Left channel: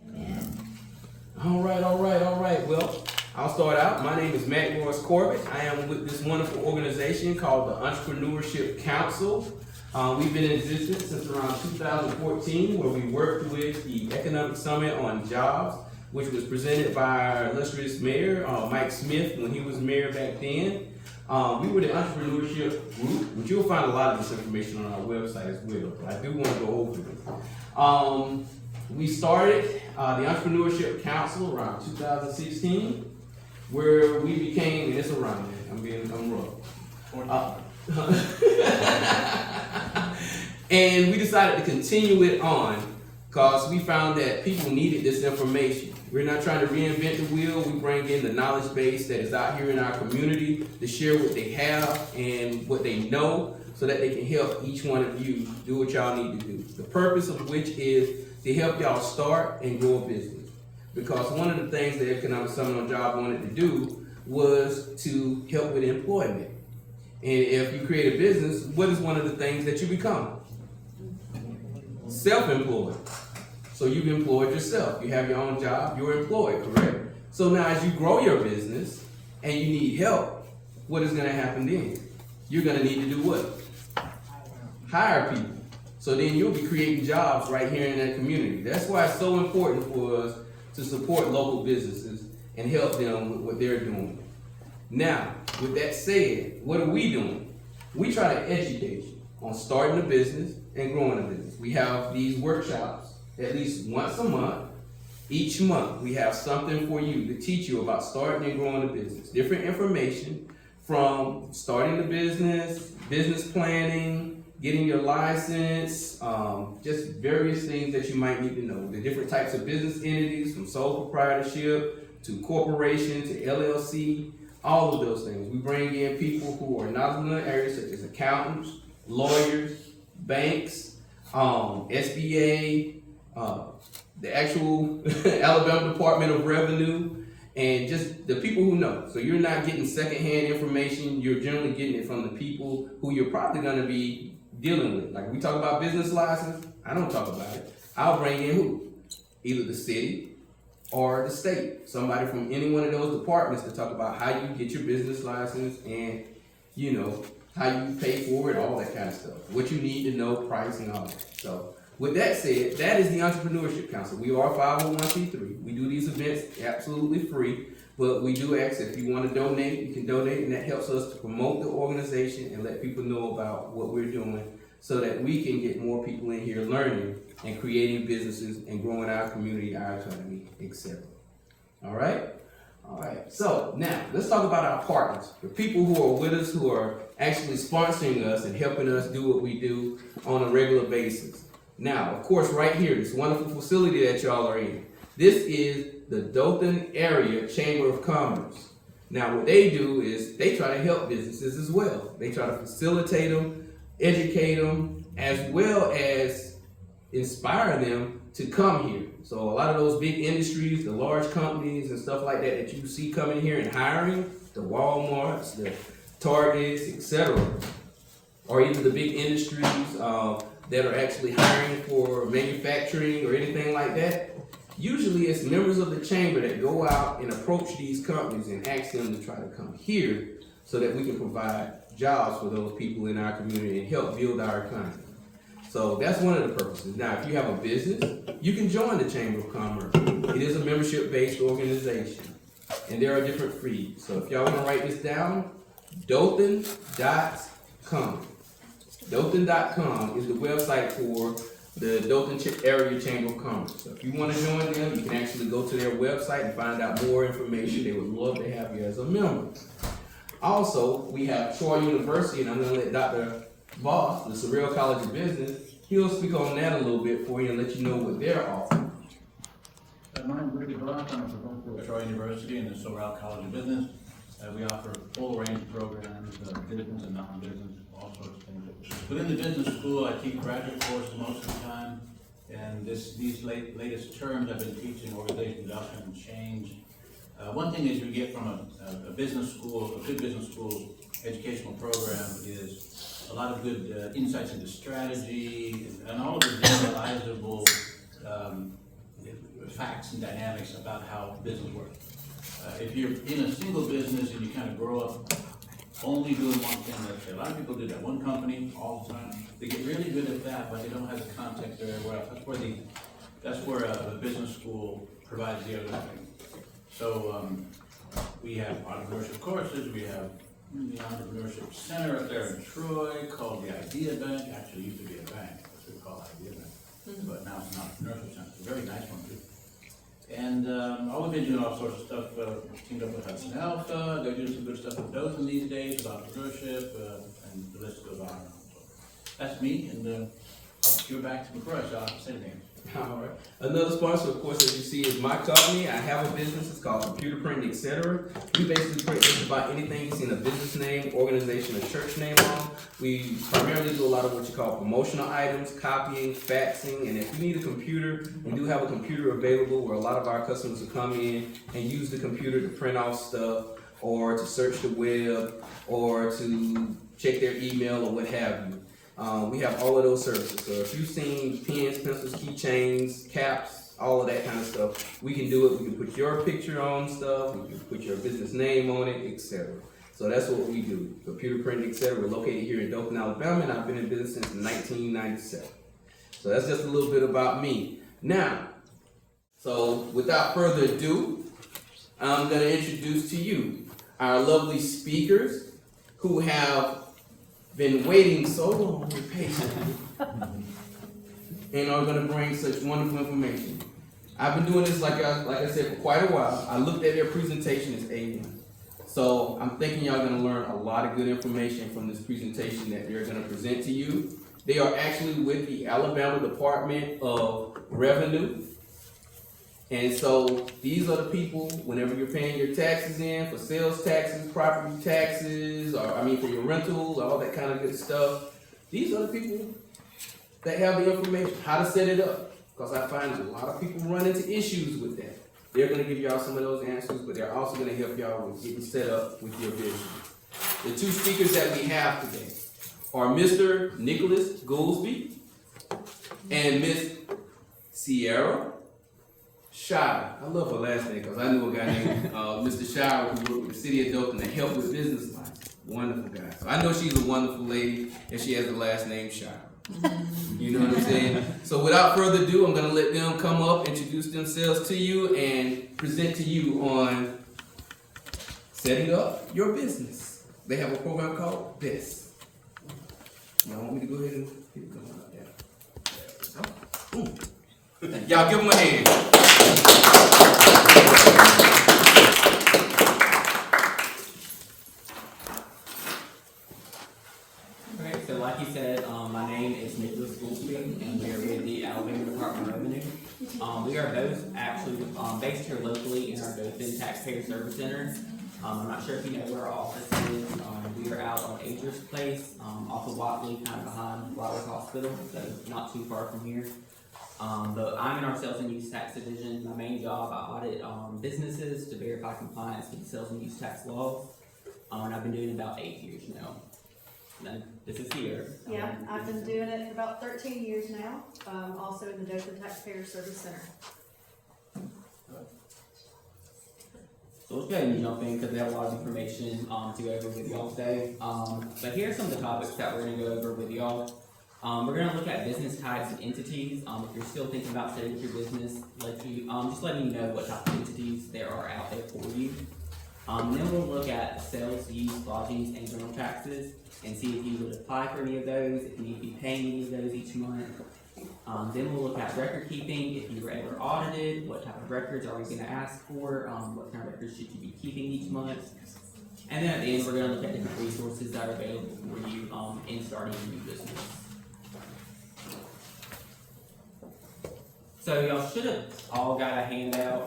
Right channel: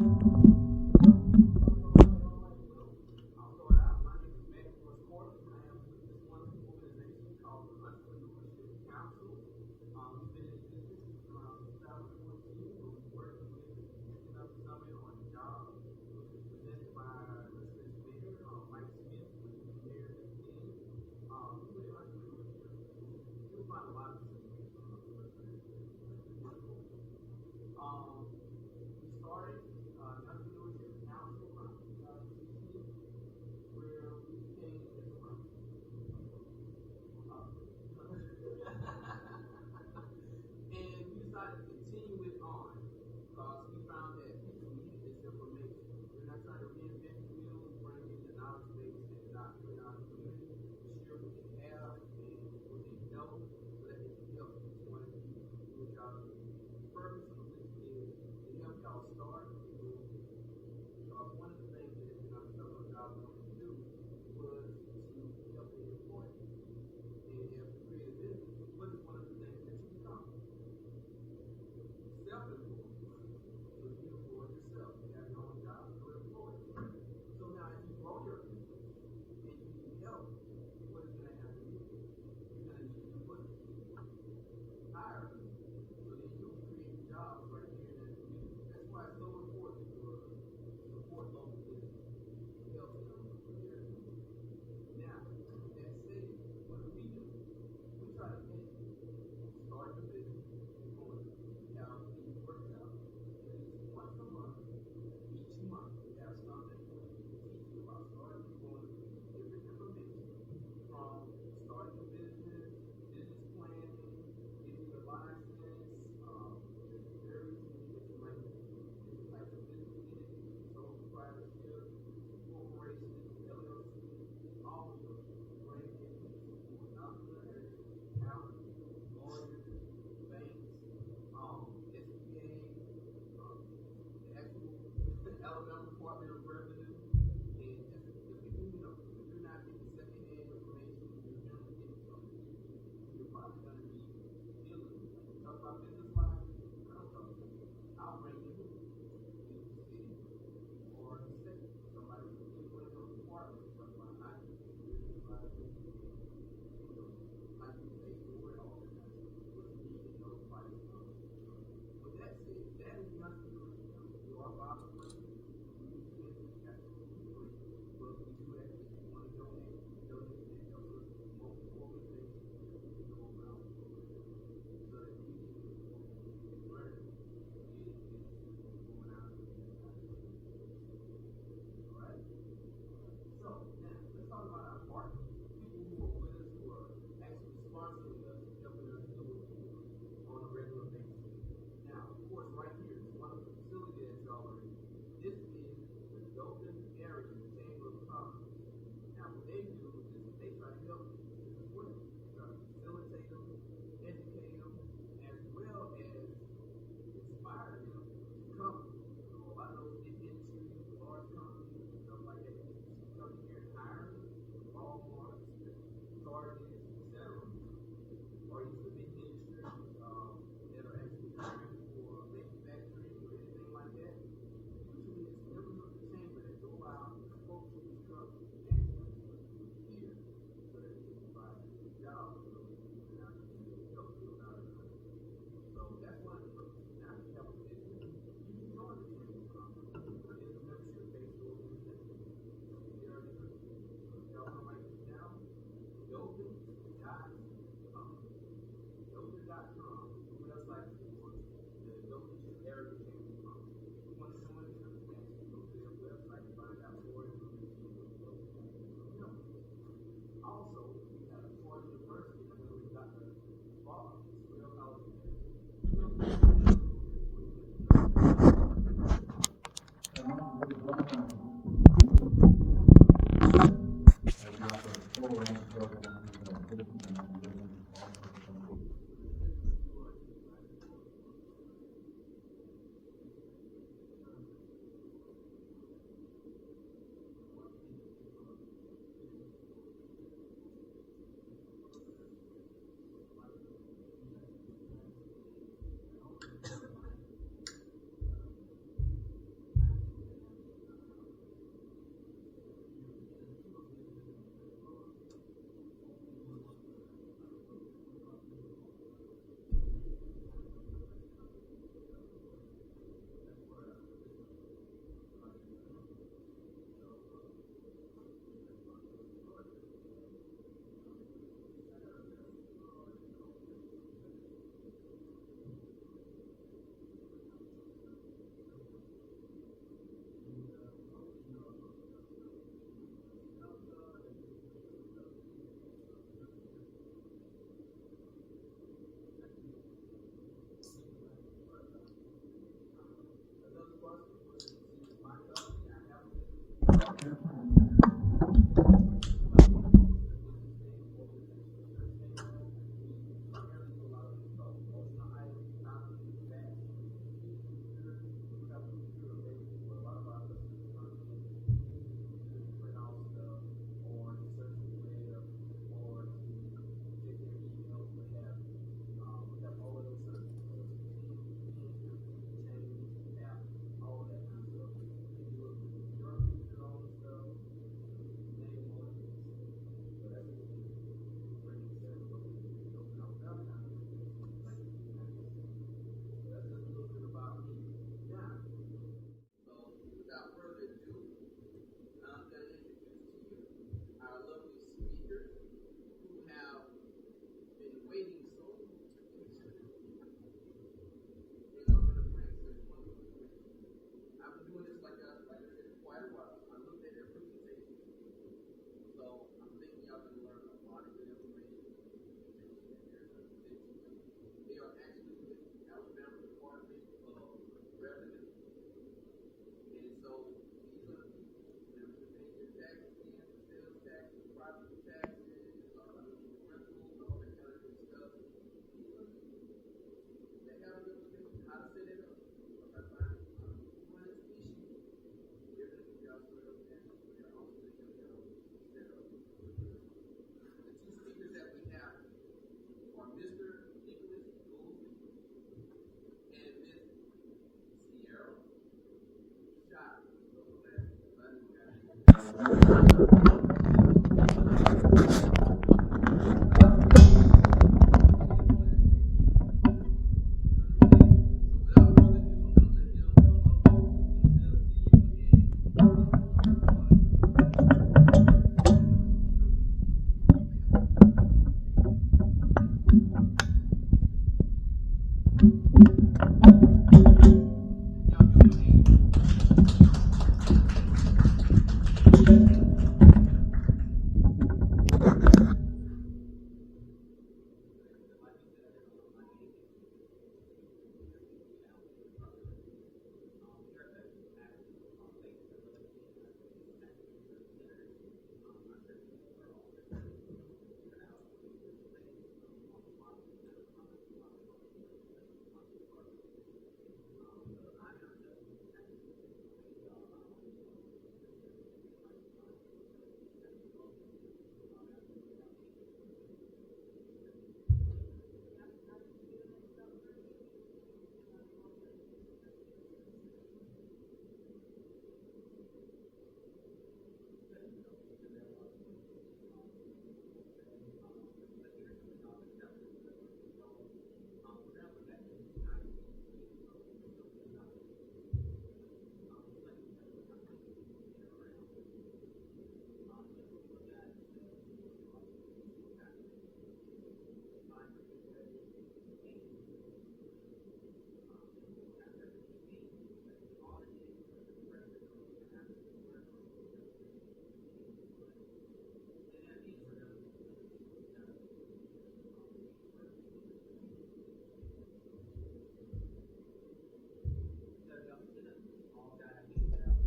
All right. Well, I'll start out. My name is Matt Morris Corbett. I am with this wonderful organization called the Entrepreneurship Council. We've been in existence since around 2014, where we worked with the Economic Summit on Jobs, which was presented by our illustrious mayor, Mike Smith, when he was mayor back then. We were the entrepreneurship group, which you'll find a lot of this information on our website as well, but I do want to go over it. We started the Entrepreneurship Council around 2016, where we became, and it's around there, I'm rough. And we decided to continue it on because we found that people needed this information. We're not trying to reinvent the wheel. We bring in the knowledge base that is out here in our community to share what they have and what they know so that they can help each one of you do what y'all need to do. The purpose of which is to help y'all start and grow a business. Because one of the things the Economic Summit on Job wanted to do was to help with employment. And if you create a business, what is one of the things that you become? Self-employed. So you've employed yourself. You have your own job, you're employed, correct? So now as you grow your business and you need help, what is gonna happen then? You're gonna need to do what? Hire people. So then you'll be creating jobs right here in that community. That's why it's so important for us to support local businesses and help them with what they're doing. Now, with that said, what are we doing? We try to educate you on starting a business and growing a business. We have these workshops at least once a month. Each month, we have something for you to teach you about starting and growing a business. Different information from starting the business, business planning, getting your license, just various things that you might need to know. The different types of business entities, from sole proprietorship to corporation to LLC, all of those things. We bring in people who are knowledgeable in the area, such as accountants, lawyers, banks, SBA, the actual Alabama Department of Revenue, and just the people who know. So you're not getting secondhand information, you're generally getting it from the people who you're probably gonna be dealing with. Like we talk about business license, I don't talk about it. I'll bring in who? Either the city or the state. Somebody from any one of those departments to talk about how you get your business license and, you know, how you pay for it, all that kind of stuff. What you need to know, price and all that. So with that said, that is the Entrepreneurship Council. We are 501c3. We do these events absolutely free, but we do ask if you want to donate, you can donate, and that helps us to promote the organization and let people know about what we're doing so that we can get more people in here learning and creating businesses and growing our community, our economy, etc. All right? All right. So now let's talk about our partners, the people who are with us, who are actually sponsoring us and helping us do what we do on a regular basis. Now, of course, right here, this wonderful facility that y'all are in, this is the Dothan Area Chamber of Commerce. Now, what they do is they try to help businesses as well. They try to facilitate them, educate them, as well as inspire them to come here. So a lot of those big industries, the large companies and stuff like that you see coming here and hiring, the Walmarts, the Targets, etc., or even the big industries that are actually hiring for manufacturing or anything like that, usually it's members of the chamber that go out and approach these companies and ask them to try to come here so that we can provide jobs for those people in our community and help build our economy. So that's one of the purposes. Now, if you have a business, you can join the Chamber of Commerce. It is a membership-based organization, and there are different fees. So if y'all want to write this down, Dothan.com. Dothan.com is the website for the Dothan Area Chamber of Commerce. So if you want to join them, you can actually go to their website and find out more information. They would love to have you as a member. Also, we have Troy University, and I'm going to let Dr. Boss, the Shirah College of Business, he'll speak on that a little bit for you and let you know what they're offering. My name is Ricky Blunt. I'm from Troy University in the Shirah College of Business. We offer a full range of programs, business and non-business, all sorts of things. Within the business school, I teach graduate courses most of the time, and these latest terms I've been teaching organizational development and change. One thing is we get from a business school, a good business school educational program is a lot of good insights into strategy and all of the generalizable facts in a single business and you kind of grow up only doing one thing. Like a lot of people do that, one company all the time. They get really good at that, but they don't have the context everywhere else. That's where the business school provides the other thing. So we have entrepreneurship courses, we have the entrepreneurship center up there in Troy called the Idea Bank. Actually used to be a bank, it's what we call Idea Bank, but now it's an entrepreneurship center. It's a very nice one too. And we've been doing all sorts of stuff. Teamed up with Hudson Alpha. They're doing some good stuff with Dothan these days about entrepreneurship, and the list goes on. So that's me, and I'll give it back to McCroy. So I'll have to say anything. All right. Another sponsor, of course, as you see, is my company. I have a business. It's called Computer Printing, etc. We basically print just about anything you see in a business name, organization, or church name on. We primarily do a lot of what you call promotional items, copying, faxing, and if you need a computer, we do have a computer available where a lot of our customers will come in and use the computer to print off stuff, or to search the web, or to check their email, or what have you. We have all of those services. So if you've seen pens, pencils, keychains, caps, all of that kind of stuff, we can do it. We can put your picture on stuff, we can put your business name on it, etc. So that's what we do. Computer printing, etc. We're located here in Dothan, Alabama, and I've been in business since 1997. So that's just a little bit about me. Now, so without further ado, I'm going to introduce to you our lovely speakers who have been waiting so long and patiently and are going to bring such wonderful information. I've been doing this, like I said, for quite a while. I looked at their presentation as A1. So I'm thinking y'all going to learn a lot of good information from this presentation that they're going to present to you. They are actually with the Alabama Department of Revenue. And so these are the people, whenever you're paying your taxes in, for sales taxes, property taxes, or for your rentals, all that kind of good stuff. These are the people that have the information, how to set it up. Because I find a lot of people run into issues with that. They're going to give y'all some of those answers, but they're also going to help y'all with getting set up with your business. The two speakers that we have today are Mr. Nicholas Goosby and Miss Shirah. I love her last name because I knew a guy named Mr. Shirah from the city of Dothan that helped her business. Wonderful. So I know she's a wonderful lady and she has the last name Shirah. You know what I'm saying? So without further ado, I'm going to let them come up, introduce themselves to you, and present to you on setting up your business. They have a program called B.E.S.T. Y'all want me to go ahead and get it? Y'all give them a hand. We are both actually based here locally in our Dothan Taxpayer Service Center. I'm not sure if you know where our office is. We are out on Acres Place, off of Watley, kind of behind Flowers Hospital, so not too far from here. But I'm in our Sales and Use Tax Division. My main job, I audit businesses to verify compliance with the Sales and Use Tax laws. And I've been doing it about 8 years now. And this is here. Yeah, I've been doing it for about 13 years now, also in the Dothan Taxpayer Service Center. So let's go ahead and jump in because we have a lot of information to go over with y'all today. But here are some of the topics that we're going to go over with y'all. We're going to look at business types and entities. If you're still thinking about setting up your business, just letting you know what type of entities there are out there for you. Then we'll look at sales, use, lodgings, and general taxes, and see if you would apply for any of those, if you need to be paying any of those each month. Then we'll look at record keeping. If you were ever audited, what type of records are we going to ask for? What kind of records should you be keeping each month? And then at the end, we're going to look at different resources that are available for you in starting a new business. So y'all should have all got a handout.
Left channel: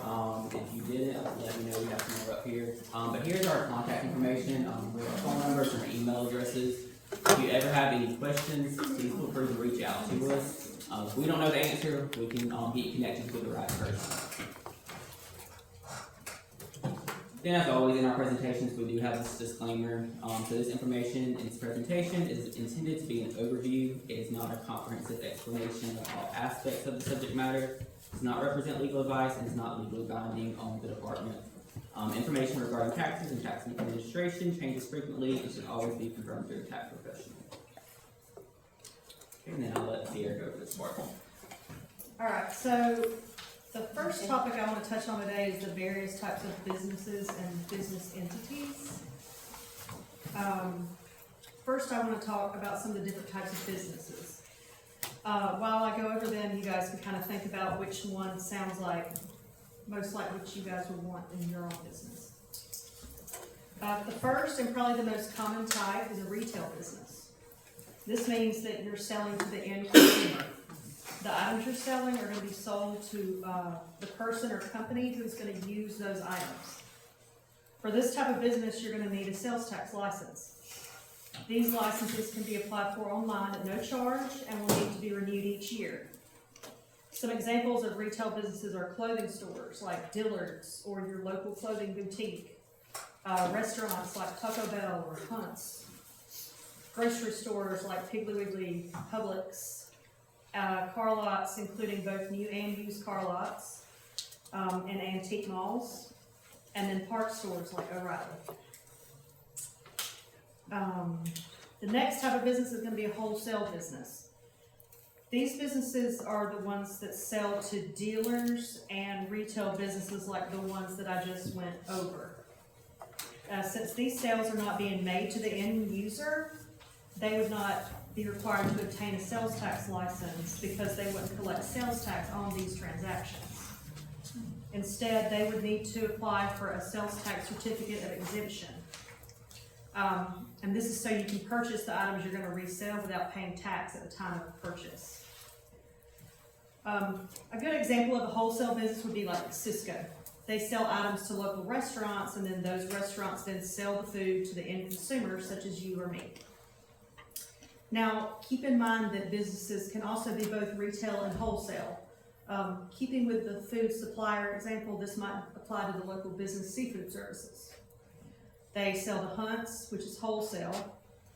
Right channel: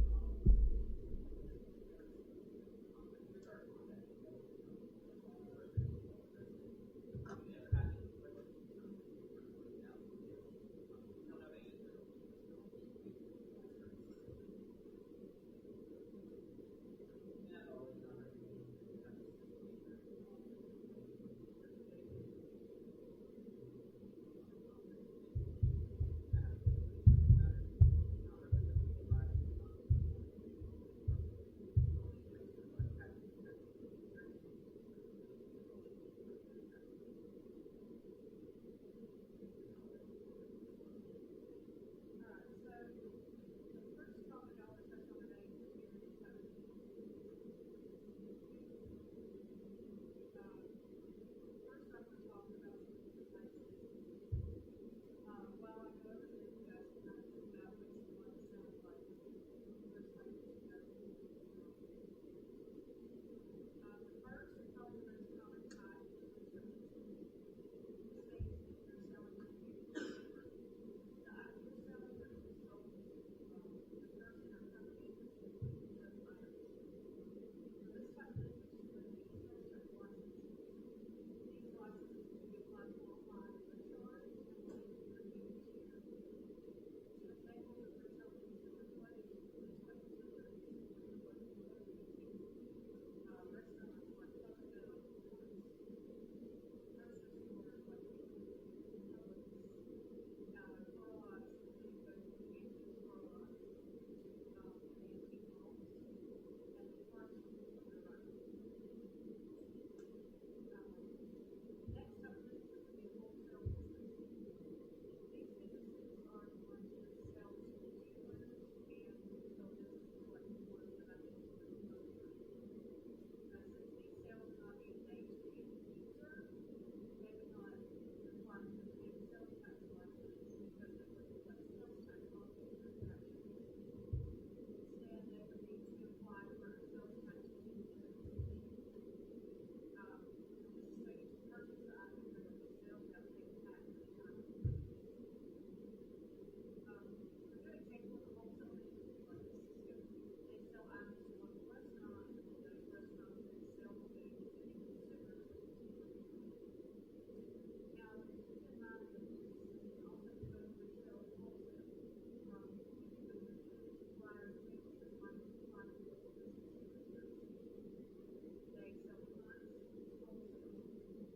If you didn't, let me know. We have some more up here. But here's our contact information. We have phone numbers and email addresses. If you ever have any questions, please feel free to reach out to us. If we don't know the answer, we can get you connected with the right person. Then, as always, in our presentations, we do have this disclaimer. So this information in this presentation is intended to be an overview. It is not a comprehensive explanation of all aspects of the subject matter. It does not represent legal advice and is not legally binding on the department. Information regarding taxes and tax administration changes frequently and should always be confirmed through a tax professional. And then I'll let Sierra go over this part. Alright, so the first topic I want to touch on today is the various types of businesses and business entities. First I want to talk about some of the different types of businesses. While I go over them, you guys can kind of think about which one sounds like most like what you guys would want in your own business. The first and probably the most common type is a retail business. This means that you're selling to the end consumer. The items you're selling are going to be sold to the person or company who's going to use those items. For this type of business, you're going to need a sales tax license. These licenses can be applied for online at no charge and will need to be renewed each year. Some examples of retail businesses are clothing stores like Dillard's or your local clothing boutique, restaurants like Taco Bell or Hunt's, grocery stores like Piggly Wiggly, Publix, car lots including both new and used car lots, and antique malls, and then parts stores like O'Reilly. The next type of business is going to be a wholesale business. These businesses are the ones that sell to dealers and retail businesses like the ones that I just went over. Since these sales are not being made to the end user, they would not be required to obtain a sales tax license because they wouldn't collect sales tax on these transactions. Instead, they would need to apply for a sales tax certificate of exemption. And this is so you can purchase the items you're going to resell without paying tax at the time of the purchase. A good example of a wholesale business would be like Cisco. They sell items to local restaurants, and then those restaurants then sell the food to the end consumers, such as you or me. Now, keep in mind that businesses can also be both retail and wholesale. Keeping with the food supplier example, this might apply to the local business seafood services. They sell the Hunts, which is wholesale,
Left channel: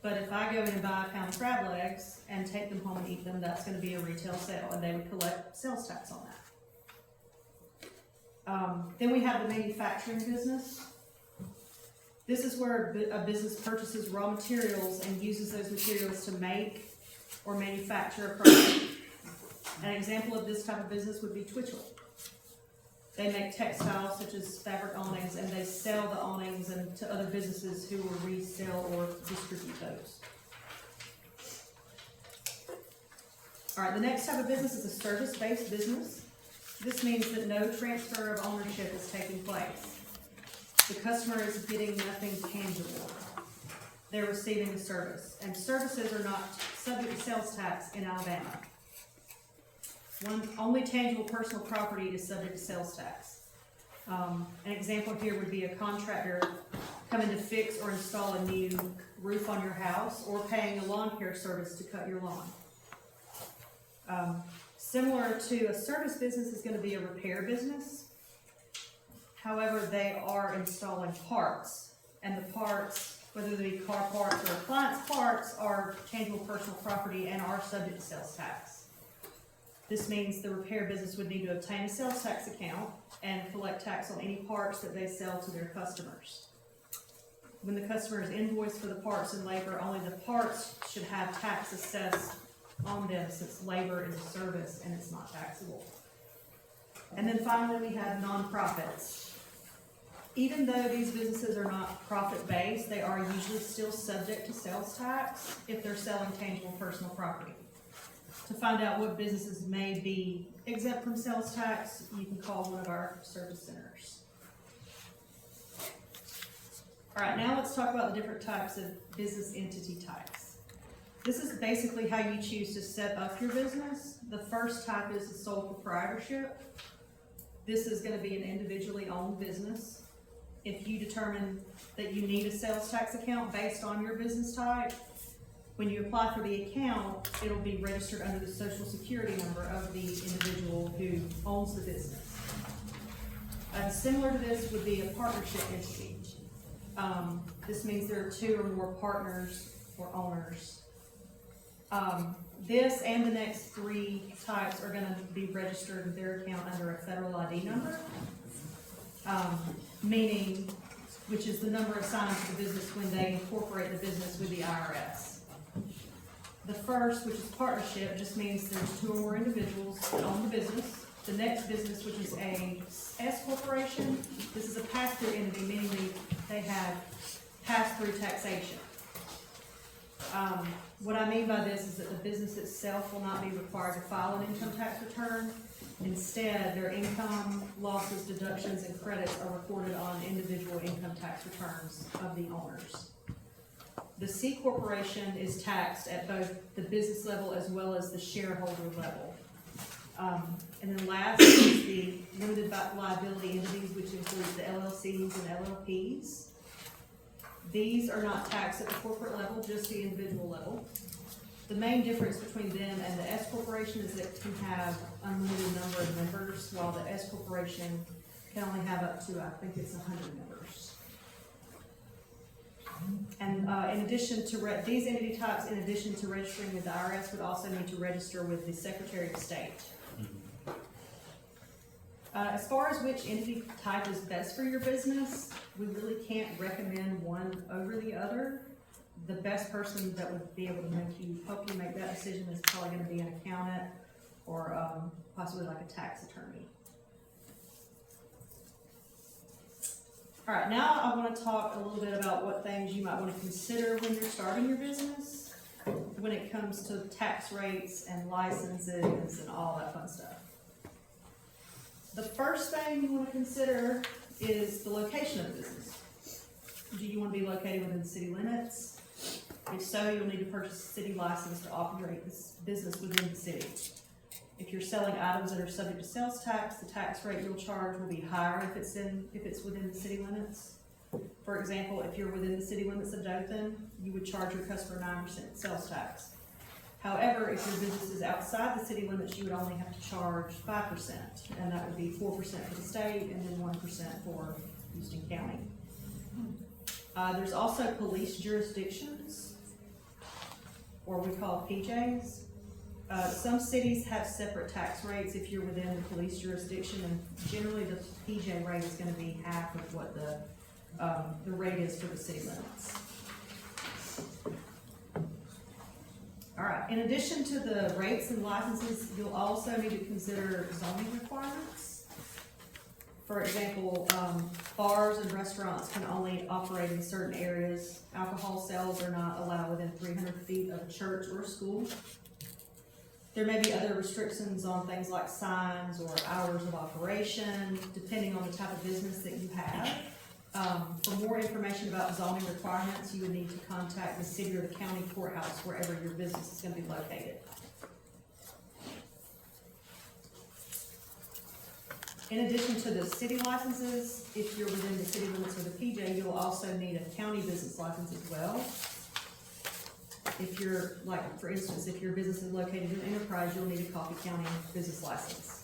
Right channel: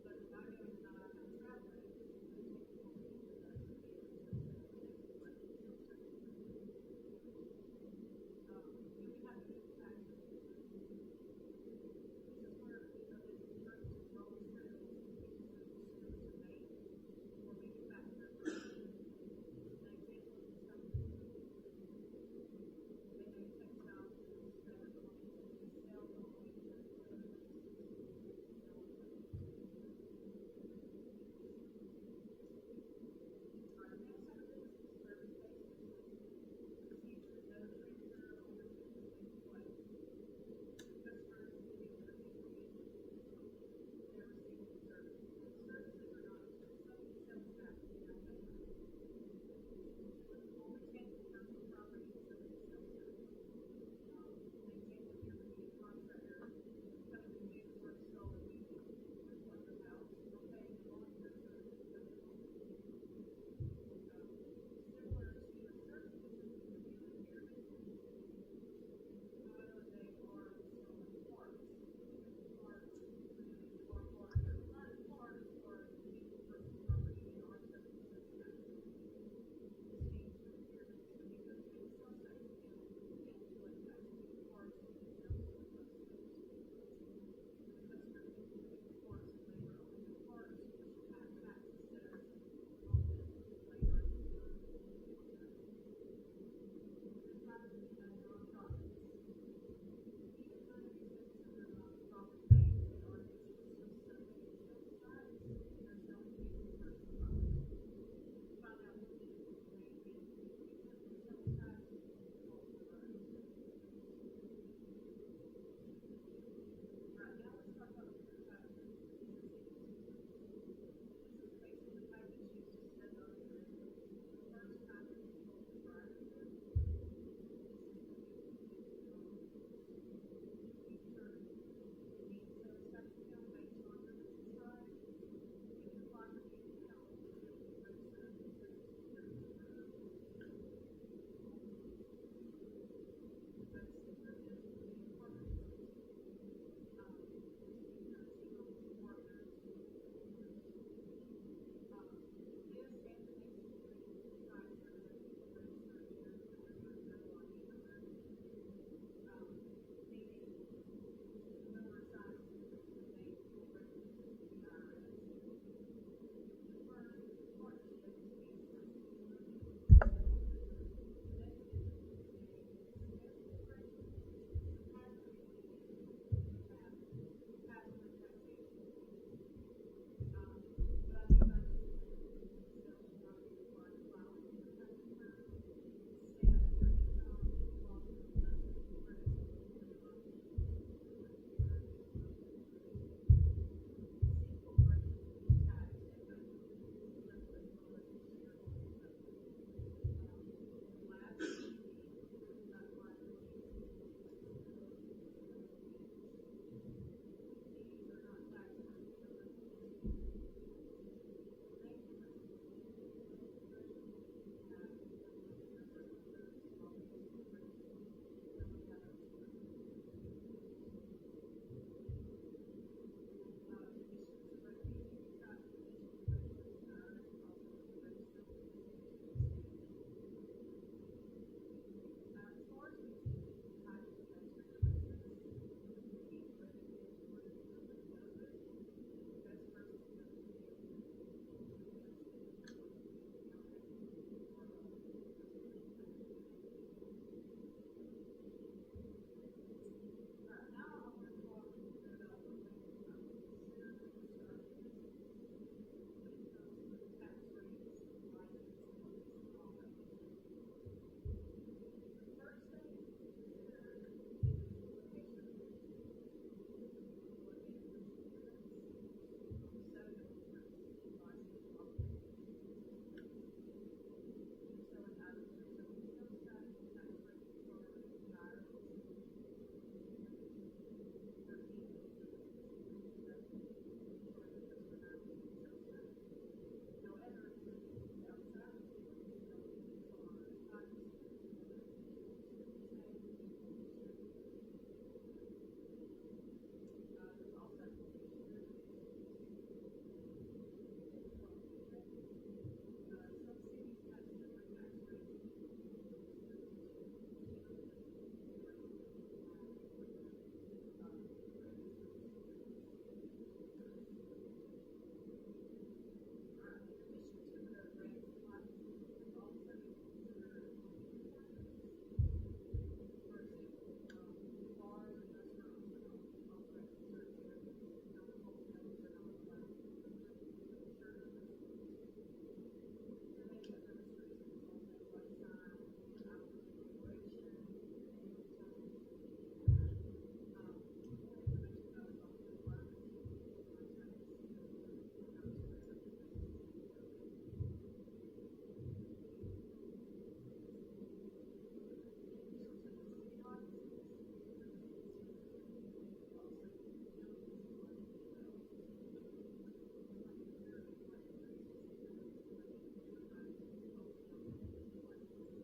but if I go in and buy a pound of crab legs and take them home and eat them, that's going to be a retail sale, and they would collect sales tax on that. Then we have the manufacturing business. This is where a business purchases raw materials and uses those materials to make or manufacture a product. An example of this type of business would be Twitchell. They make textiles such as fabric awnings, and they sell the awnings to other businesses who will resell or distribute those. All right, the next type of business is a service-based business. This means that no transfer of ownership is taking place. The customer is getting nothing tangible. They're receiving a service, and services are not subject to sales tax in Alabama. Only tangible personal property is subject to sales tax. An example here would be a contractor coming to fix or install a new roof on your house, or paying a lawn care service to cut your lawn. Similar to a service business is going to be a repair business. However, they are installing parts, and the parts, whether they be car parts or appliance parts, are tangible personal property and are subject to sales tax. This means the repair business would need to obtain a sales tax account and collect tax on any parts that they sell to their customers. When the customer is invoiced for the parts and labor, only the parts should have tax assessed on them, since labor is a service and it's not taxable. And then finally, we have nonprofits. Even though these businesses are not profit-based, they are usually still subject to sales tax if they're selling tangible personal property. To find out what businesses may be exempt from sales tax, you can call one of our service centers. All right, now let's talk about the different types of business entity types. This is basically how you choose to set up your business. The first type is the sole proprietorship. This is going to be an individually owned business. If you determine that you need a sales tax account based on your business type, when you apply for the account, it'll be registered under the social security number of the individual who owns the business. Similar to this would be a partnership entity. This means there are two or more partners or owners. This and the next three types are going to be registered in their account under a federal ID number. meaning, which is the number assigned to the business when they incorporate the business with the IRS. The first, which is partnership, just means there's two or more individuals that own the business. The next business, which is a S corporation, this is a pass-through entity, meaning they have pass-through taxation. What I mean by this is that the business itself will not be required to file an income tax return. Instead, their income, losses, deductions, and credits are recorded on individual income tax returns of the owners. The C corporation is taxed at both the business level as well as the shareholder level. And then last is the limited liability entities, which includes the LLCs and LLPs. These are not taxed at the corporate level, just the individual level. The main difference between them and the S corporation is that it can have unlimited number of members, while the S corporation can only have up to, I think it's 100 members. And in addition to these entity types, in addition to registering with the IRS, would also need to register with the Secretary of State. As far as which entity type is best for your business, we really can't recommend one over the other. The best person that would be able to help you make that decision is probably going to be an accountant or possibly like a tax attorney. All right, now I want to talk a little bit about what things you might want to consider when you're starting your business when it comes to tax rates and licenses and all that fun stuff. The first thing you want to consider is the location of the business. Do you want to be located within the city limits? If so, you'll need to purchase a city license to operate this business within the city. If you're selling items that are subject to sales tax, the tax rate you'll charge will be higher if it's within the city limits. For example, if you're within the city limits of Dothan, you would charge your customer 9% sales tax. However, if your business is outside the city limits, you would only have to charge 5%, and that would be 4% for the state and then 1% for Houston County. There's also police jurisdictions, or we call PJs. Some cities have separate tax rates if you're within the police jurisdiction, and generally the PJ rate is going to be half of what the rate is for the city limits. All right, in addition to the rates and licenses, you'll also need to consider zoning requirements. For example, bars and restaurants can only operate in certain areas. Alcohol sales are not allowed within 300 feet of a church or a school. There may be other restrictions on things like signs or hours of operation, depending on the type of business that you have. For more information about zoning requirements, you would need to contact the city or the county courthouse wherever your business is going to be located. In addition to the city licenses, if you're within the city limits of the PJ, you'll also need a county business license as well. If you're, like, for instance, if your business is located in Enterprise, you'll need a Coffee County business license.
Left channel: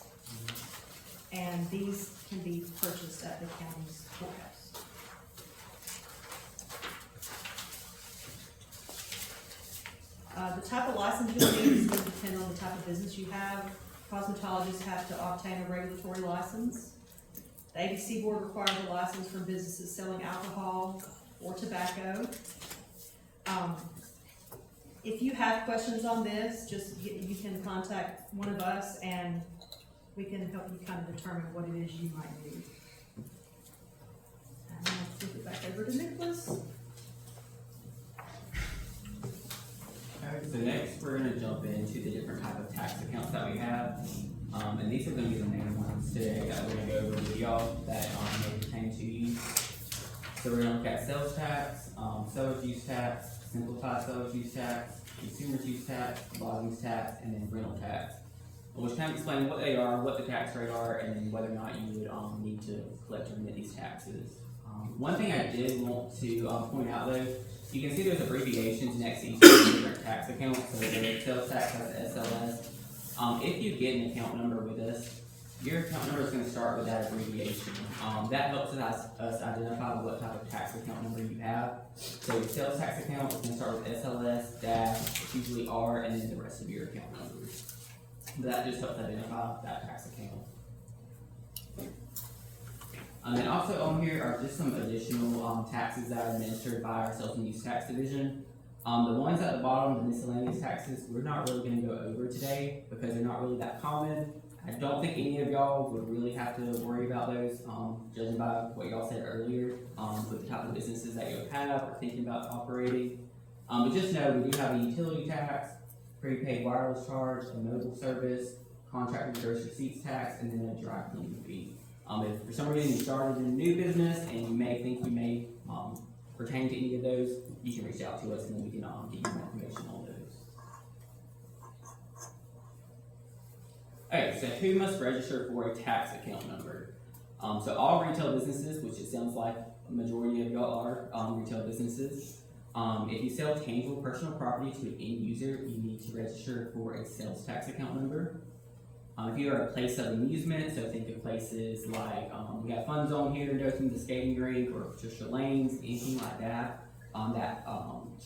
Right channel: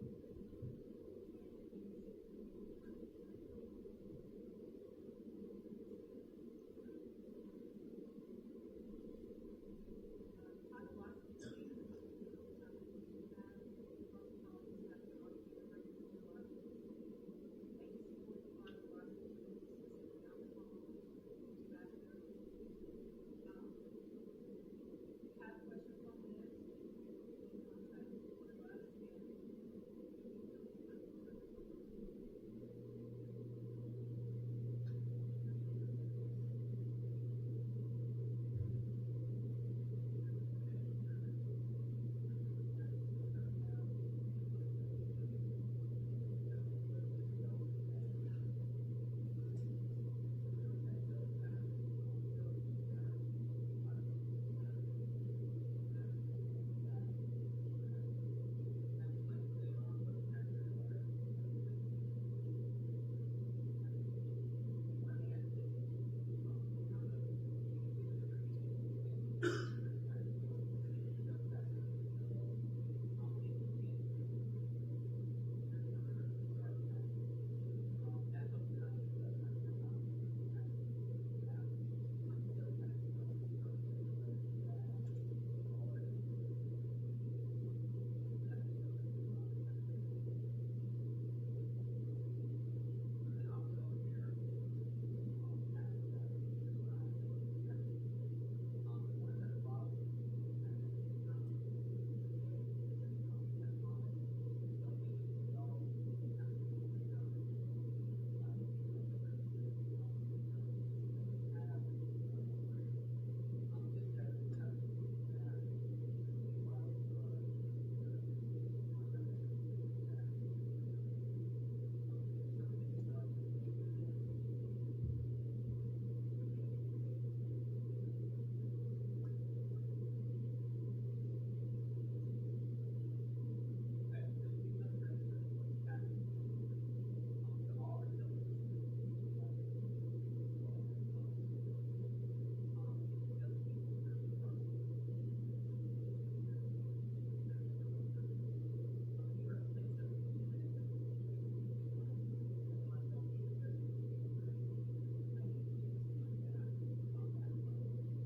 And these can be purchased at the county's courthouse. The type of license you'll need is going to depend on the type of business you have. Cosmetologists have to obtain a regulatory license. The ABC board requires a license from businesses selling alcohol or tobacco. If you have questions on this, you can contact one of us and we can help you kind of determine what it is you might need. And I'll flip it back over to Nicholas. So next, we're going to jump into the different type of tax accounts that we have, and these are going to be the main ones today that we're going to go over with y'all that may pertain to you. So we're going to look at sales tax, seller's use tax, simplified seller's use tax, consumer's use tax, lodging tax, and then rental tax. Which kind of explain what they are, what the tax rate are, and then whether or not you would need to collect or remit these taxes. One thing I did want to point out though. You can see there's abbreviations next to each of the different tax accounts. So the sales tax has SLS. If you get an account number with us, your account number is going to start with that abbreviation. That helps us identify what type of tax account number you have. So your sales tax account is going to start with SLS, dash, it's usually R, and then the rest of your account numbers. That just helps identify that tax account. And also on here are just some additional, taxes that are administered by our sales and use tax division. The ones at the bottom, the miscellaneous taxes, we're not really gonna go over today because they're not really that common. I don't think any of y'all would really have to worry about those, judging by what y'all said earlier, with the type of businesses that you have or thinking about operating. But just know we do have a utility tax, prepaid wireless charge, a mobile service, contract and gross receipts tax, and then a dry cleaning fee. If for some reason you started a new business and you may think you may, pertain to any of those, you can reach out to us and then we can, get you more information on those. Okay, so who must register for a tax account number? So all retail businesses, which it sounds like a majority of y'all are, retail businesses. If you sell tangible personal property to an end user, you need to register for a sales tax account number. If you are a place of amusement, so think of places like, we got Fun Zone here in Dothan, the skating rink, or Patricia Lanes, anything like that, that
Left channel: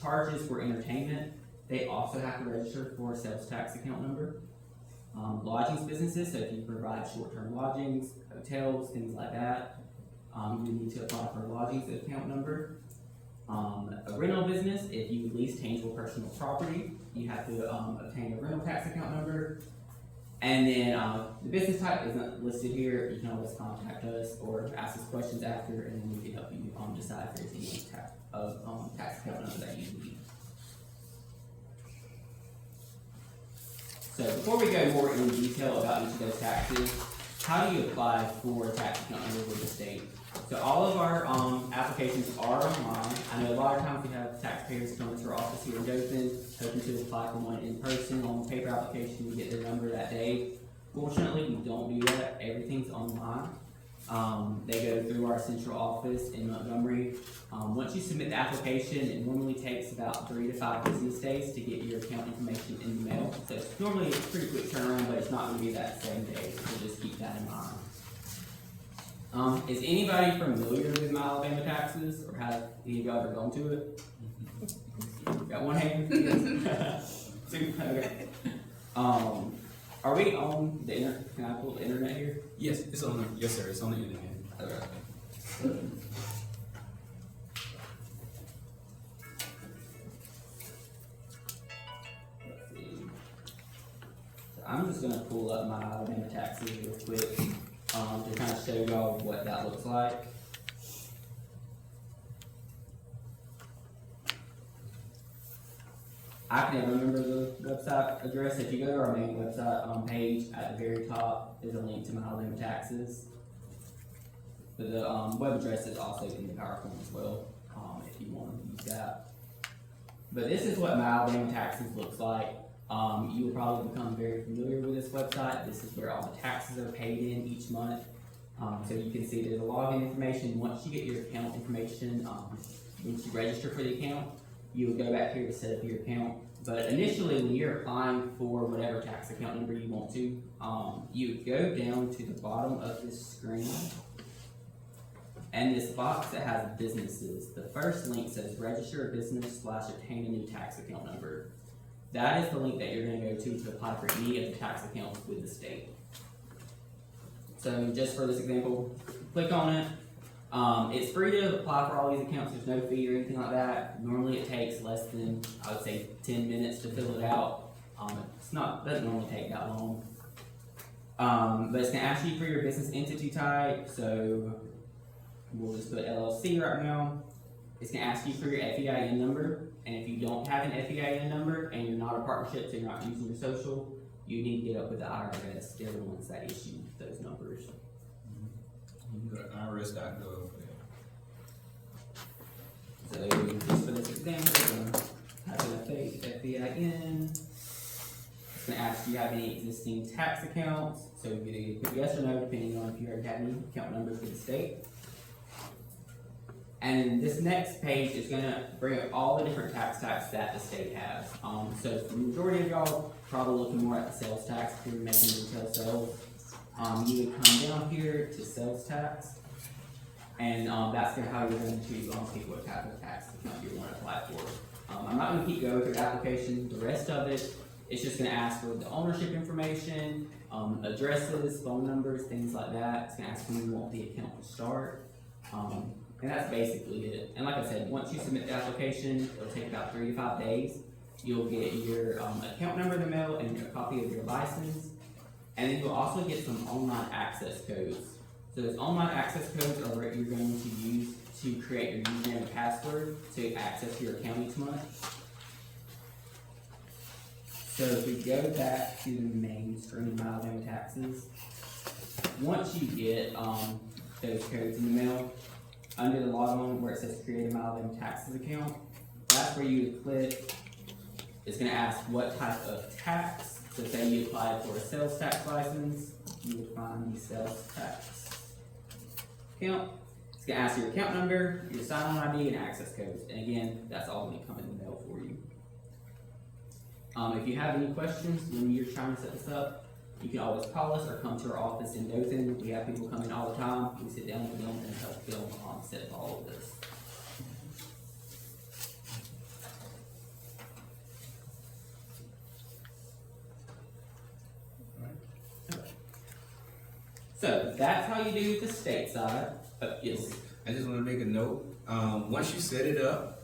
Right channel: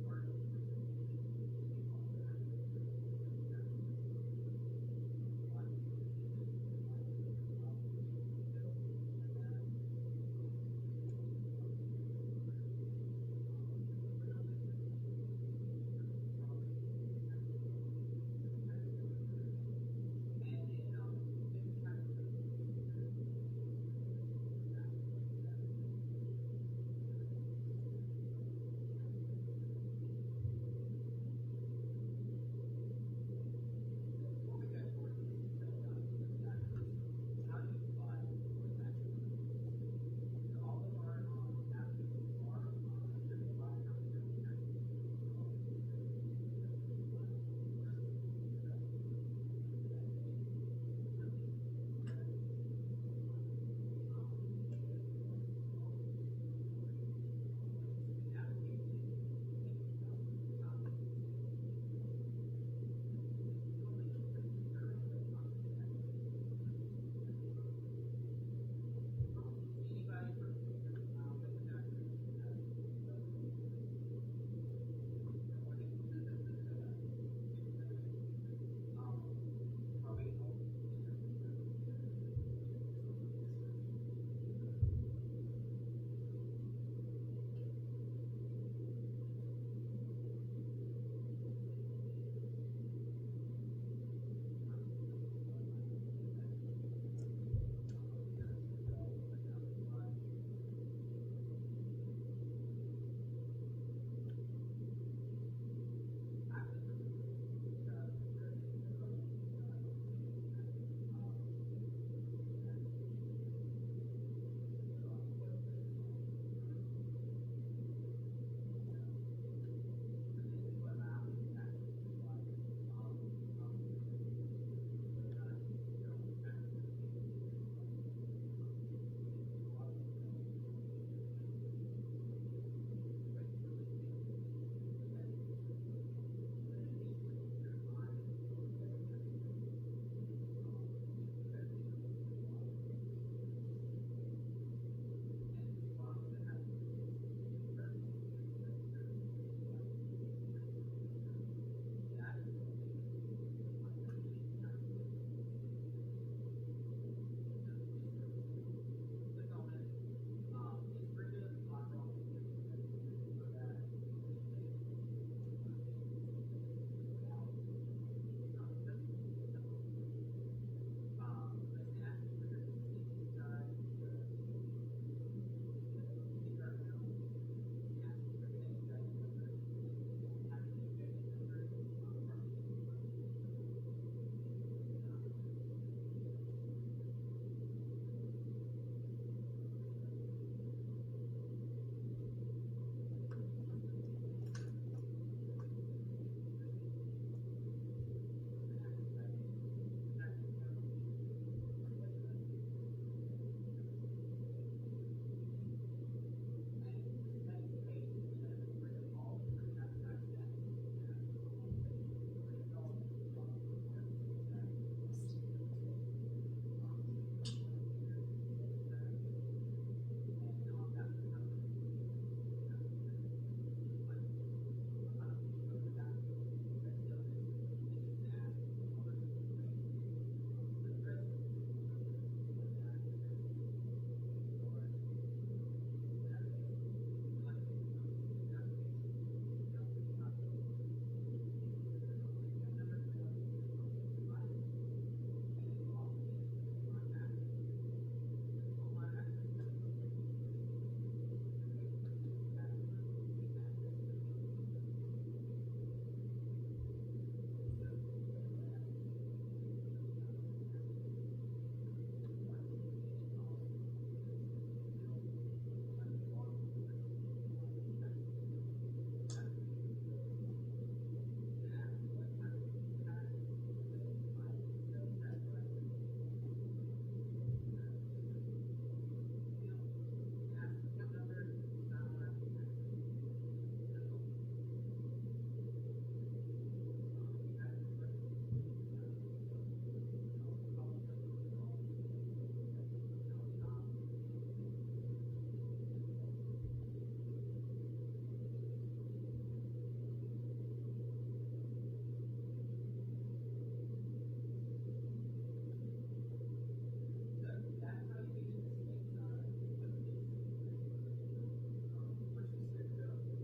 charges for entertainment, they also have to register for a sales tax account number. Lodgings businesses, so if you provide short-term lodgings, hotels, things like that, you need to apply for a lodgings account number. A rental business, if you lease tangible personal property, you have to obtain a rental tax account number. And then the business type isn't listed here. You can always contact us or ask us questions after, and then we can help you decide if there's any tax account number that you need. So before we go more in detail about each of those taxes, how do you apply for a tax account number with the state? So all of our applications are online. I know a lot of times we have taxpayers come into our office here in Dothan, hoping to apply for one in person on the paper application, we get their number that day. Fortunately, we don't do that. Everything's online. They go through our central office in Montgomery. Once you submit the application, it normally takes about 3 to 5 business days to get your account information in the mail. So it's normally a pretty quick turnaround, but it's not going to be that same day, so just keep that in mind. Is anybody familiar with My Alabama Taxes, or have any of y'all ever gone to it? Got one hand? Two? Okay. Are we on the internet? Can I pull the internet here? Yes, it's on the, yes, sir, it's on the internet. Okay. I'm just gonna pull up My Alabama Taxes real quick, to kind of show y'all what that looks like. I can never remember the website address. If you go to our main website page, at the very top is a link to My Alabama Taxes. But the web address is also in the PowerPoint as well, if you want to use that. But this is what My Alabama Taxes looks like. You will probably become very familiar with this website. This is where all the taxes are paid in each month. So you can see there's a login information. Once you get your account information, once you register for the account, you will go back here to set up your account. But initially, when you're applying for whatever tax account number you want to, you go down to the bottom of this screen, and this box that has businesses, the first link says register a business / obtain a new tax account number. That is the link that you're going to go to apply for any of the tax accounts with the state. So just for this example, click on it. It's free to apply for all these accounts. There's no fee or anything like that. Normally it takes less than, I would say, 10 minutes to fill it out. Doesn't normally take that long. But it's going to ask you for your business entity type. So we'll just put LLC right now. It's going to ask you for your FEIN number. And if you don't have an FEIN number and you're not a partnership, so you're not using your social, you need to get up with the IRS. They're the ones that issue those numbers. IRS.gov. So just for this example, we're going to type in a fake FEIN. It's going to ask, do you have any existing tax accounts? So you can put yes or no, depending on if you already have any account numbers for the state. And this next page is going to bring up all the different tax types that the state has. So for the majority of y'all, probably looking more at the sales tax if you're making retail sales. You would come down here to sales tax, and that's how you're going to choose pick what type of tax account you want to apply for. I'm not going to keep going through the application. The rest of it, it's just going to ask for the ownership information, addresses, phone numbers, things like that. It's gonna ask when you want the account to start. And that's basically it. And like I said, once you submit the application, it'll take about 3 to 5 days. You'll get your account number in the mail and a copy of your license. And then you'll also get some online access codes. So those online access codes are what you're going to use to create your username and password to access your account each month. So if we go back to the main screen of Alabama taxes, once you get those codes in the mail, under the login where it says create a Alabama taxes account, that's where you would click. It's going to ask what type of tax. So say you applied for a sales tax license, you would find the sales tax account. It's going to ask your account number, your sign-on ID, and access codes. And again, that's all going to come in the mail for you. If you have any questions when you're trying to set this up, you can always call us or come to our office in Dothan. We have people come in all the time. We sit down with them and help them set up all of this. So that's how you do the state side. Yes. I just want to make a note. Once you set it up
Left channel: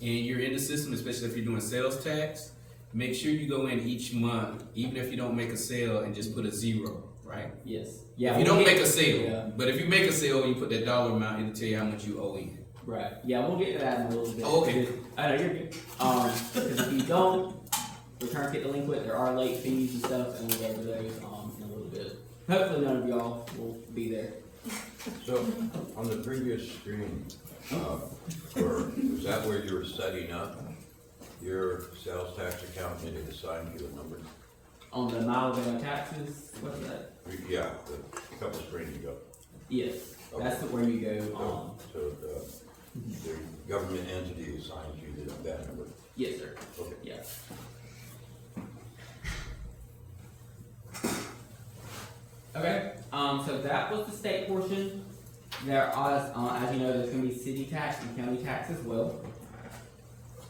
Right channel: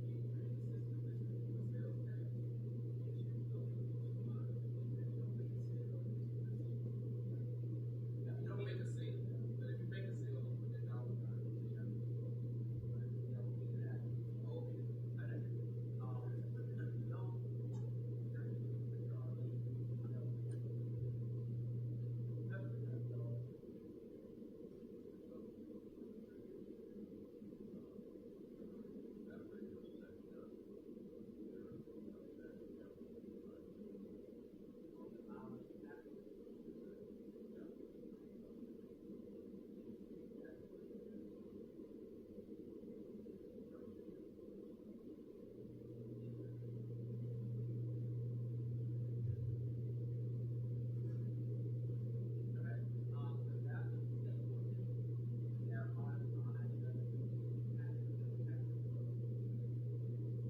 and you're in the system, especially if you're doing sales tax, make sure you go in each month, even if you don't make a sale, and just put a 0, right? Yes. Yeah. If you don't make a sale, yeah. but if you make a sale, you put that dollar amount, it'll tell you how much you owe in. Right. Yeah, we'll get to that in a little bit. Oh, okay. I know you're good. Because if you don't return get delinquent, there are late fees and stuff, and we'll go over those in a little bit. Hopefully, none of y'all will be there. So, on the previous screen, was that where you were setting up your sales tax account and it assigned you a number? On the Alabama taxes, what's that? Yeah, a couple screens ago. Yes, that's where you go. So the government entity assigns you that number? Yes, sir. Okay. Yes. Okay, so that was the state portion. There are, as you know, there's gonna be city tax and county tax as well.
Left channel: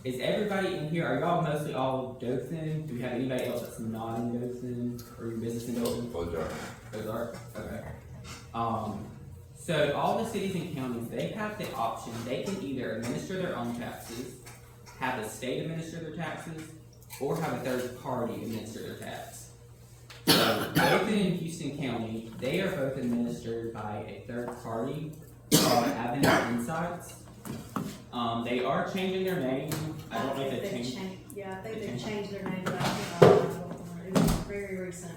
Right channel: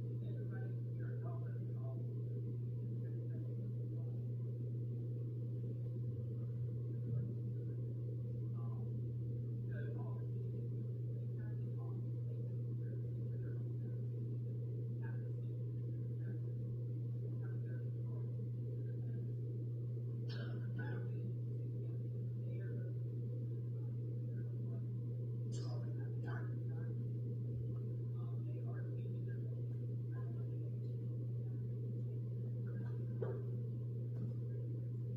Is everybody in here, are y'all mostly all Dothan? Do you have anybody else that's not in Dothan, or your business in Dothan? Those are? Okay. So all the cities and counties, they have the option, they can either administer their own taxes, have the state administer their taxes, or have a third party administer their tax. So Dothan and Houston County, they are both administered by a third party called Avenue Insights. They are changing their name. I don't know if they changed. Yeah, I think they've changed their name, but I think I don't know. It was very recent.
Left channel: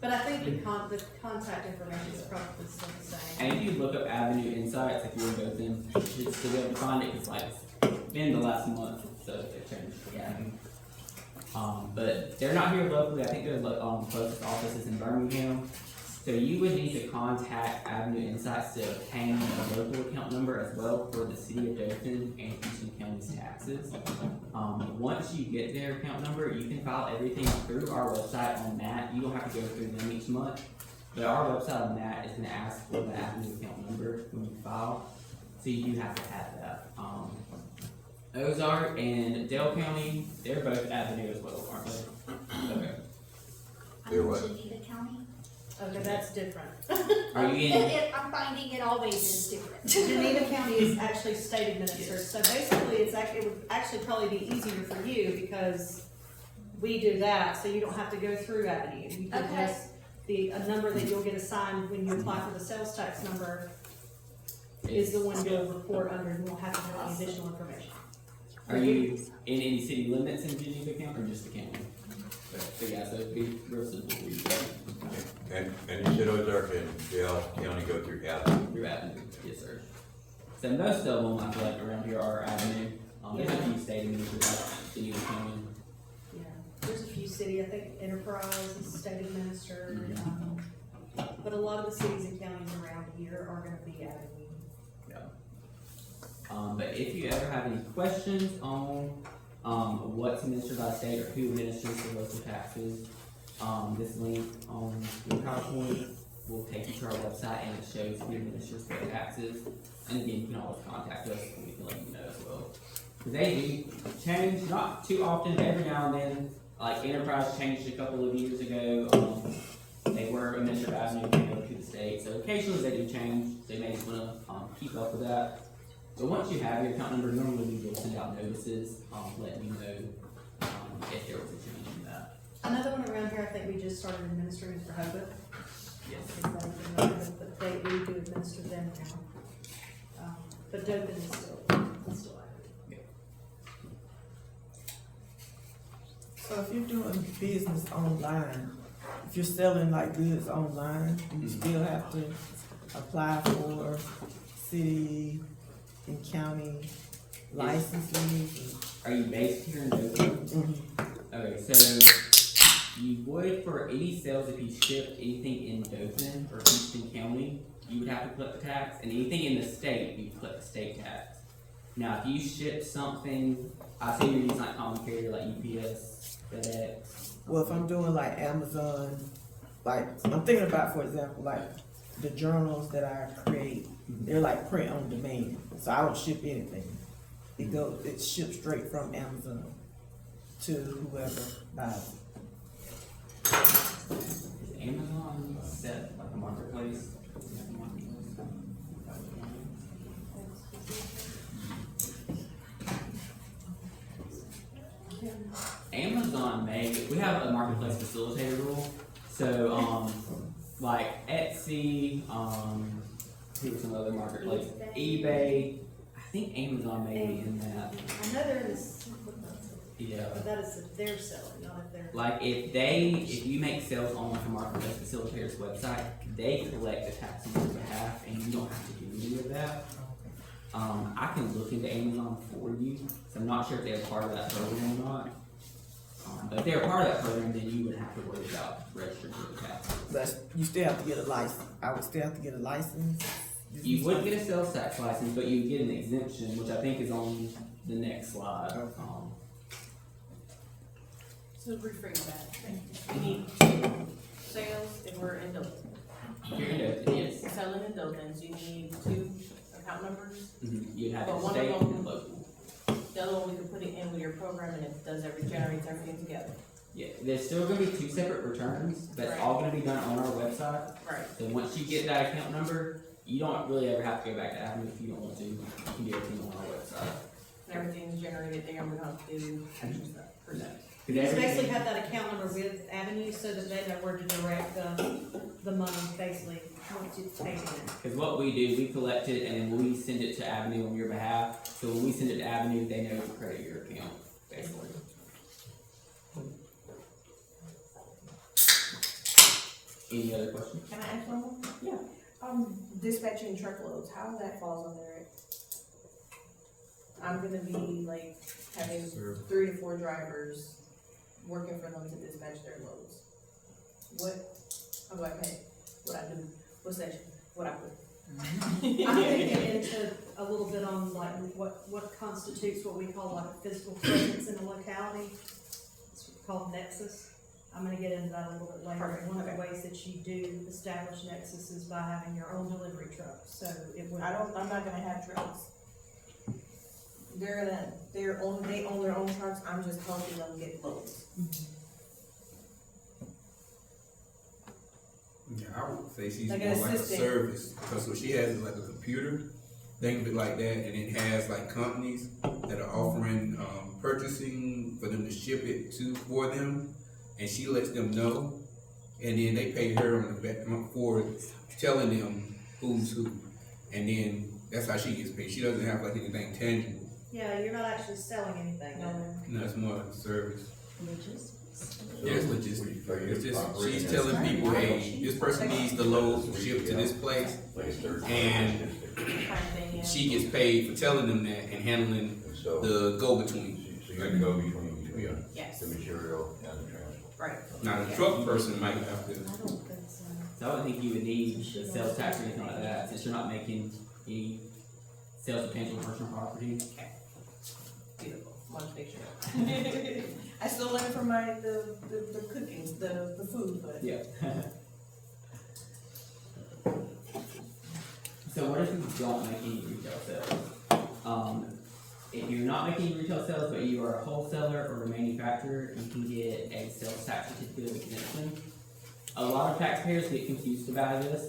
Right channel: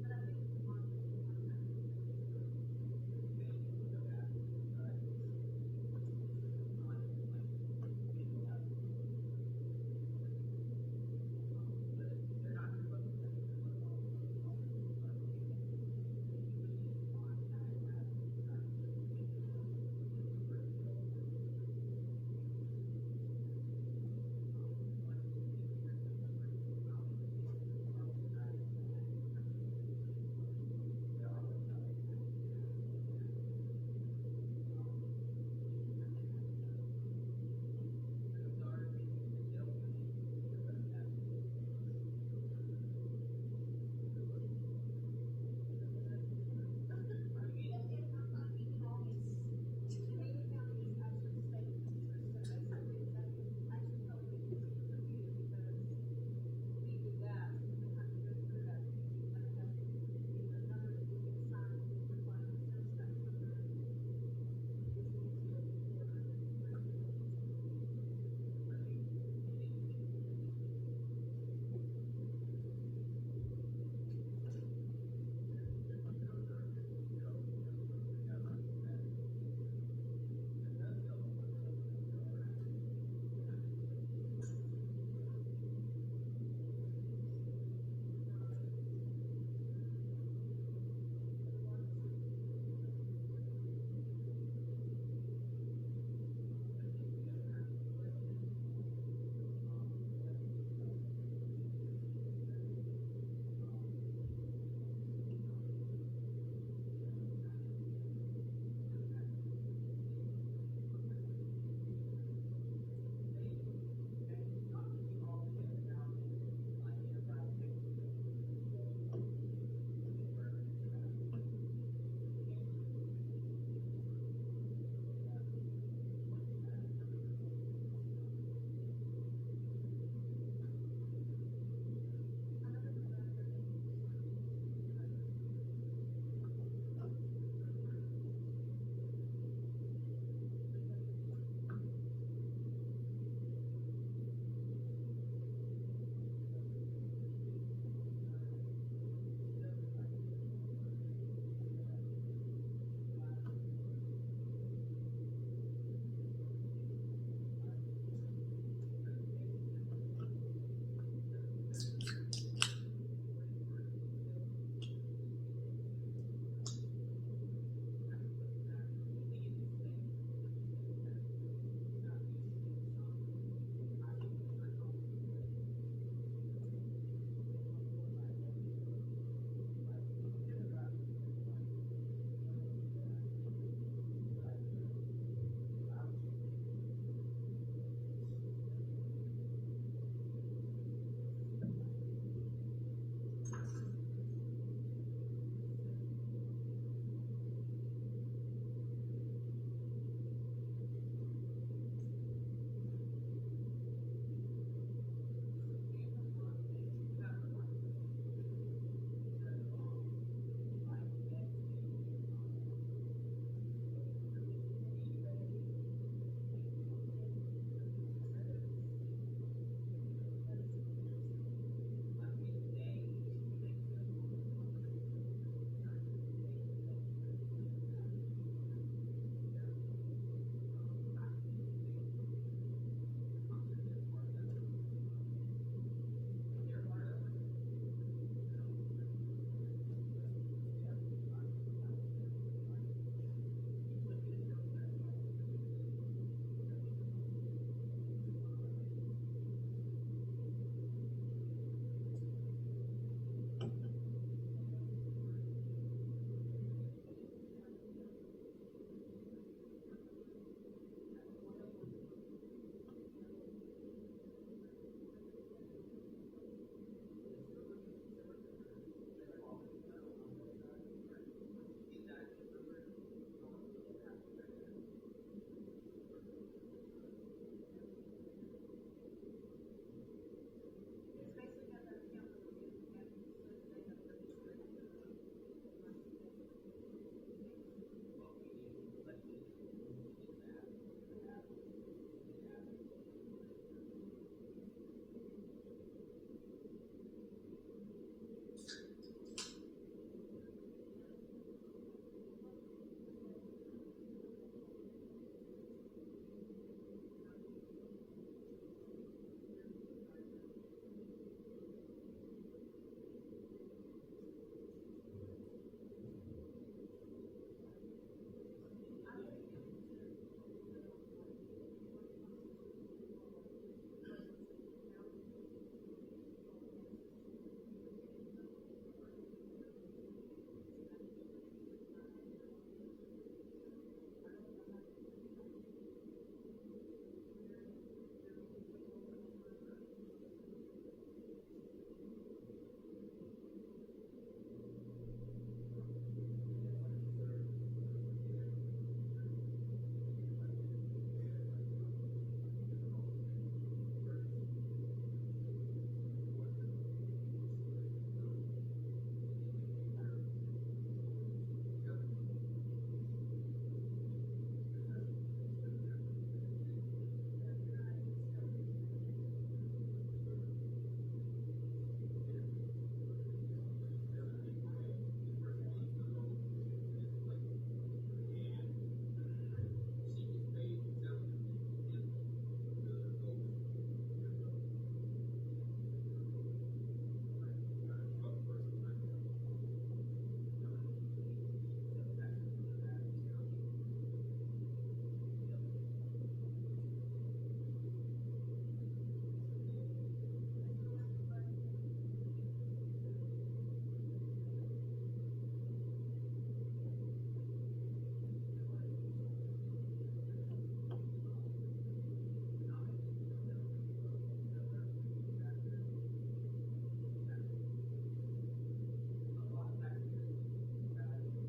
But I think the contact information is probably still the same. And if you look up Avenue Insights, if you're in Dothan, you should still be able to find it. It's like been the last month, so they've changed. Yeah. But they're not here locally. I think their closest office is in Birmingham. So you would need to contact Avenue Insights to obtain a local account number as well for the city of Dothan and Houston County's taxes. Once you get their account number, you can file everything through our website on that. You don't have to go through them each month. But our website on that is going to ask for the Avenue account number when you file. So you do have to have that. Ozark and Dale County, they're both Avenue as well, aren't they? Okay. They're what? Geneva County. Okay, that's different. Are you in? I'm finding it always is different. Geneva County is actually state administered, so basically it would actually probably be easier for you because we do that, so you don't have to go through Avenue. You can Okay. just, a number that you'll get assigned when you apply for the sales tax number is the one you'll report under, and won't have to have any additional information. Are you in any city limits in Geneva County or just the county? So yeah, so it'd be real simple for you. And you said Ozark and Dale County go through Avenue? Through Avenue, yes, sir. So most of them, I feel like around here are Avenue. There's a few state administered, like Geneva County. Yeah, there's a few city, I think Enterprise is state administered, but a lot of the cities and counties around here are gonna be Avenue. But if you ever have any questions on what's administered by state or who administers the local taxes, this link on your PowerPoint will take you to our website and it shows who administers the taxes. And again, you can always contact us and we can let you know as well. Because they do change, not too often, but every now and then. Like Enterprise changed a couple of years ago. They were But once you have your account number, normally we will send out notices, letting you know, if there was a change in that. Another one around here, I think we just started administering it for Hoboken. Yes. Everybody can know that, but we do administer them now. But Dothan is still active. So if you're doing business online, if you're selling like goods online, you still have to apply for city and county licenses. Are you based here in Dothan? Mhm. Okay, so you would, for any sales, if you shipped anything in Dothan or Houston County, you would have to collect the tax, and anything in the state, you collect the state tax. Now, if you ship something, I say you're using like common carrier, like UPS, FedEx. Well, if I'm doing like Amazon, like, I'm thinking about, for example, like the journals that I create, they're like print on demand, so I don't ship anything. It ships straight from Amazon to whoever buys it. Is Amazon set like a marketplace? Amazon we have a marketplace facilitator rule, so, like Etsy, who was some other marketplace, eBay, I think Amazon may be in that, I know there is, yeah. but that is if they're selling, not if they're. Like if you make sales on like a marketplace facilitator's website, they collect the tax on your behalf and you don't have to do any of that. I can look into Amazon for you, so I'm not sure if they're part of that program or not. But if they're part of that program, then you would have to worry about registering your tax. But you still have to get a license. I would still have to get a license. You would get a sales tax license, but you would get an exemption, which I think is on the next slide. Okay. So rephrase that. We need sales if we're in Dothan. You're in Dothan, yes. Selling in Dothan, so you need 2 account numbers. You'd have But it one of state them- and local. The other one, we can put it in with your program and it generates everything together. Yeah, there's still gonna be 2 separate returns, but it's Right. all gonna be done on our website. Right. So once you get that account number, you don't really ever have to go back to Avenue if you don't want to. You can do everything on our website. And everything's generated there and we don't have to do extra stuff. per se. Cause You just everything- basically have that account number with Avenue so that they know where to direct the money, basically, once it's paid in. Cause what we do, we collect it and then we send it to Avenue on your behalf. So when we send it to Avenue, they know to credit your account, basically. Any other questions? Can I ask one more? Yeah. Dispatching truckloads, how that falls under it? I'm gonna be like having 3 to 4 drivers working for them to dispatch their loads. How do I pay? What I do? What section? What I put? I'm gonna get into a little bit on like what constitutes what we call like a physical presence in a locality. It's called nexus. I'm gonna get into that a little bit later. Perfect, One of the okay. ways that you do establish nexus is by having your own delivery truck, so it would. I'm not gonna have trucks. They own their own trucks, I'm just helping them get loads. Yeah, I would say she's Like more an like a assistant. service, because what she has is like a computer, think of it like that, and it has like companies that are offering, purchasing for them to ship it for them, and she lets them know, and then they pay her on the back for telling them who's who, and then that's how she gets paid. She doesn't have like anything tangible. Yeah, you're not actually selling anything, no. No, it's more like a service. So- Yeah, it's logistics. So you're It's just, operating she's as- telling people, hey, this person needs the load shipped to this place, and Kind of thing, yeah. she gets paid for telling them that and handling So, the go-between. so you're the go-between between Yes, the material and the transport. right. Now, the truck person might have to, I don't think so. So I don't think you would need the sales tax or anything like that, since you're not making any sales of tangible personal property. Beautiful, much picture. I still learn from the cookings, the food, but. Yeah. So what if you don't make any retail sales? If you're not making retail sales, but you are a wholesaler or a manufacturer, you can get a sales tax certificate of exemption. A lot of taxpayers get confused about this.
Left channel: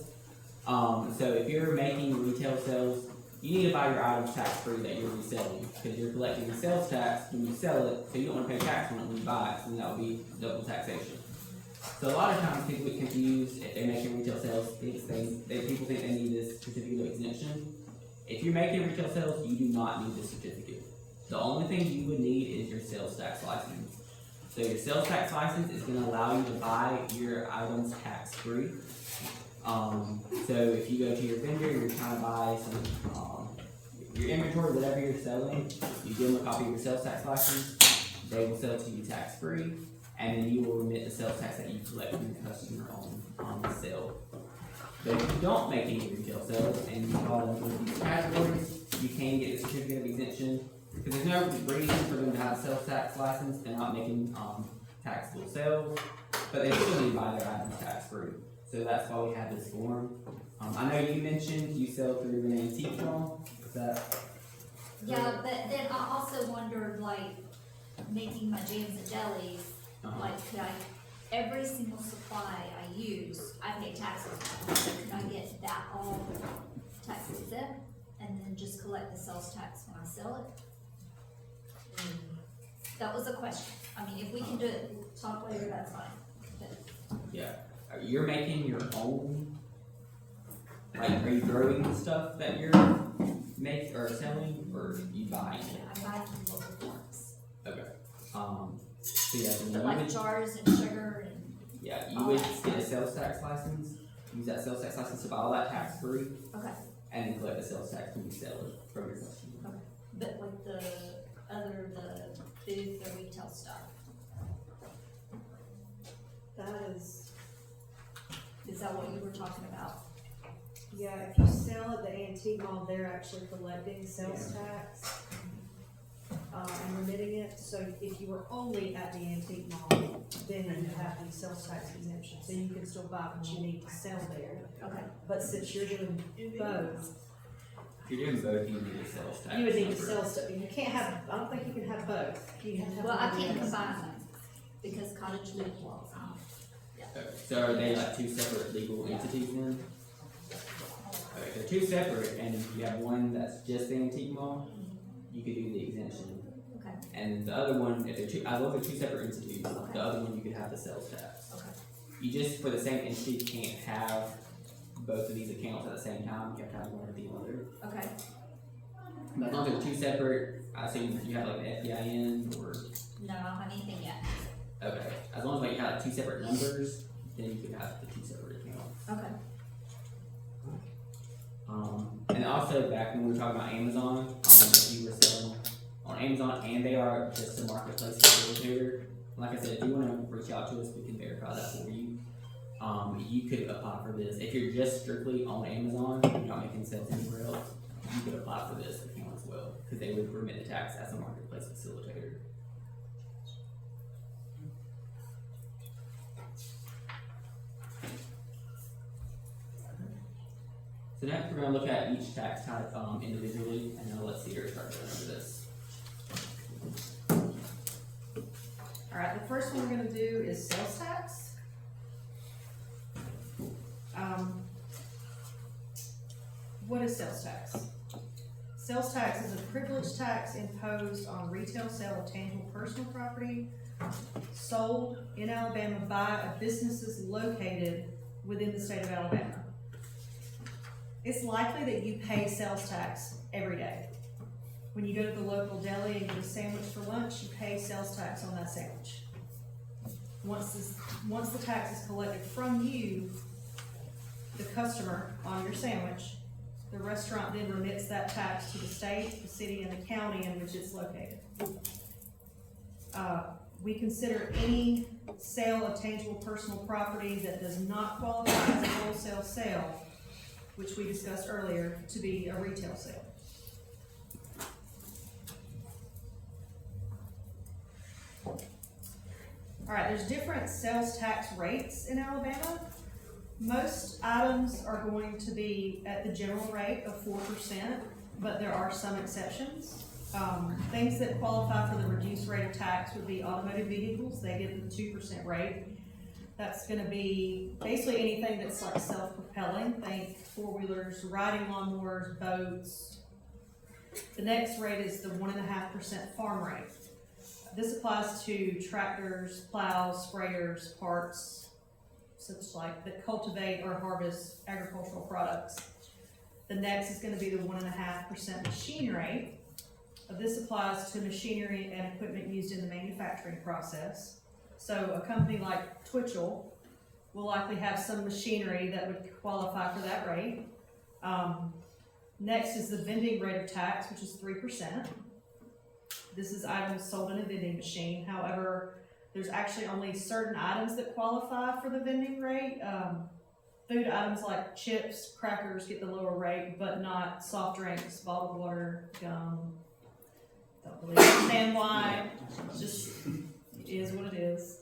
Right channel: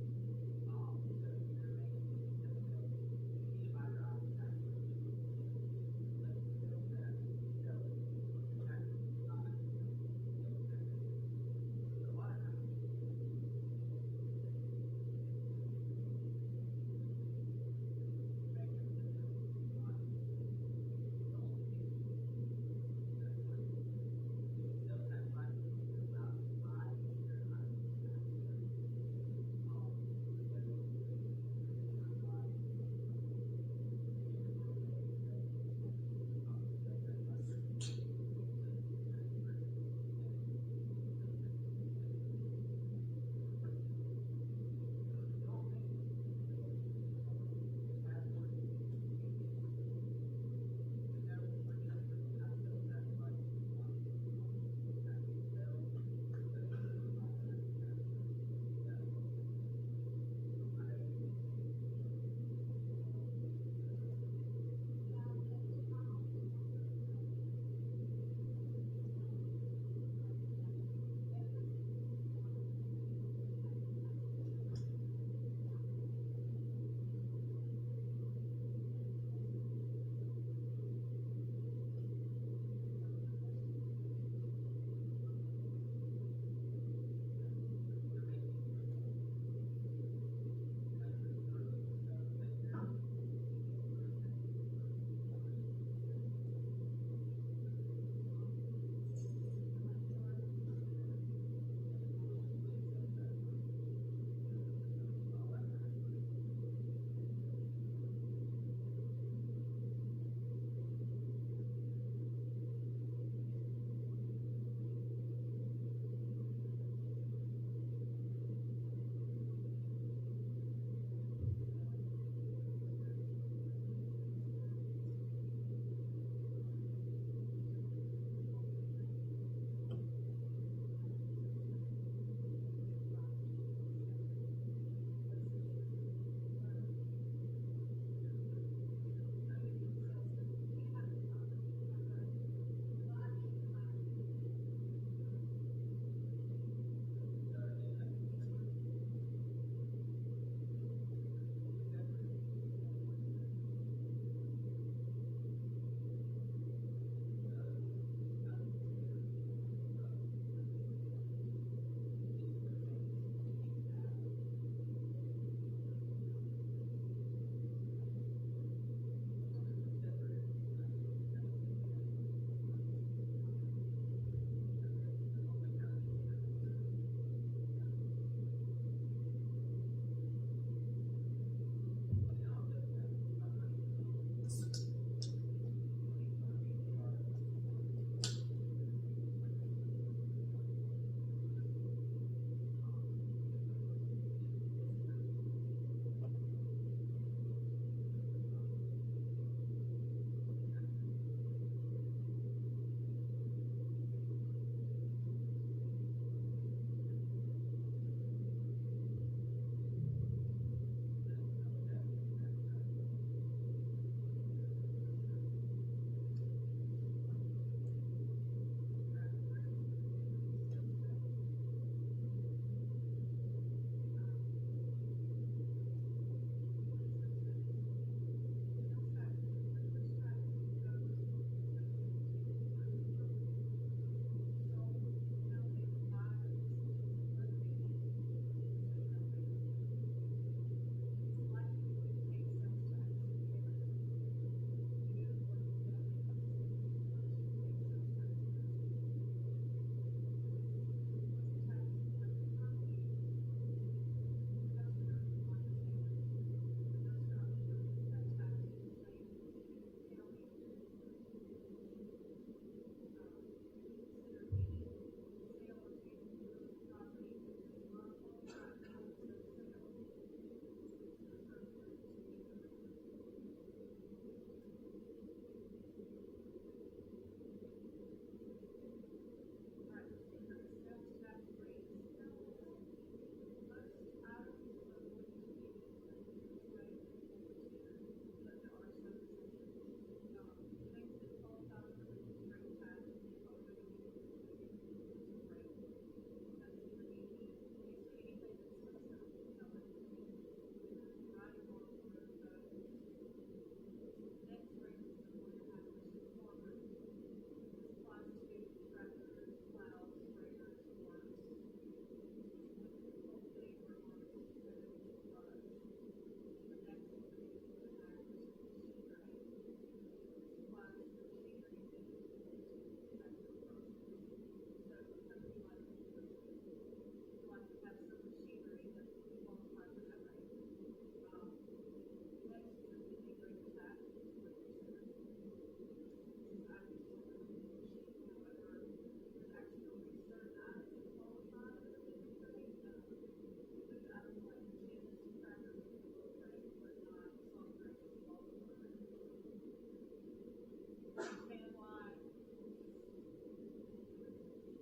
So if you're making retail sales, you need to buy your items tax-free that you're reselling, because you're collecting the sales tax when you sell it, so you don't wanna pay tax on it when you buy it, so that would be double taxation. So a lot of times people get confused if they're making retail sales, people think they need this certificate of exemption. If you're making retail sales, you do not need this certificate. The only thing you would need is your sales tax license. So your sales tax license is gonna allow you to buy your items tax-free. So if you go to your vendor, you're trying to buy some, your inventory, whatever you're selling, you give them a copy of your sales tax license, they will sell it to you tax-free, and then you will remit the sales tax that you collect from your customer on the sale. But if you don't make any retail sales and you fall into these categories, you can get a certificate of exemption, because there's no reason for them to have a sales tax license. They're not making taxable sales, but they still need to buy their items tax-free. So that's why we have this form. I know you mentioned you sell through an antique mall. Is that? Yeah, but then I also wondered, like, making my jams and jellies, like, could I, every single supply I use, I pay taxes on, so could I get that all tax exempt, and then just collect the sales tax when I sell it? That was a question. I mean, if we can do it, talk later, that's fine. But Yeah. You're making your own. Like, are you growing the stuff that you're making or selling, or you buying it? I buy from local farms, Okay. So yeah, so but you like would, jars and sugar and, yeah, you all would that get a stuff. sales tax license. Use that sales tax license to buy all that tax free, okay, and then collect the sales tax when you sell it from your customer. okay. But like the food, the retail stuff, is that what you were talking about? Yeah, if you sell at the antique mall, they're actually collecting sales tax, and remitting it, so if you were only at the antique mall, then you have the sales tax exemption, so you can still buy what you need to sell there. Okay, But since you're doing both, If you're doing both, you need a sales tax. you would need to number. sell stuff, you can't have, I don't think you can have both. You have to have well, I one or can't the other. combine them, because cottage live laws. Okay. So are they like two separate legal entities then? Okay, they're two separate, and if you have one that's just the antique mall, you could do the exemption. Okay, And the other one, if they're two, I love they're two separate entities, Okay. the other one you could have the sales tax. okay, You just, for the same entity, can't have both of these accounts at the same time, you have to have one or the other. okay. But as long as they're two separate, I assume you have like an FEIN or, No, I don't have anything yet. okay, as long as like you have two separate numbers, then you could have the two separate accounts. Okay. And also back when we were talking about Amazon, if you were selling on Amazon and they are just a marketplace facilitator, like I said, if you wanna reach out to us, we can verify that for you. You could apply for this. If you're just strictly on Amazon, you're not making sales anywhere else, you could apply for this account as well, cause they would remit the tax as a marketplace facilitator. So next, we're gonna look at each tax type, individually, and then let's see your start going over this. Alright, the first one we're gonna do is sales tax. What is sales tax? Sales tax is a privilege tax imposed on retail sale of tangible personal property sold in Alabama by businesses located within the state of Alabama. It's likely that you pay sales tax every day. When you go to the local deli and get a sandwich for lunch, you pay sales tax on that sandwich. Once the tax is collected from you, the customer, on your sandwich, the restaurant then remits that tax to the state, the city, and the county in which it's located. We consider any sale of tangible personal property that does not qualify as a wholesale sale, which we discussed earlier, to be a retail sale. Alright, there's different sales tax rates in Alabama. Most items are going to be at the general rate of 4%, but there are some exceptions. Things that qualify for the reduced rate of tax would be automotive vehicles, they get the 2% rate. That's gonna be basically anything that's like self-propelling, think four-wheelers, riding lawnmowers, boats, The next rate is the 1.5% farm rate. This applies to tractors, plows, sprayers, parts, such like that cultivate or harvest agricultural products. The next is gonna be the 1.5% machine rate. This applies to machinery and equipment used in the manufacturing process. So a company like Twitchell will likely have some machinery that would qualify for that rate. Next is the vending rate of tax, which is 3%. This is items sold in a vending machine. However, there's actually only certain items that qualify for the vending rate. Food items like chips, crackers get the lower rate, but not soft drinks, bottled water, gum. Don't really understand why. Just is what it is.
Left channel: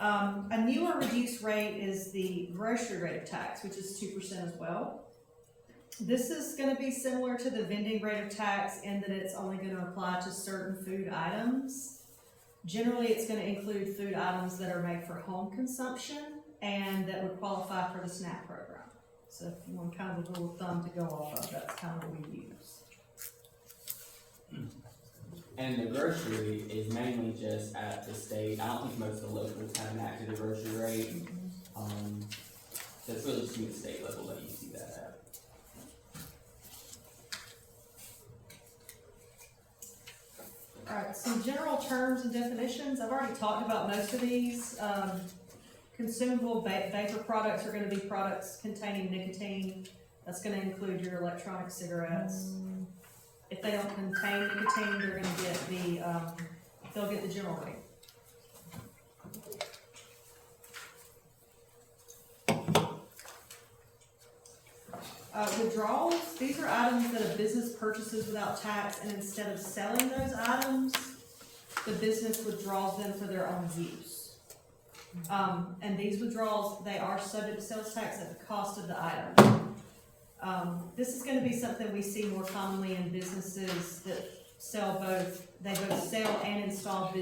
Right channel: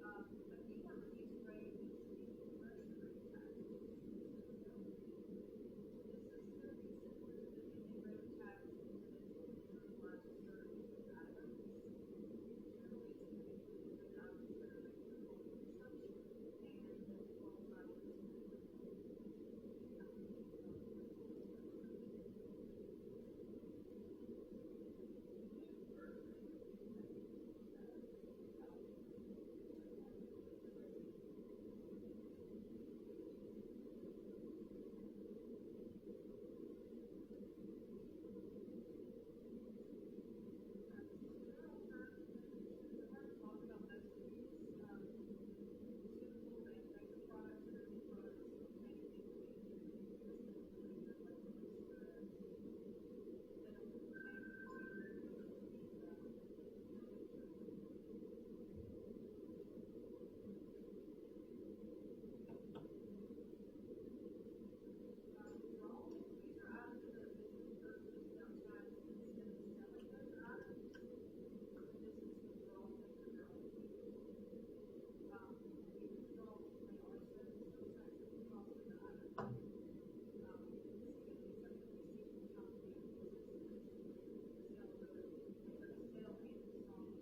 A newer reduced rate is the grocery rate of tax, which is 2% as well. This is going to be similar to the vending rate of tax in that it's only going to apply to certain food items. Generally, it's going to include food items that are made for home consumption and that would qualify for the SNAP program. So if you want kind of a rule of thumb to go off of, that's kind of what we use. And the grocery is mainly just at the state. I don't think most of the locals have enacted a grocery rate. So it's really just at the state level that you see that at. Alright, some general terms and definitions. I've already talked about most of these. Consumable vapor products are going to be products containing nicotine. That's going to include your electronic cigarettes. If they don't contain nicotine, they're going to get they'll get the general rate. Withdrawals, these are items that a business purchases without tax, and instead of selling those items, the business withdraws them for their own use. And these withdrawals, they are subject to sales tax at the cost of the item. This is going to be something we see more commonly in businesses that they both sell and install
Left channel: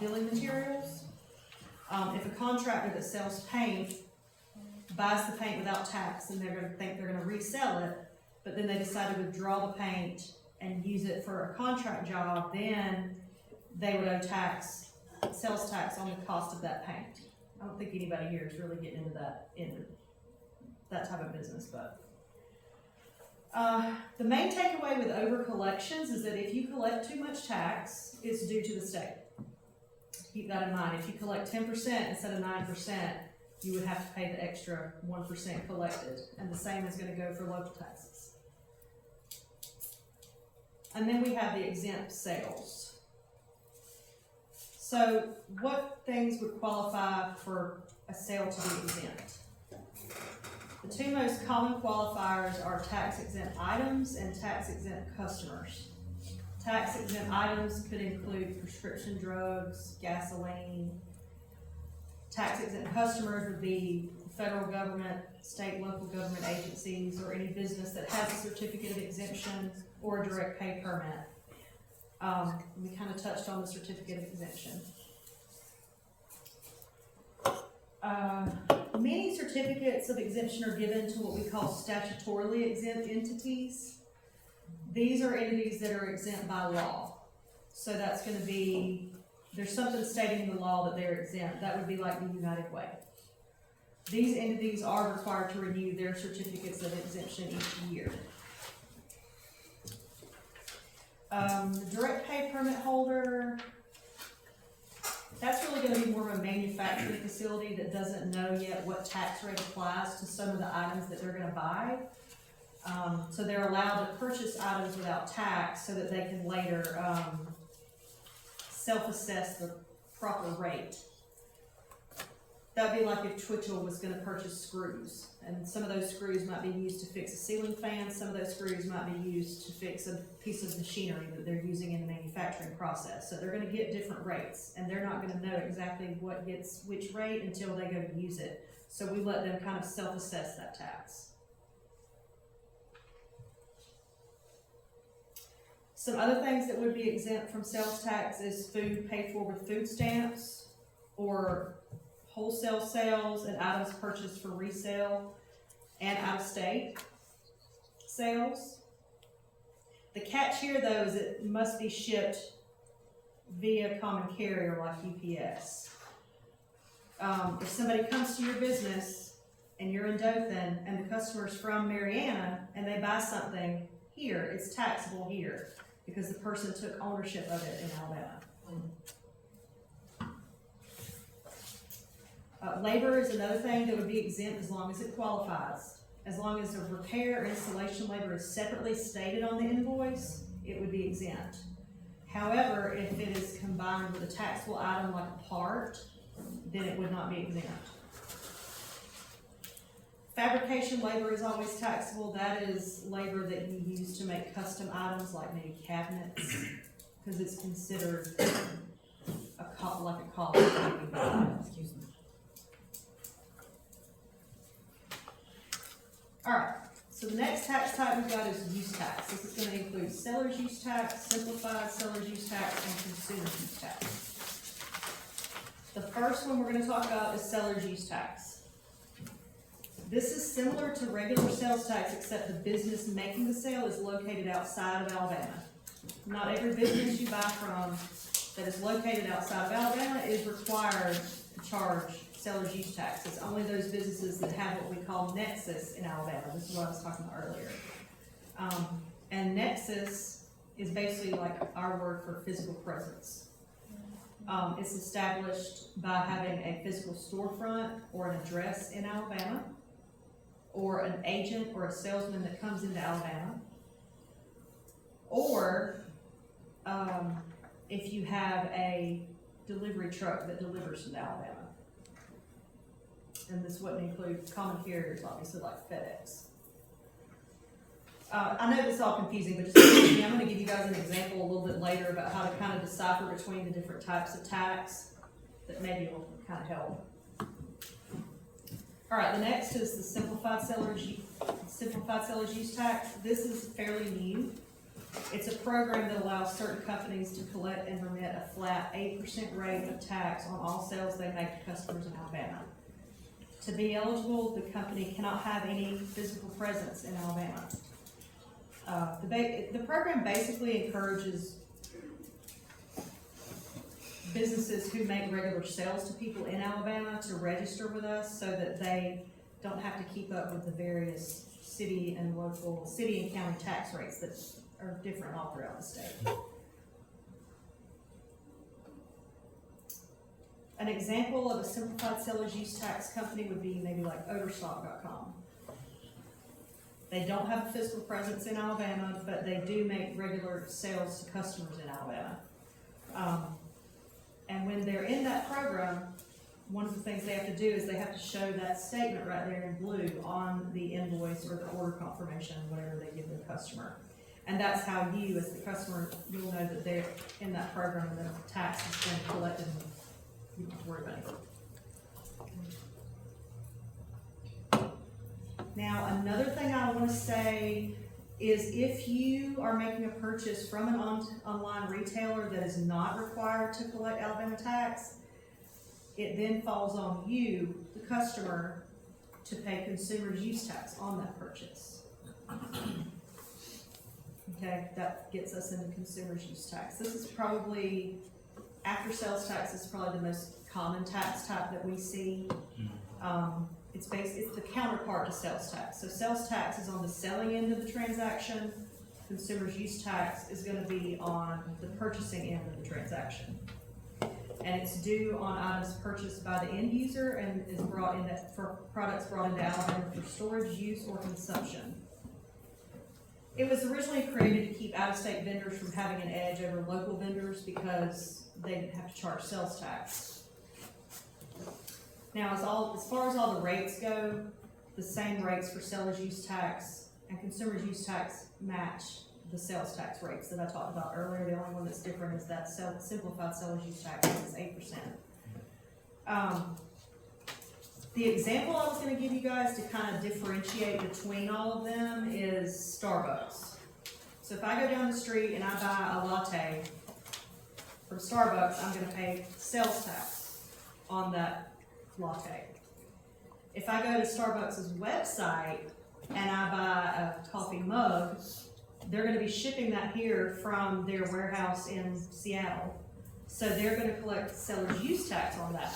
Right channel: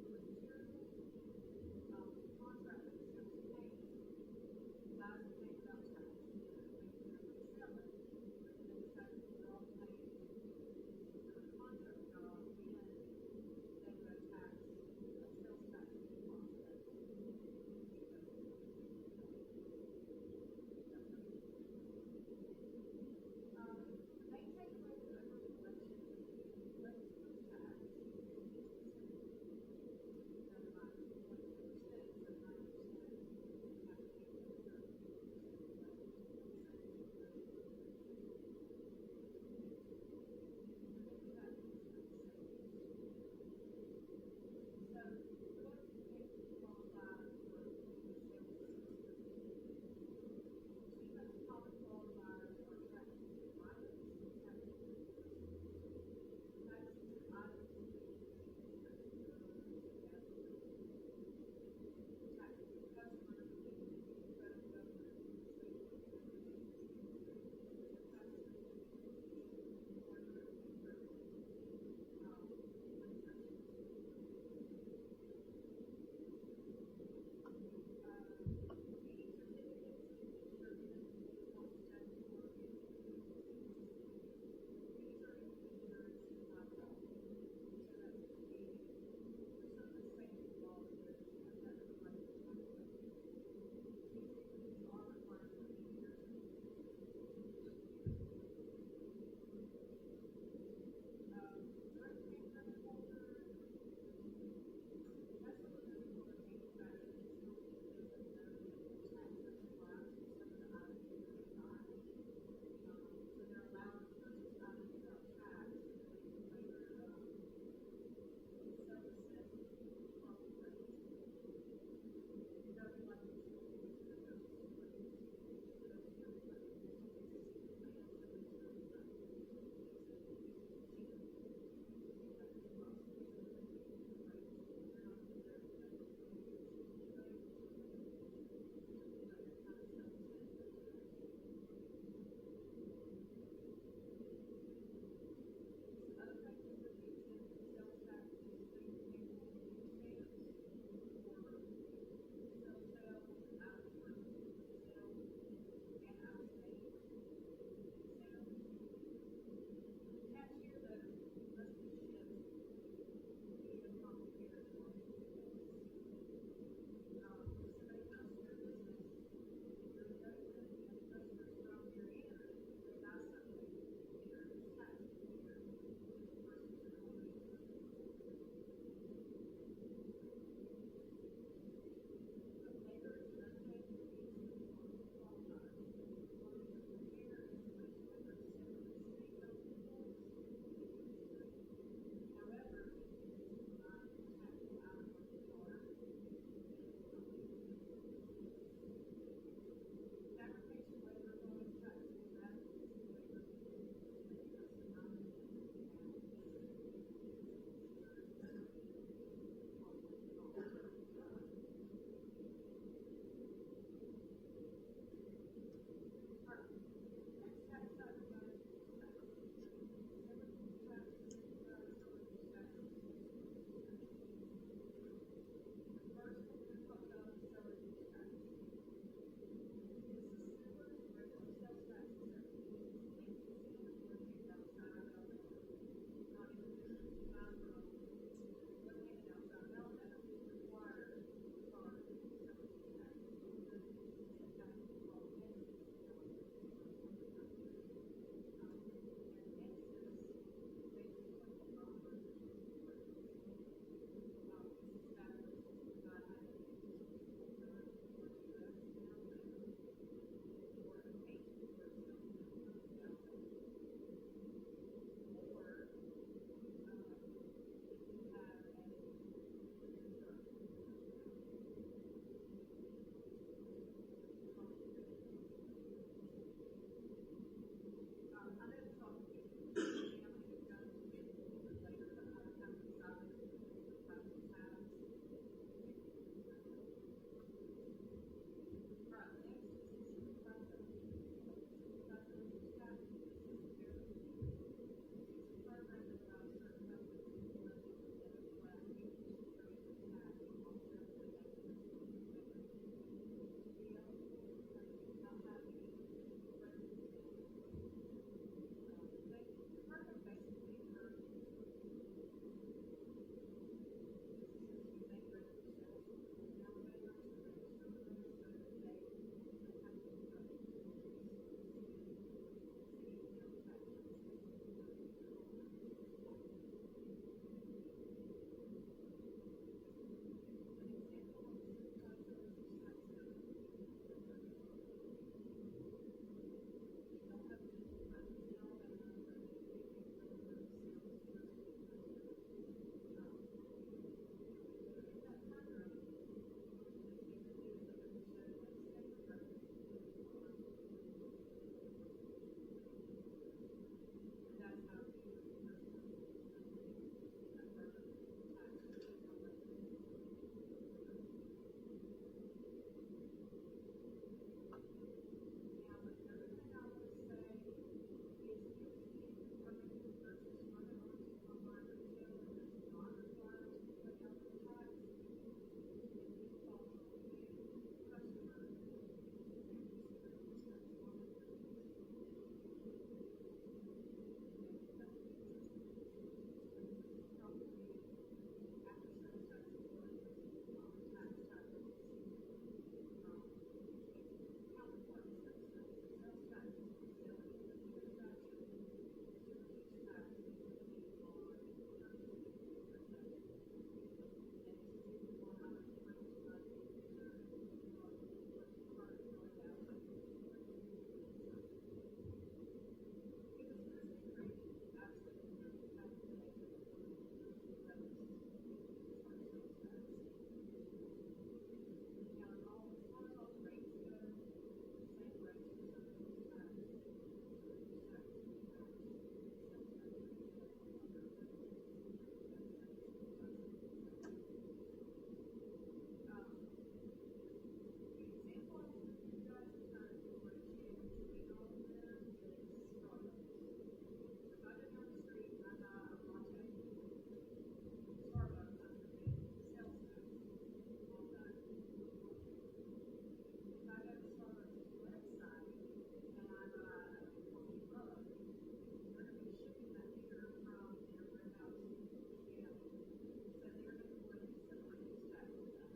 building materials. If a contractor that sells paint buys the paint without tax and they're going to think they're going to resell it, but then they decide to withdraw the paint and use it for a contract job, then they would owe sales tax on the cost of that paint. I don't think anybody here is really getting into that type of business, but the main takeaway with over collections is that if you collect too much tax, it's due to the state. Keep that in mind. If you collect 10% instead of 9%, you would have to pay the extra 1% collected, and the same is going to go for local taxes. And then we have the exempt sales. So what things would qualify for a sale to be exempt? The two most common qualifiers are tax exempt items and tax exempt customers. Tax exempt items could include prescription drugs, gasoline. Tax exempt customers would be the federal government, state, local government agencies, or any business that has a certificate of exemption or a direct pay permit. We kind of touched on the certificate of exemption. Many certificates of exemption are given to what we call statutorily exempt entities. These are entities that are exempt by law. So that's going to be, there's something stating in the law that they're exempt. That would be like the United Way. These entities are required to renew their certificates of exemption each year. The direct pay permit holder, that's really going to be more of a manufacturing facility that doesn't know yet what tax rate applies to some of the items that they're going to buy. So they're allowed to purchase items without tax so that they can later self-assess the proper rate. That'd be like if Twitchell was going to purchase screws, and some of those screws might be used to fix a ceiling fan, some of those screws might be used to fix a piece of machinery that they're using in the manufacturing process. So they're going to get different rates, and they're not going to know exactly what gets which rate until they go to use it. So we let them kind of self-assess that tax. Some other things that would be exempt from sales tax is food paid for with food stamps, or wholesale sales and items purchased for resale, and out-of-state sales. The catch here though is it must be shipped via common carrier like UPS. If somebody comes to your business and you're in Dothan and the customer's from Mariana and they buy something here, it's taxable here because the person took ownership of it in Alabama. Labor is another thing that would be exempt as long as it qualifies. As long as the repair or installation labor is separately stated on the invoice, it would be exempt. However, if it is combined with a taxable item like a part, then it would not be exempt. Fabrication labor is always taxable. That is labor that you use to make custom items like maybe cabinets, because it's considered like a cost. Excuse me. Alright, so the next tax type we've got is use tax. This is gonna include seller's use tax, simplified seller's use tax, and consumer's use tax. The first one we're gonna talk about is seller's use tax. This is similar to regular sales tax, except the business making the sale is located outside of Alabama. Not every business you buy from that is located outside of Alabama is required to charge seller's use tax. It's only those businesses that have what we call nexus in Alabama. This is what I was talking about earlier. And nexus is basically like our word for physical presence. It's established by having a physical storefront or an address in Alabama, or an agent or a salesman that comes into Alabama, or if you have a delivery truck that delivers to Alabama. And this wouldn't include common carriers, obviously, like FedEx. I know this is all confusing, but just I'm going to give you guys an example a little bit later about how to kind of decipher between the different types of tax that maybe will kind of help. All right, the next is the simplified seller's use tax. This is fairly new. It's a program that allows certain companies to collect and remit a flat 8% rate of tax on all sales they make to customers in Alabama. To be eligible, the company cannot have any physical presence in Alabama. The program basically encourages businesses who make regular sales to people in Alabama to register with us so that they don't have to keep up with the various city and county tax rates that are different all throughout the state. An example of a simplified seller's use tax company would be maybe like Overstock.com. They don't have a physical presence in Alabama, but they do make regular sales to customers in Alabama. And when they're in that program, one of the things they have to do is they have to show that statement right there in blue on the invoice or the order confirmation, whatever they give the customer. And that's how you, as the customer, you'll know that they're in that program and the tax has been collected and you don't have to worry about it. Now, another thing I want to say is if you are making a purchase from an online retailer that is not required to collect Alabama tax, it then falls on you, the customer, to pay consumer's use tax on that purchase. Okay, that gets us into consumer's use tax. This is probably, after sales tax, is probably the most common tax type that we see. It's the counterpart to sales tax. So sales tax is on the selling end of the transaction. Consumer's use tax is going to be on the purchasing end of the transaction. And it's due on items purchased by the end user and is brought in for products brought into Alabama for storage, use, or consumption. It was originally created to keep out-of-state vendors from having an edge over local vendors because they didn't have to charge sales tax. Now, as far as all the rates go, the same rates for seller's use tax and consumer's use tax match the sales tax rates that I talked about earlier. The only one that's different is that simplified seller's use tax is 8%. The example I was going to give you guys to kind of differentiate between all of them is Starbucks. So if I go down the street and I buy a latte from Starbucks, I'm going to pay sales tax on that latte. If I go to Starbucks' website and I buy a coffee mug they're gonna be shipping that here from their warehouse in Seattle. So they're gonna collect seller's use tax on that.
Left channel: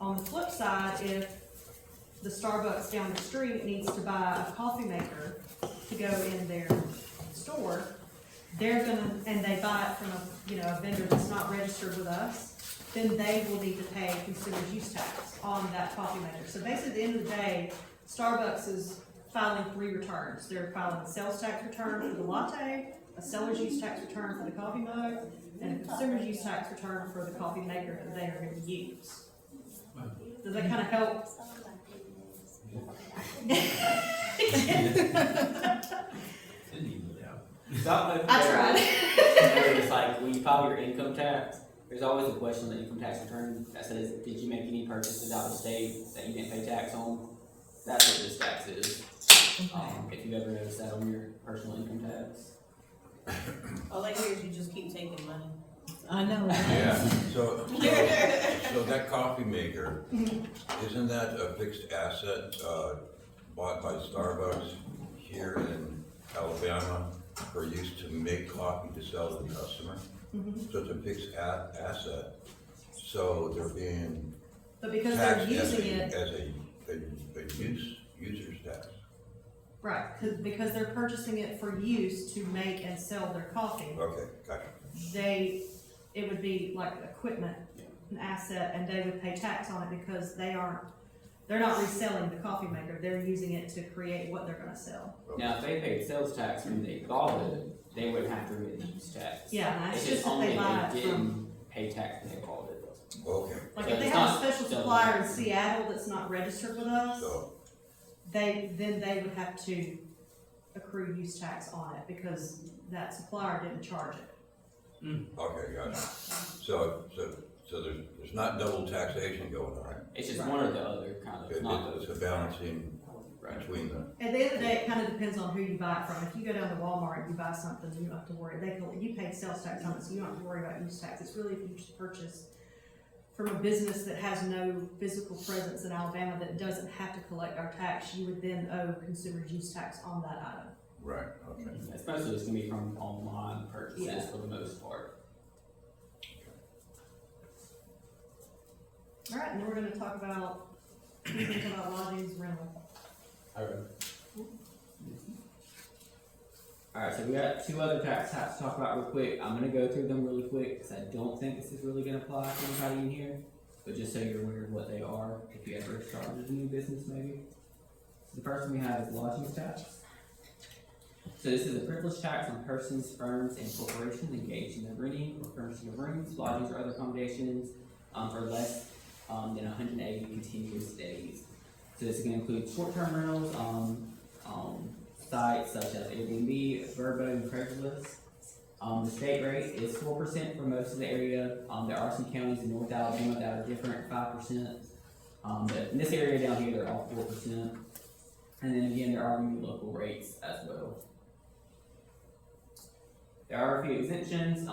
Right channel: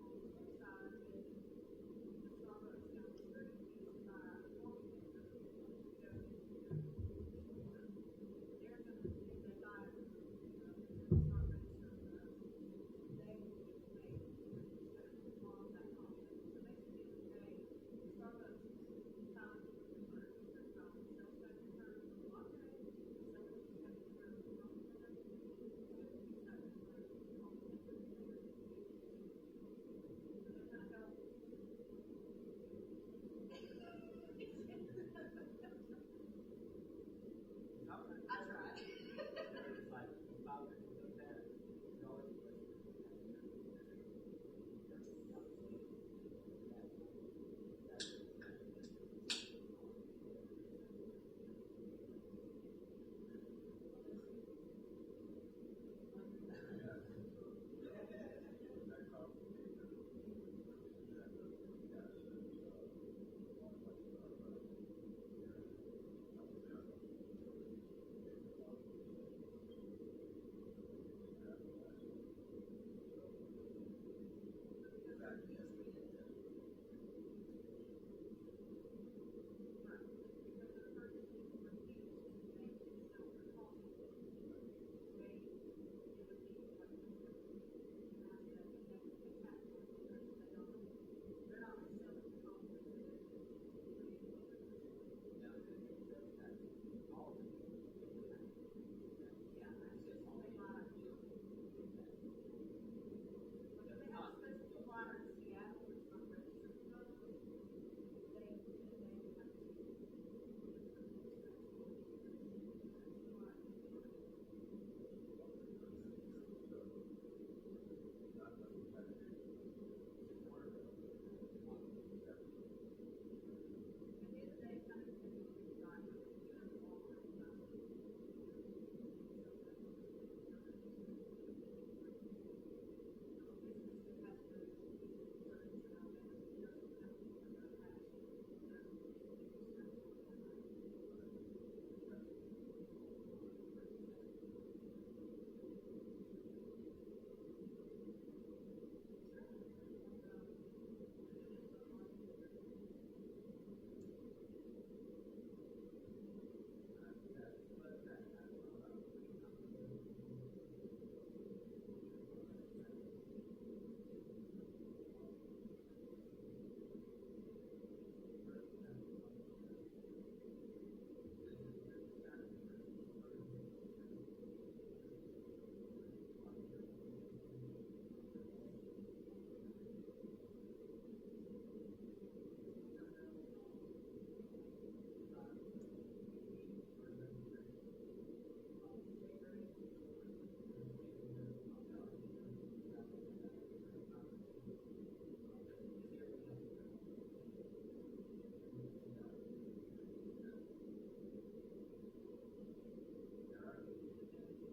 On the flip side, if the Starbucks down the street needs to buy a coffee maker to go in their store, they're gonna, and they buy it from a vendor that's not registered with us, then they will need to pay consumer's use tax on that coffee maker. So basically, at the end of the day, Starbucks is filing 3 returns. They're filing a sales tax return for the latte, a seller's use tax return for the coffee mug, and a consumer's use tax return for the coffee maker that they are gonna use. Does that kinda help? I tried. It's like, when you file your income tax, there's always a question on the income tax return that says, did you make any purchases out of state that you didn't pay tax on? That's what this tax is. If you ever notice that on your personal income tax. All I hear is you just keep taking money. I know. Yeah, so that coffee maker, isn't that a fixed asset, bought by Starbucks here in Alabama for use to make coffee to sell to the customer? So it's a fixed asset, so they're being But because they're taxed as using it, a user's tax. right, because they're purchasing it for use to make and sell their coffee, Okay, gotcha. it would be like equipment, an asset, and they would pay tax on it because they're not reselling the coffee maker, they're using it to create what they're gonna sell. Now, if they paid sales tax when they bought it, they wouldn't have to remit the use tax. Yeah, and that's It's just if only they buy they it from, didn't pay tax when they bought it. Okay, like So if they it's have a not special selling supplier in it. Seattle that's not registered with us, so, they would have to accrue use tax on it because that supplier didn't charge it. okay, gotcha. So there's not double taxation going on. It's just Right. one or the other, kind of, It- not It's the. a balancing between the, At the end of the day, it kind of depends on who you buy it from. If you go down to Walmart and you buy something, you don't have to worry. You paid sales tax on it, so you don't have to worry about use tax. It's really if you just purchase from a business that has no physical presence in Alabama that doesn't have to collect our tax, you would then owe consumer's use tax on that item. right, okay. Especially it's gonna be from online purchases Yeah. for the most part. All right, and then we're gonna talk about lodgings rental. Alright, so we got 2 other tax types to talk about real quick. I'm gonna go through them really quick, because I don't think this is really gonna apply to anybody in here, but just so you're aware of what they are, if you ever started a new business maybe. So the first one we have is lodgings tax. So this is a privilege tax on persons, firms, and corporations engaged in the renting or furnishing of rooms, lodgings, or other accommodations, for less, than 180 continuous days. So this is gonna include short-term rentals, sites such as Airbnb, Vrbo, and Craigslist. The state rate is 4% for most of the area. There are some counties in North Alabama that are different, 5%. But in this area down here, they're all 4%. And then again, there are new local rates as well. There are a few exemptions.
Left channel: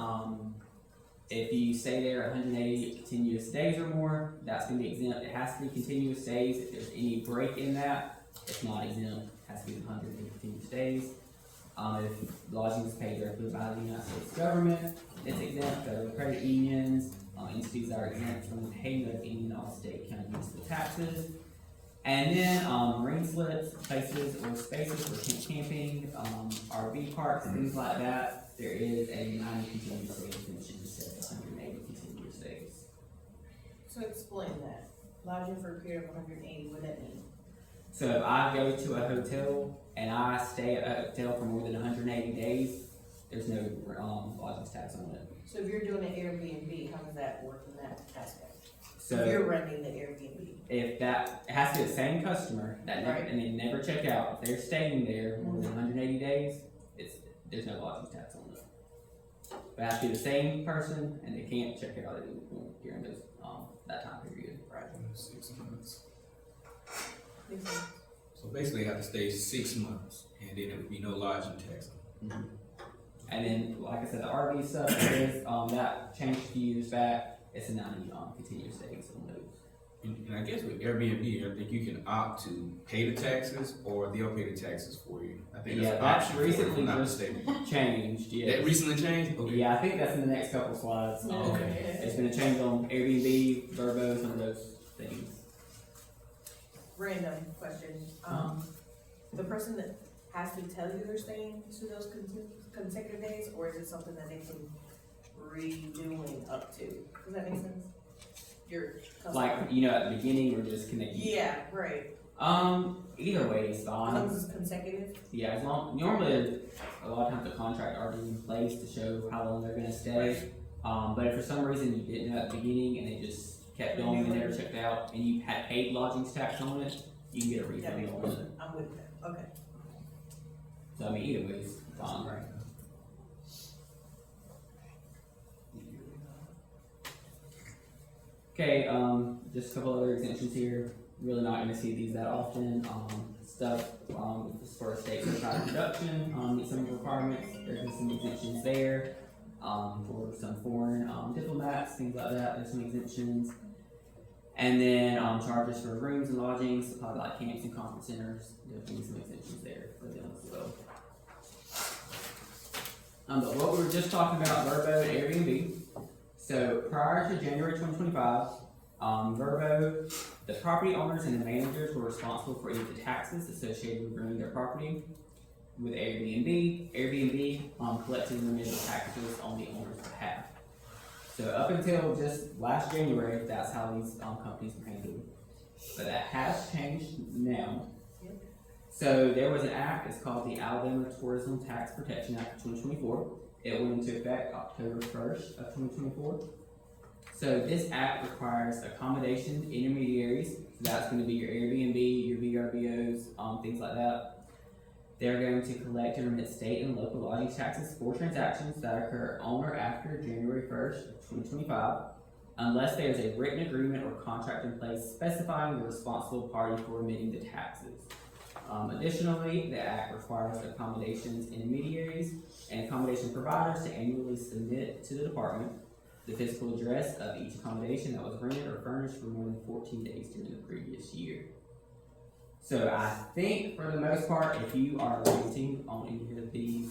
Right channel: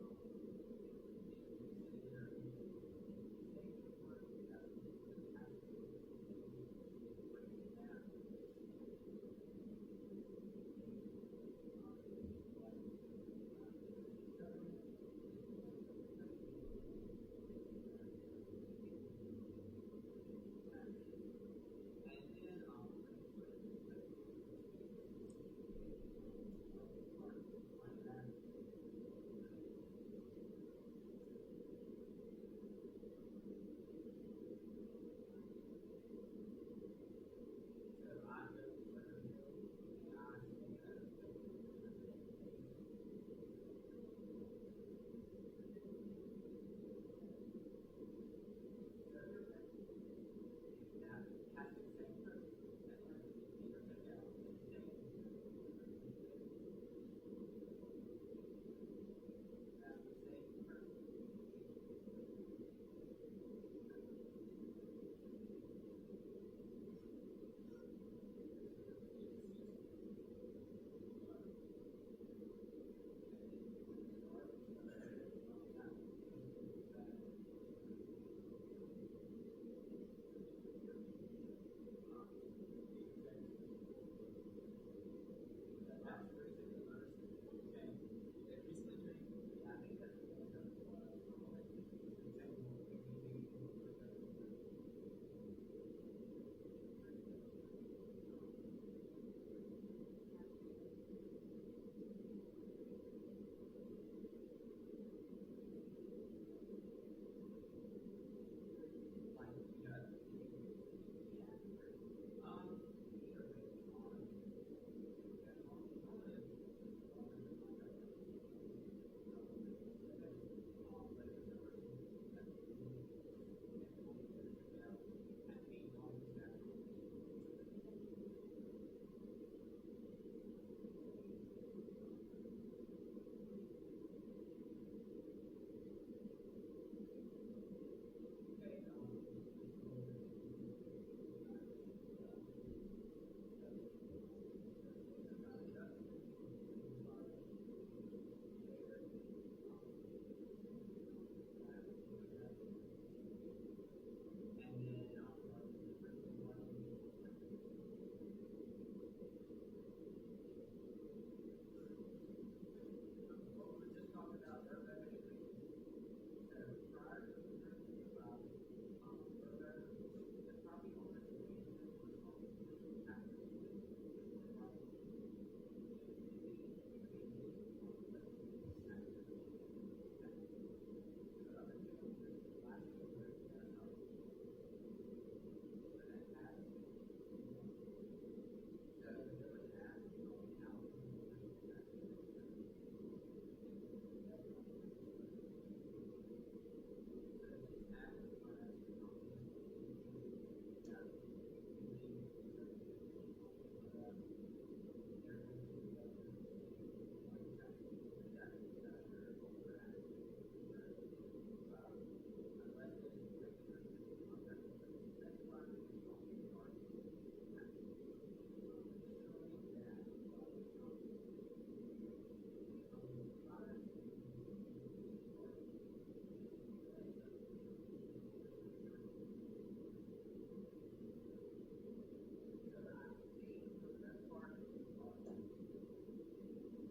If you stay there 180 continuous days or more, that's gonna be exempt. It has to be continuous days. If there's any break in that, it's not exempt. It has to be 180 continuous days. If lodging is paid directly by the United States government, it's exempt. Federal credit unions, entities that are exempt from the payment of any and all state, county, municipal taxes. And then, marine slips, places or spaces for camping, RV parks, things like that, there is a 90 continuous day exemption instead of 180 continuous days. So explain that. Lodging for a period of 180, what that mean? So if I go to a hotel and I stay at a hotel for more than 180 days, there's no, lodging tax on it. So if you're doing an Airbnb, how does that work in that aspect? So If you're renting the Airbnb. if that, it has to be the same customer that never, Right. and they never check out, if they're staying there more than 180 days, there's no lodging tax on it. But it has to be the same person and they can't check out during those, that time period. Right. 6 months. Makes sense. So basically, you have to stay 6 months, and then there would be no lodging tax. And then, like I said, the RV stuff is, that changed a few years back, it's a 90, continuous days on those. And I guess with Airbnb, I think you can opt to pay the taxes or they'll pay the taxes for you. I think Yeah, that's an that's option for it, if recently I'm not just mistaken. changed, yes. That recently changed? Okay. Yeah, I think that's in the next couple slides. Okay. It's gonna change on Airbnb, Verbo, some of those things. Random question, the person that has to tell you they're staying to those consecutive days, or is it something that they can redoing up to? Does that make sense? Your customer. Like, you know, at the beginning, we're just connecting. Yeah, right, Either way is fine. comes consecutive, Yeah, as long, normally, a lot of times the contract already in place to show how long they're gonna stay. But if for some reason you didn't know at the beginning and it just kept going and never checked out, and you had paid lodgings tax on it, you can get a that refund makes on sense, it. I'm with that, okay. So I mean, either way is fine, right? Okay, just a couple other exemptions here. Really not gonna see these that often. Stuff, as far as state certified production, meet some requirements. There's some exemptions there. For some foreign, diplomats, things like that, there's some exemptions. And then, charges for rooms and lodgings, probably like camps and conference centers, definitely some exemptions there for them as well. But what we were just talking about, Verbo and Airbnb. So prior to January 2025, Verbo, the property owners and the managers were responsible for any of the taxes associated with renting their property. With Airbnb collected and remitted taxes on the owner's behalf. So up until just last January, that's how these companies were handled. But that has changed now. So there was an act, it's called the Alabama Tourism Tax Protection Act of 2024. It went into effect October 1st of 2024. So this act requires accommodation intermediaries. So that's going to be your Airbnb, your VRBOs, things like that. They're going to collect and remit state and local lodging taxes for transactions that occur on or after January 1st of 2025, unless there is a written agreement or contract in place specifying the responsible party for remitting the taxes. Additionally, the Act requires accommodations intermediaries and accommodation providers to annually submit to the department the physical address of each accommodation that was rented or furnished for more than 14 days during the previous year. So I think for the most part, if you are renting on any of these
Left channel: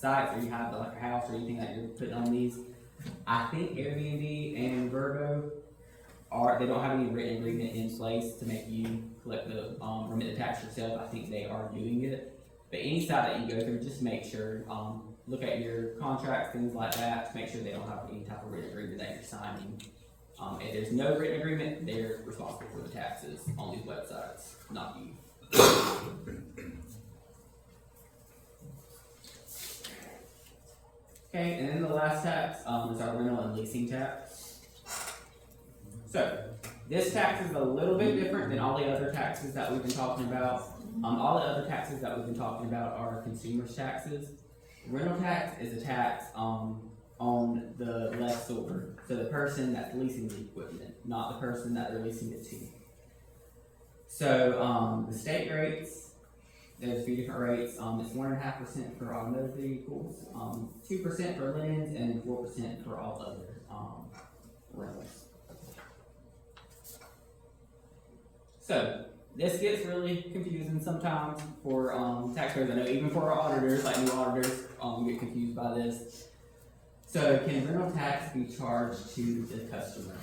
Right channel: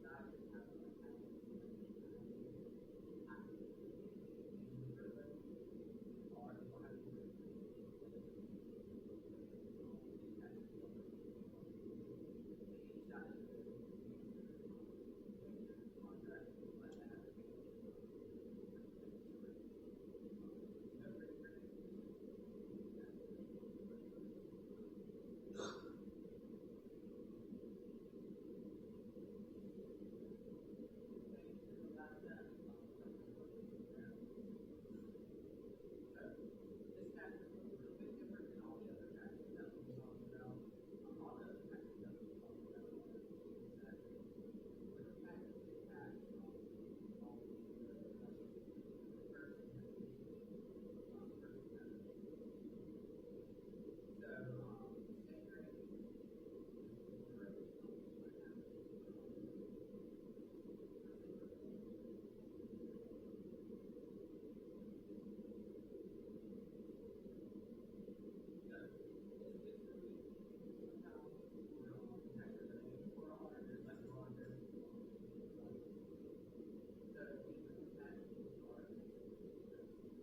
sites, or you have like a house or anything that you're putting on these, I think Airbnb and Verbo they don't have any written agreement in place to make you collect the remit the tax yourself. I think they are doing it. But any site that you go through, just make sure, look at your contracts, things like that, to make sure they don't have any type of written agreement that you're signing. If there's no written agreement, they're responsible for the taxes on these websites, not you. Okay, and then the last tax is our rental and leasing tax. So, this tax is a little bit different than all the other taxes that we've been talking about. All the other taxes that we've been talking about are consumers' taxes. Rental tax is a tax on the lessor, so the person that's leasing the equipment, not the person that they're leasing it to. So the state rates, there's a few different rates. It's 1.5% for automotive vehicles, 2% for linens, and 4% for all other rentals. So this gets really confusing sometimes for taxpayers. I know even for our auditors, like new auditors, get confused by this. So can rental tax be charged to the customer?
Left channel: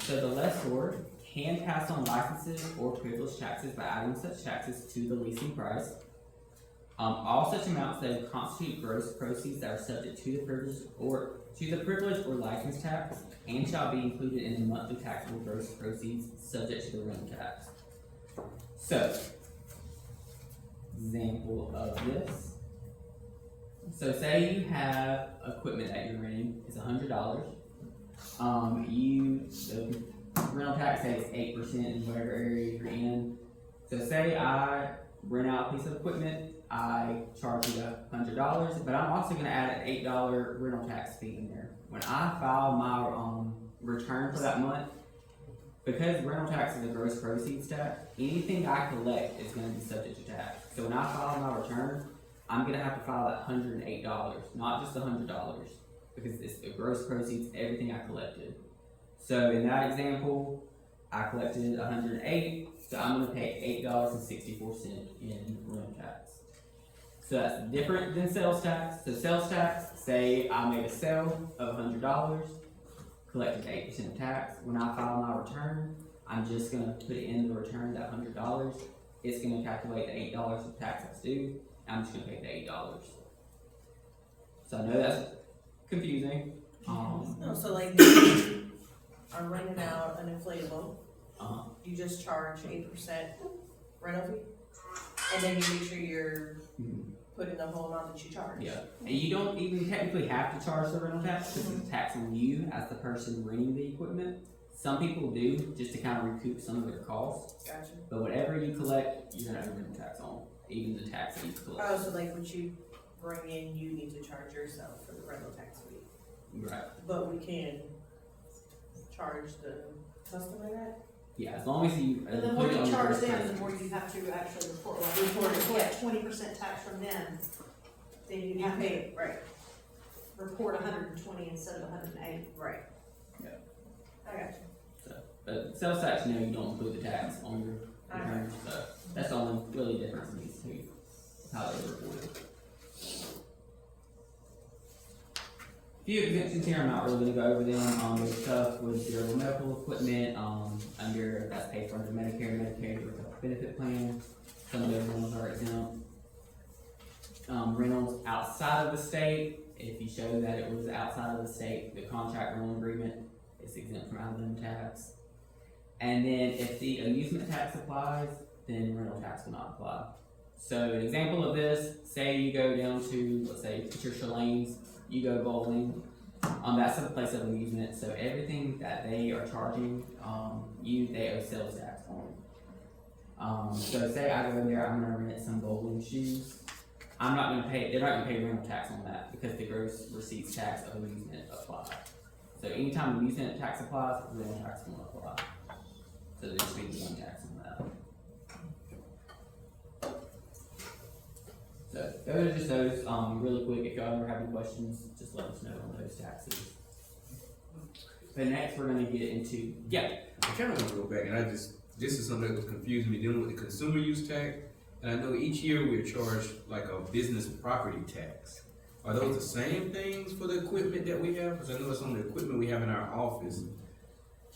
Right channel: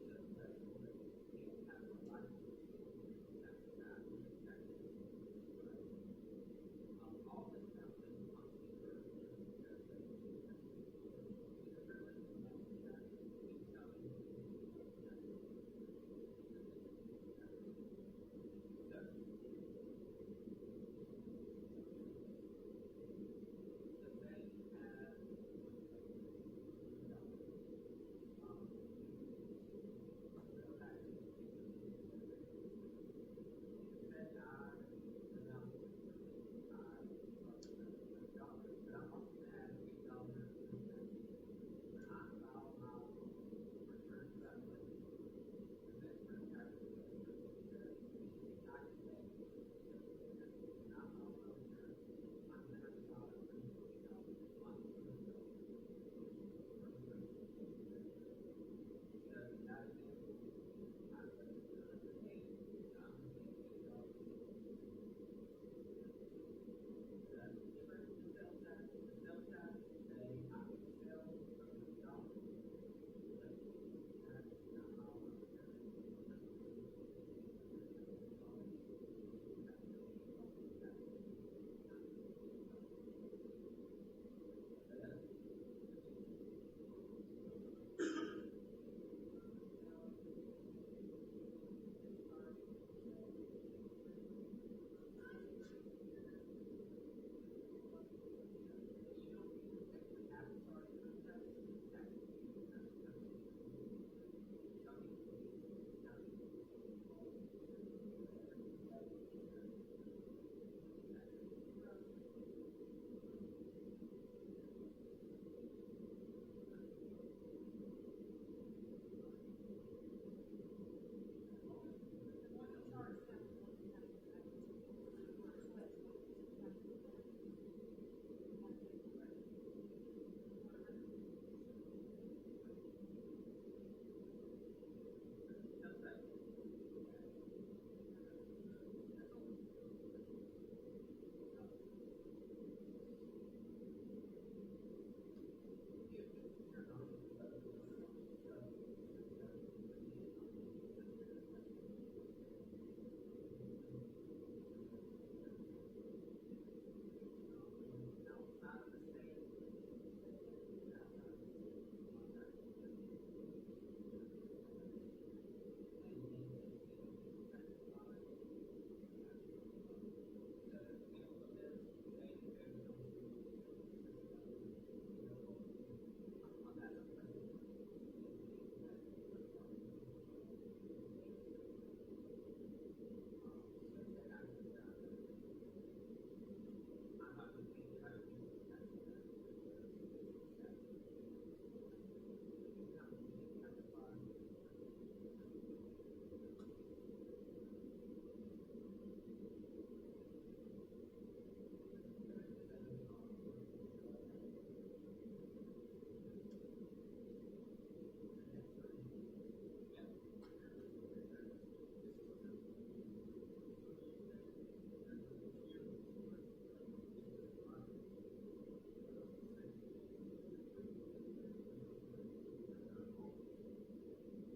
So the lessor can pass on licenses or privilege taxes by adding such taxes to the leasing price. All such amounts that constitute gross proceeds that are subject to the privilege or license tax and shall be included in the monthly taxable gross proceeds subject to the rental tax. So, example of this. So say you have equipment that you're renting, it's $100. The rental tax say it's 8% in whatever area you're in. So say I rent out a piece of equipment, I charge you $100, but I'm also gonna add an $8 rental tax fee in there. When I file my return for that month, because rental tax is a gross proceeds tax, anything I collect is gonna be subject to tax. So when I file my return, I'm gonna have to file that $108, not just $100, because it's the gross proceeds, everything I collected. So in that example, I collected 108, so I'm gonna pay $8.64 in rental tax. So that's different than sales tax. So sales tax, say I made a sale of $100, collected 8% of tax. When I file my return, I'm just gonna put in the return that $100. It's gonna calculate the $8 of tax that's due. I'm just gonna pay the $8. So I know that's confusing. No, so like, you are renting out an inflatable, Uh-huh. you just charge 8% rental fee? And then you make sure you're putting the whole amount that you charge? Yeah, and you don't even technically have to charge the rental tax because it's a tax on you as the person renting the equipment. Some people do just to kind of recoup some of their costs, Gotcha. but whatever you collect, you're gonna have rental tax on, even the tax that you collect. Oh, so like what you bring in, you need to charge yourself for the rental tax fee, Right. but we can charge the customer that? Yeah, as long as you And the more put it you on charge your them, first the more you have to actually report, like, Report it, if you get 20% tax from them, then you You have to pay, right, report 120 instead of 108. right. Yeah. I got you. But sales tax, you know, you don't include the tax on your Okay. return, so that's the only really difference in these two, how they report it. Few exemptions here, I'm not really gonna go over them, there's stuff with your medical equipment, that's paid for under Medicare, Medicaid, or benefit plan, some of those rentals are exempt. Rentals outside of the state, if you show that it was outside of the state, the contract rental agreement is exempt from Alabama tax. And then if the amusement tax applies, then rental tax will not apply. So an example of this, say you go down to, let's say, Picture Shalane's, you go bowling, that's a place of amusement, so everything that they are charging, they owe sales tax on. So say I go there, I'm gonna rent some bowling shoes, they're not gonna pay rental tax on that, because the gross receipts tax of amusement applies. So anytime amusement tax applies, rental tax will apply. So there should be one tax on that. So those are just those, really quick, if y'all ever have any questions, just let us know on those taxes. But next we're gonna get into, I kinda wanna go back, and this is something that was confusing me, dealing with the consumer use tax. And I know each year we're charged like a business property tax. Are those the same things for the equipment that we have? Cause I know it's on the equipment we have in our office.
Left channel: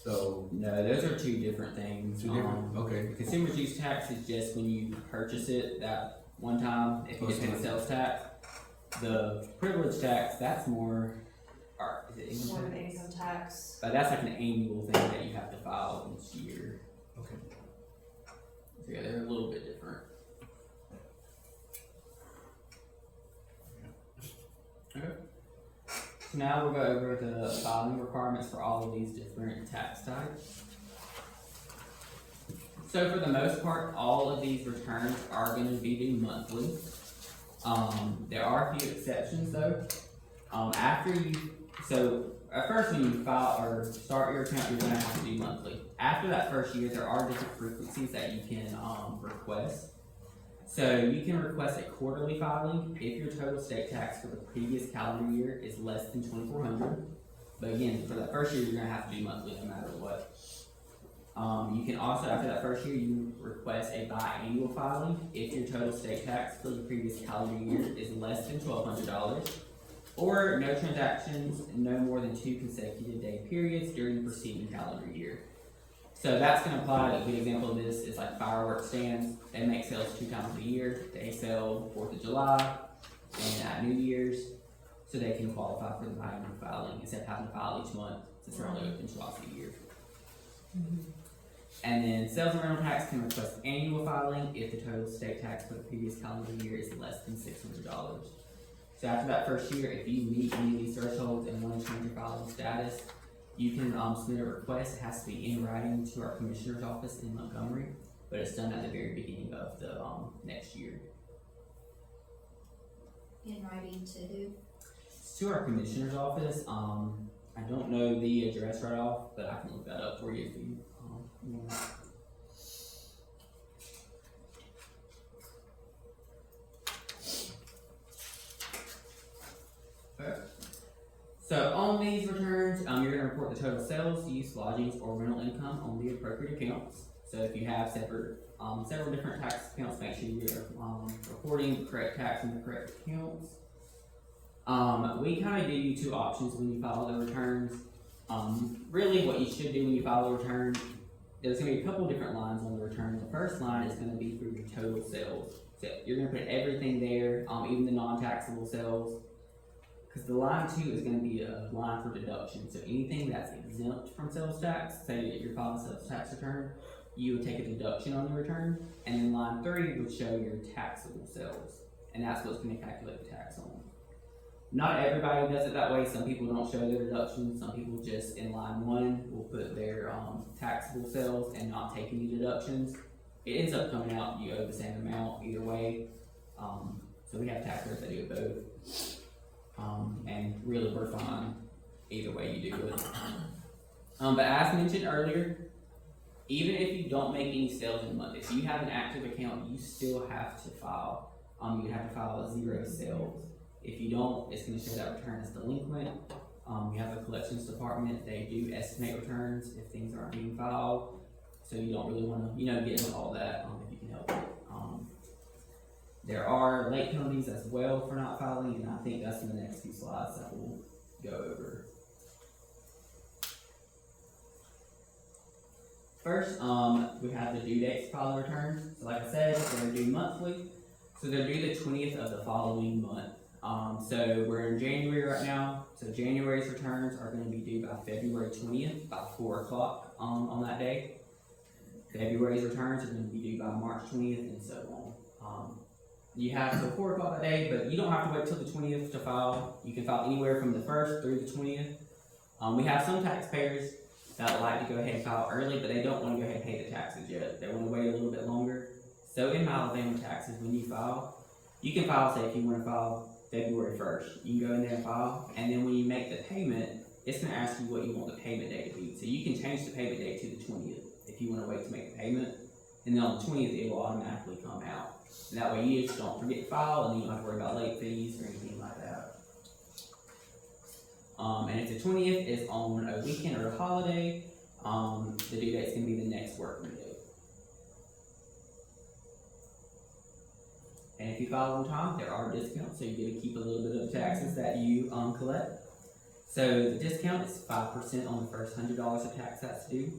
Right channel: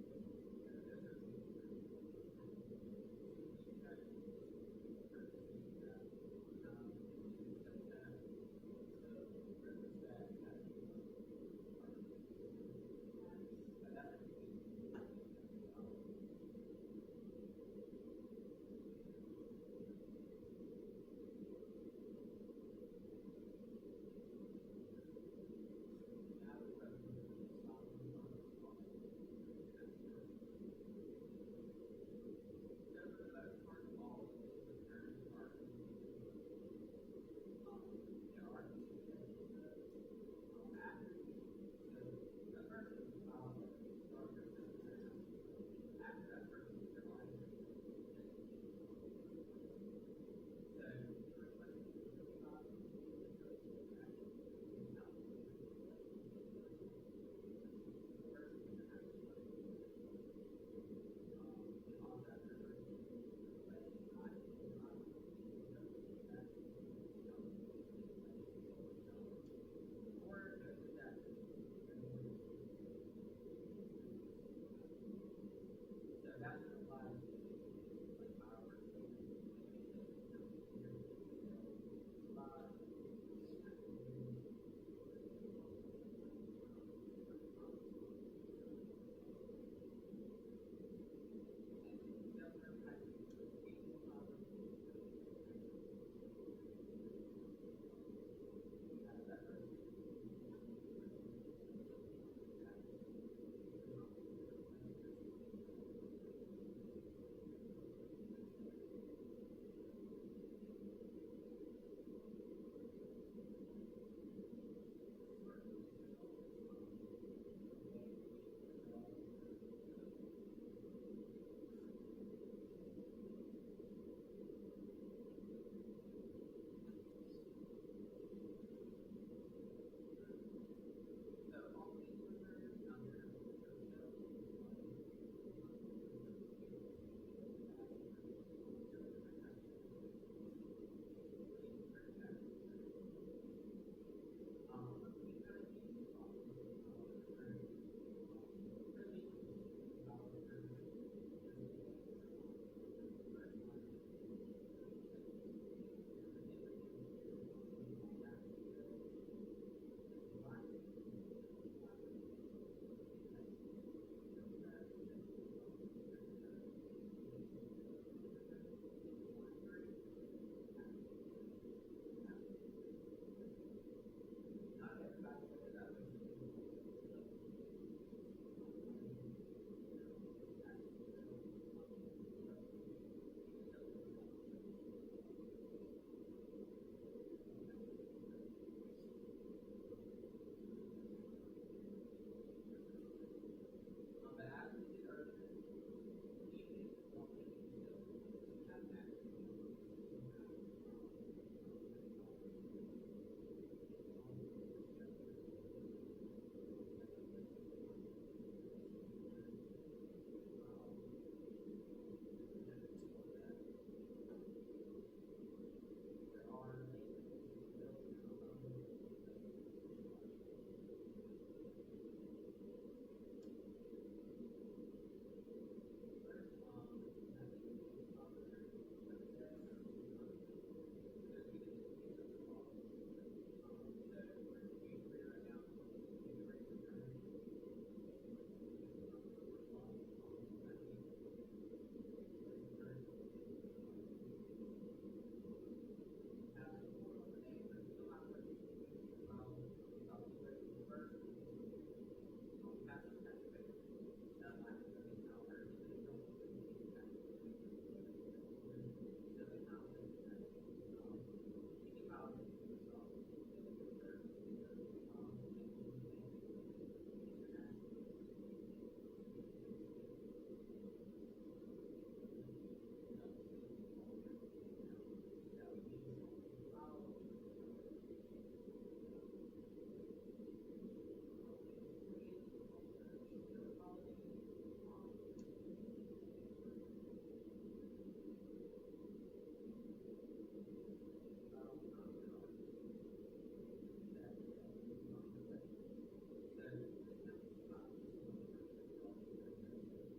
So, no, those are two different things. two different, okay. The consumer's use tax is just when you purchase it that one time, if you get paid sales tax. The privilege tax, that's more, is it More income of an tax? income tax. But that's like an annual thing that you have to file each year. Okay. So yeah, they're a little bit different. Okay. So now we'll go over the filing requirements for all of these different tax types. So for the most part, all of these returns are gonna be due monthly. There are a few exceptions though. At first when you file or start your account, you're gonna have to do monthly. After that first year, there are different frequencies that you can, request. So you can request a quarterly filing if your total state tax for the previous calendar year is less than $2,400. But again, for that first year, you're gonna have to do monthly no matter what. You can also, after that first year, you request a biannual filing if your total state tax for the previous calendar year is less than $1,200, or no transactions in no more than 2 consecutive day periods during the preceding calendar year. So that's gonna apply. A good example of this is like fireworks stands. They make sales 2 times a year. They sell 4th of July and at New Year's, so they can qualify for the biannual filing instead of having to file each month since they're only open twice a year. And then sales and rental tax can request annual filing if the total state tax for the previous calendar year is less than $600. So after that first year, if you meet any of these thresholds and want to change your filing status, you can submit a request. It has to be in writing to our commissioner's office in Montgomery, but it's done at the very beginning of the next year. In writing to who? It's to our commissioner's office. I don't know the address right off, but I can look that up for you if you want. Okay. So on these returns, you're gonna report report the total sales, use, lodgings, or rental income on the appropriate accounts. So if you have several different tax accounts, make sure you're reporting the correct tax in the correct accounts. We kind of give you two options when you file the returns. Really what you should do when you file a return, there's gonna be a couple different lines on the return. The first line is gonna be for your total sales. So you're gonna put everything there, even the non-taxable sales. Cause the line 2 is gonna be a line for deduction. So anything that's exempt from sales tax, say that you're filing a sales tax return, you would take a deduction on the return. And then line 3 would show your taxable sales. And that's what's gonna calculate the tax on. Not everybody does it that way. Some people don't show their deductions. Some people just in line 1 will put their taxable sales and not take any deductions. It ends up coming out, you owe the same amount either way. So we have taxpayers that do it both. And really we're fine either way you do it. But as mentioned earlier, even if you don't make any sales in a month, if you have an active account, you still have to file. You have to file a 0 sales. If you don't, it's gonna show that return as delinquent. We have a collections department, they do estimate returns if things aren't being filed. So you don't really wanna, get into all that, if you can help it. There are late penalties as well for not filing, and I think that's in the next few slides that we'll go over. First, we have the due dates to file the returns. So like I said, they're due monthly. So they're due the 20th of the following month. So we're in January right now. So January's returns are going to be due by February 20th, by 4 o'clock on that day. February's returns are going to be due by March 20th, and so on. You have till 4 o'clock that day, but you don't have to wait till the 20th to file. You can file anywhere from the 1st through the 20th. We have some taxpayers that like to go ahead and file early, but they don't want to go ahead and pay the taxes yet. They want to wait a little bit longer. So in Alabama taxes, when you file, you can file, say if you want to file February 1st, you can go in there and file, and then when you make the payment, it's going to ask you what you want the payment date to be. So you can change the payment date to the 20th if you want to wait to make the payment, and then on the 20th it will automatically come out. And that way you just don't forget to file, and you don't have to worry about late fees or anything like that. And if the 20th is on a weekend or a holiday, the due date's going to be the next working day. And if you file on time, there are discounts, so you get to keep a little bit of the taxes that you collect. So the discount is 5% on the first $100 of tax that's due,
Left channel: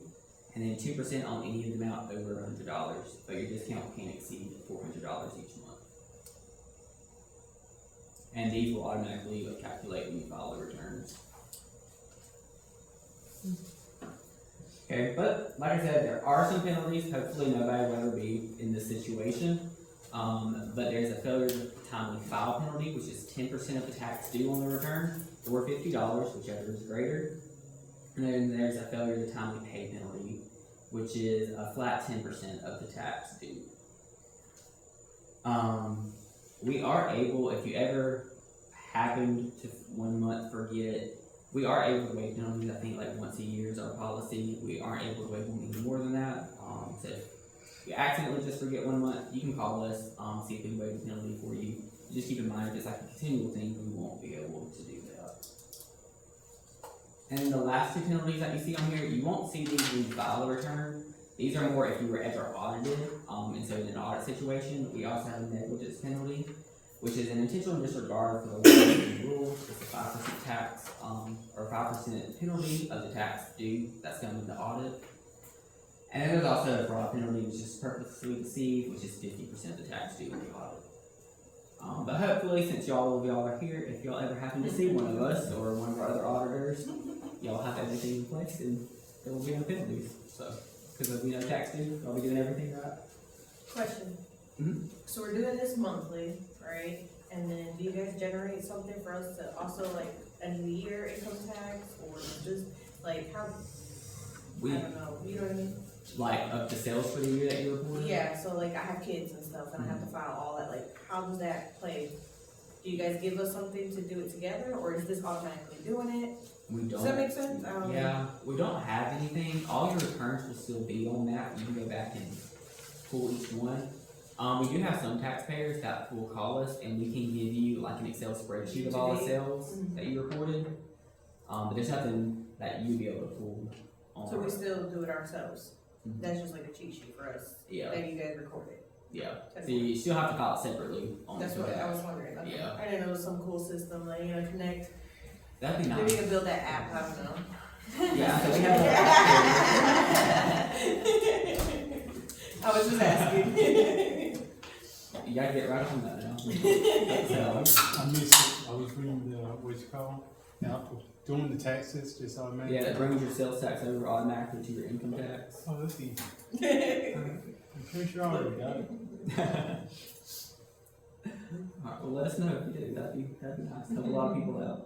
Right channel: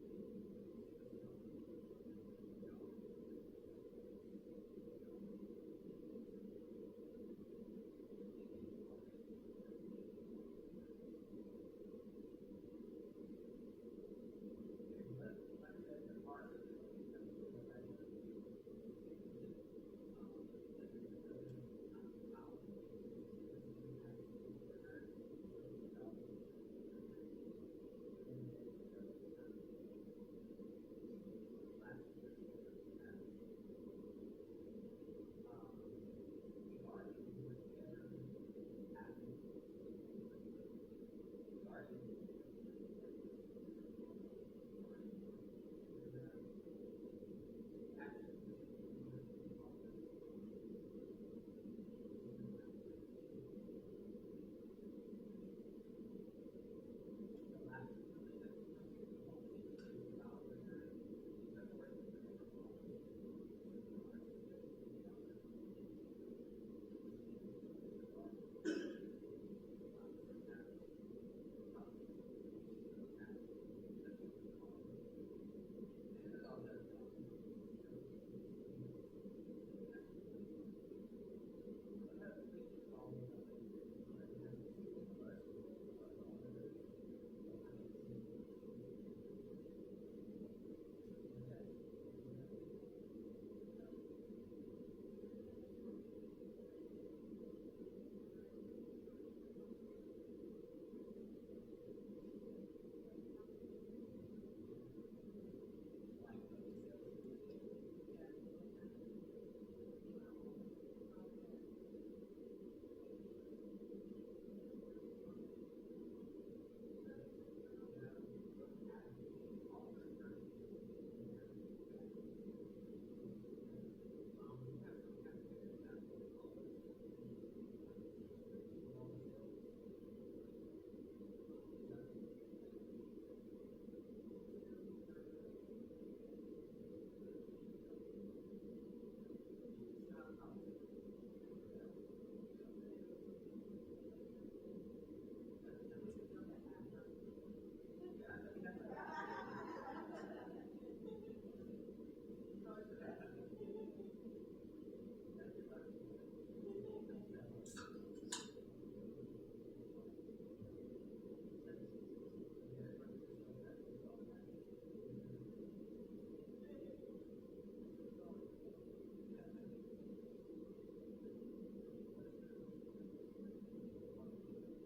and then 2% on any amount over $100. But your discount can't exceed $400 each month. And these will automatically calculate when you file the returns. Okay, but like I said, there are some penalties. Hopefully nobody will ever be in this situation. But there's a failure to timely file penalty, which is 10% of the tax due on the return, or $50, whichever is greater. And then there's a failure to timely pay penalty, which is a flat 10% of the tax due. We are able, if you ever happen to 1 month forget, we are able to waive penalties. I think like once a year is our policy. We aren't able to waive them any more than that. So if you accidentally just forget 1 month, you can call us, see if we can waive the penalty for you. Just keep in mind, if it's like a continual thing, we won't be able to do that. And the last two penalties that you see on here, you won't see these when you file a return. These are more if you were ever audited, and so in an audit situation, we also have a negligence penalty, which is an intentional disregard for the laws and rules. It's a 5% tax, or 5% penalty of the tax due that's going to the audit. And then there's also a fraud penalty, which is purposely deceived, which is 50% of the tax due in the audit. But hopefully, since y'all are here, if y'all ever happen to see one of us or one of our other auditors, y'all have everything in place and there will be no penalties. So, because there'll be no tax due, y'all be doing everything right. Question. Mhm. So we're doing this monthly, right? And then do you guys generate something for us to also like end of the year income tax, or just like how? We I don't know. You know what I mean? like of the sales for the year that you reported. Yeah. So like I have kids and stuff, and I have to file all that. Like, how does that play? Do you guys give us something to do it together, or is this automatically doing it? We don't. Does that make sense? Yeah, we don't have anything. All your returns will still be on that. You can go back and pull each one. We do have some taxpayers that will call us and we can give you like an Excel spreadsheet of all the sales that you reported. But there's nothing that you'd be able to pull on. So we our- still do it ourselves? Mhm. That's just like a cheat sheet for us? Yeah. That you guys recorded? Yeah, That's so you still have to file it separately on That's the what I tax. was wondering. Okay. Yeah. I didn't know it was some cool system, like, connect, That'd be maybe we nice. can build that app, I don't know. Yeah, so we have I was just asking. You gotta get right on that now. So, I missed it. I was reading the, what's it called? Doing the taxes, just automatic. yeah, that brings your sales tax over automatically to your income tax. Oh, that's easy. I'm pretty sure I already got it. Alright, well, let us know if you do, that'd be nice, help a lot of people out.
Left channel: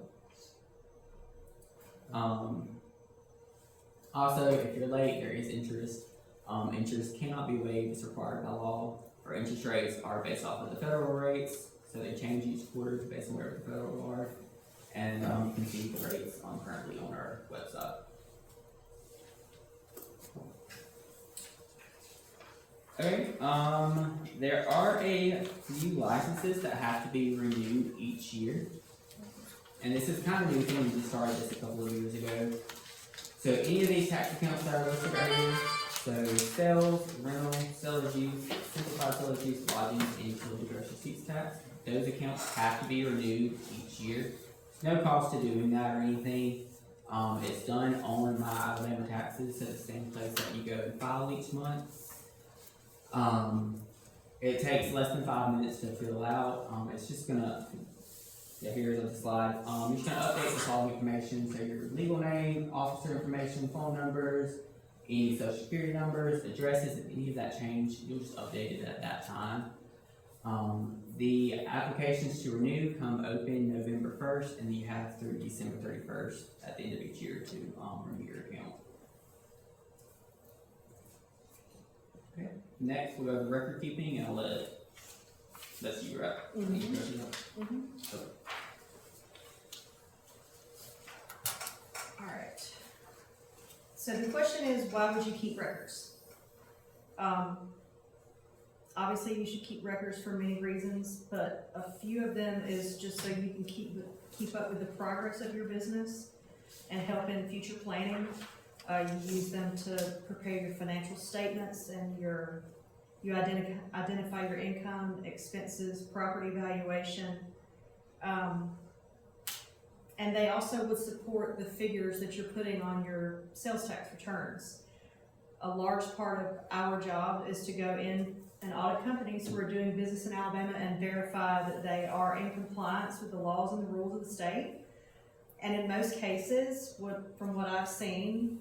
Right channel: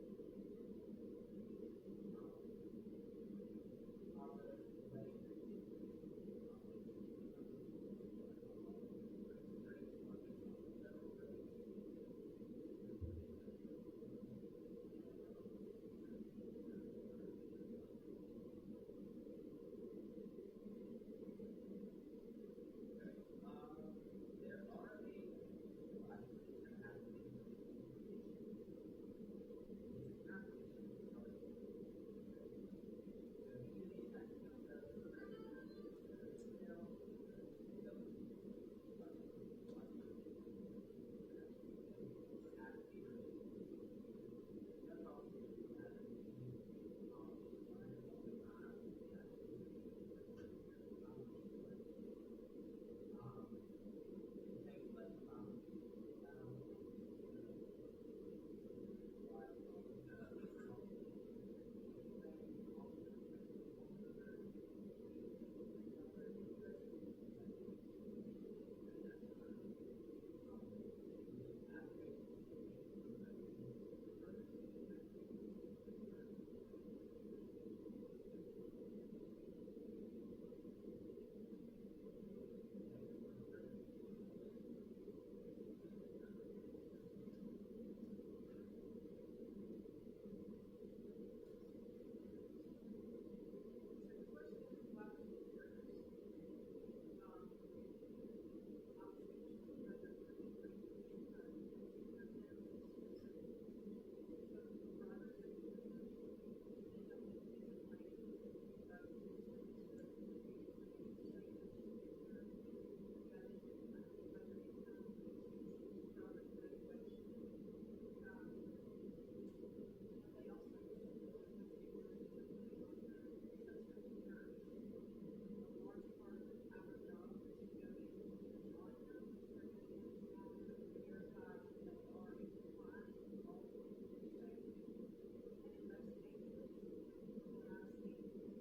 Also, if you're late, there is interest. Interest cannot be waived, it's required by law. Our interest rates are based off of the federal rates, so they change each quarter based on where the federal are. And, you can see the rates currently on our website. Okay, there are a few licenses that have to be renewed each year. And this is kind of new thing, we just started this a couple of years ago. So any of these tax accounts that are listed right here, so sales, rental, seller's use, simplified seller's use, lodging, and utility gross receipts tax, those accounts have to be renewed each year. There's no cost to doing that or anything. It's done on My Alabama Taxes, so the same place that you go and file each month. It takes less than 5 minutes to fill out. It's just gonna, yeah, here's on the slide. You're just gonna update the following information, so your legal name, officer information, phone numbers, any social security numbers, addresses, if any of that change, you'll just update it at that time. The applications to renew come open November 1st, and you have through December 31st at the end of each year to renew your account. Okay. Next, we'll go to record keeping, and I'll that's you, right? Alright. So the question is, why would you keep records? Obviously you should keep records for many reasons, but a few of them is just so you can keep up with the progress of your business and help in future planning. You use them to prepare your financial statements and you identify your income, expenses, property valuation. And they also would support the figures that you're putting on your sales tax returns. A large part of our job is to go in and audit companies who are doing business in Alabama and verify that they are in compliance with the laws and the rules of the state. And in most cases, from what I've seen,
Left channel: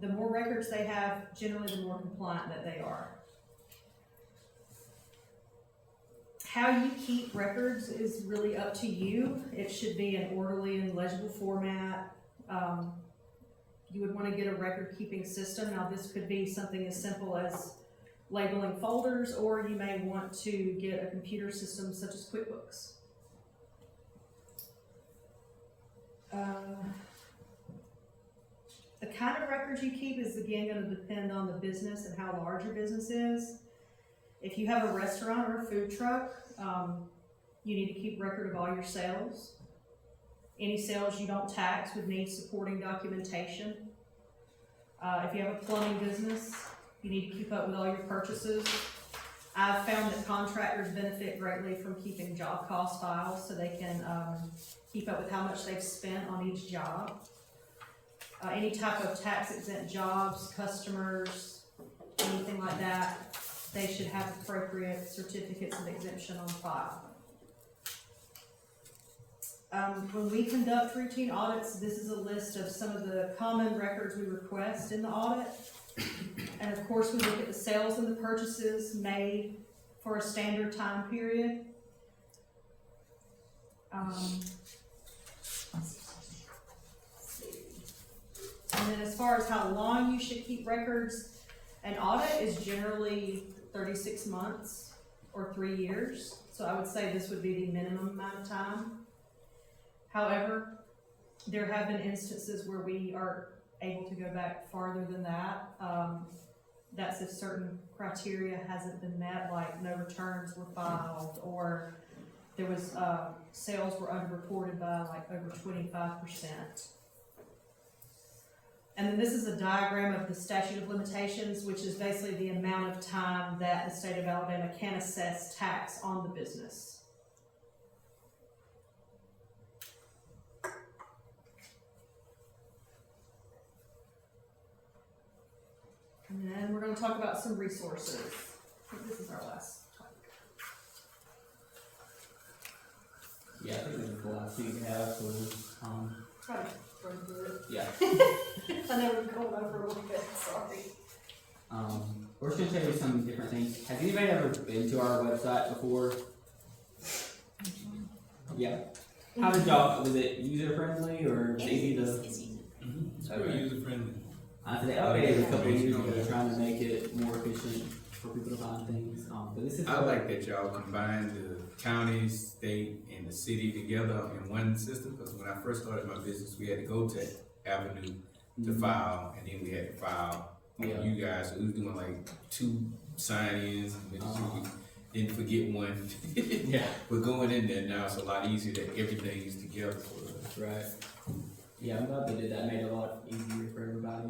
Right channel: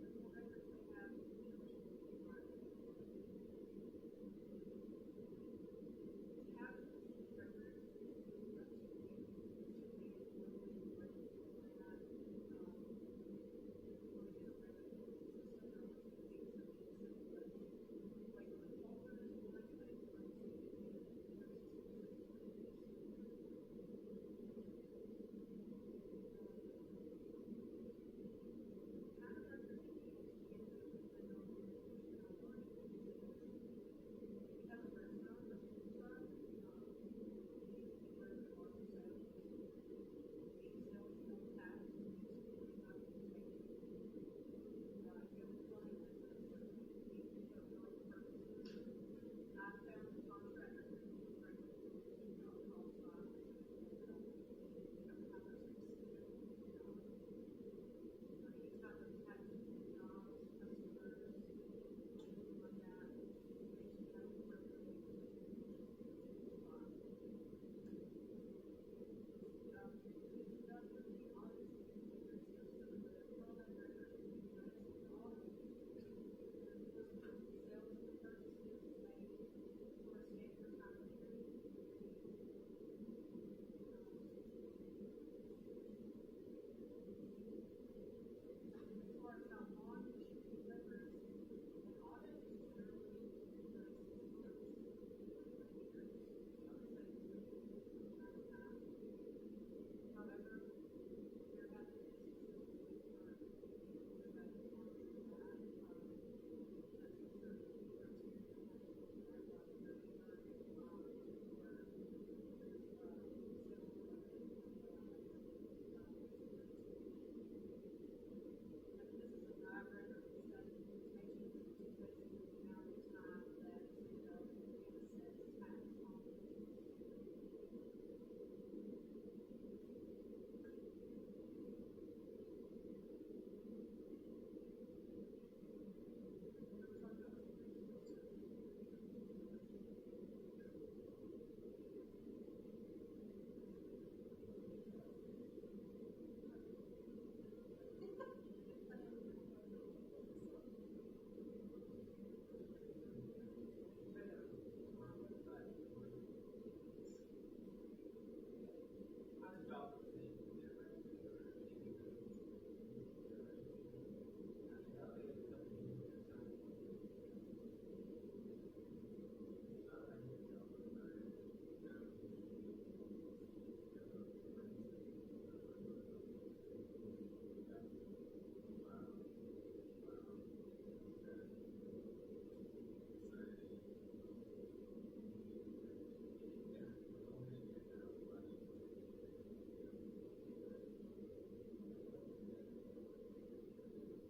the more records they have, generally the more compliant that they are. How you keep records is really up to you. It should be an orderly and legible format. You would want to get a record keeping system. Now this could be something as simple as labeling folders, or you may want to get a computer system such as QuickBooks. The kind of records you keep is again going to depend on the business and how large your business is. If you have a restaurant or a food truck, you need to keep record of all your sales. Any sales you don't tax would need supporting documentation. If you have a plumbing business, you need to keep up with all your purchases. I've found that contractors benefit greatly from keeping job cost files so they can keep up with how much they've spent on each job. Any type of tax exempt jobs, customers, anything like that, they should have appropriate certificates of exemption on file. When we conduct routine audits, this is a list of some of the common records we request in the audit. And of course, we look at the sales and the purchases made for a standard time period. And then as far as how long you should keep records, an audit is generally 36 months or 3 years. So I would say this would be the minimum amount of time. However, there have been instances where we are able to go back farther than that. That's if certain criteria hasn't been met, like no returns were filed, or there was sales were underreported by like over 25%. And then this is a diagram of the statute of limitations, which is basically the amount of time that the state of Alabama can assess tax on the business. And then we're gonna talk about some resources. I think this is our last topic. Yeah, I think this is the last thing we have, so, Try to run through it. yeah. I know we're going over a little bit, sorry. We're just gonna show you some different things. Has anybody ever been to our website before? Yeah. How did y'all, was it user friendly or was it easy to? It's very user friendly. They updated it a couple of years ago, trying to make it more efficient for people to find things. But this is. I like that y'all combine the county, state, and the city together in one system, because when I first started my business, we had to go to Avenue to file, and then we had to file with Yeah. you guys, so we was doing like 2 sign-ins, and then we didn't forget one. Yeah. We're going in there now, it's a lot easier that everything is together for us. Right. Yeah, I'm glad they did that. Made it a lot easier for everybody.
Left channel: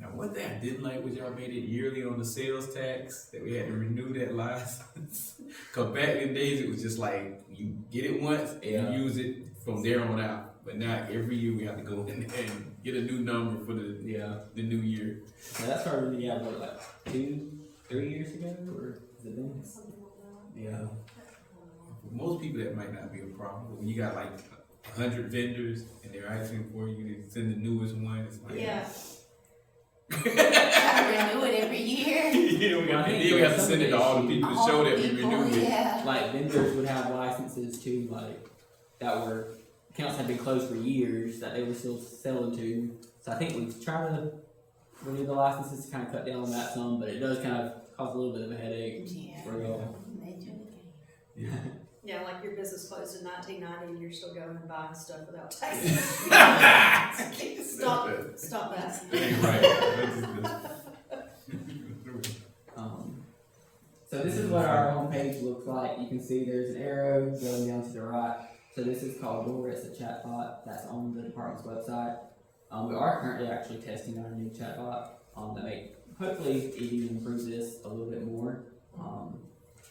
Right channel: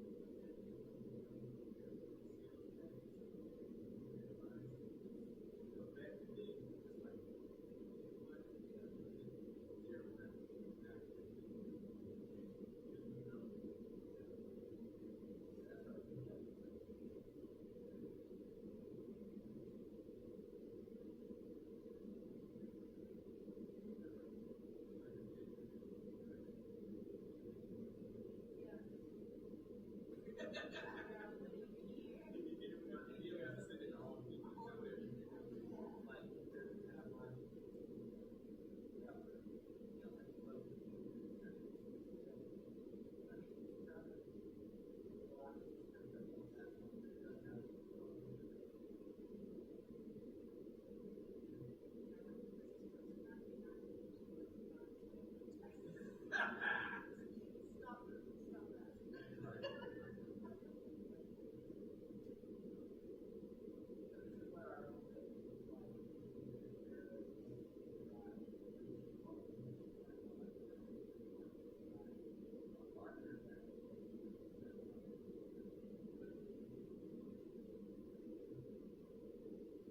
Now, one thing I didn't like was y'all made it yearly on the sales tax, that we had to renew that license. Cause back in the days, it was just like, you get it once, and Yeah. you use it from there on out. But now, every year, we have to go in and get a new number for the new year. So that started, what, like 2-3 years ago, or has it been? Yeah. For most people, that might not be a problem, but when you got like 100 vendors, and they're asking for you to send the newest one, it's like. Yeah. Renew it every year. Yeah, we have to send it to all the people to show that we renewed it. Yeah. Like vendors would have licenses too, like that were accounts had been closed for years that they were still selling to. So I think we try to renew the licenses to kind of cut down on that some, but it does kind of cause a little bit of a headache Yeah. for y'all. Yeah, like your business closed in 1990 and you're still going and buying stuff without taxes. Stop that. Ain't right. So this is what our homepage looks like. You can see there's an arrow going down to the right. So this is called Door. It's a chatbot that's on the department's website. We are currently actually testing our new chatbot that may hopefully even improve this a little bit more.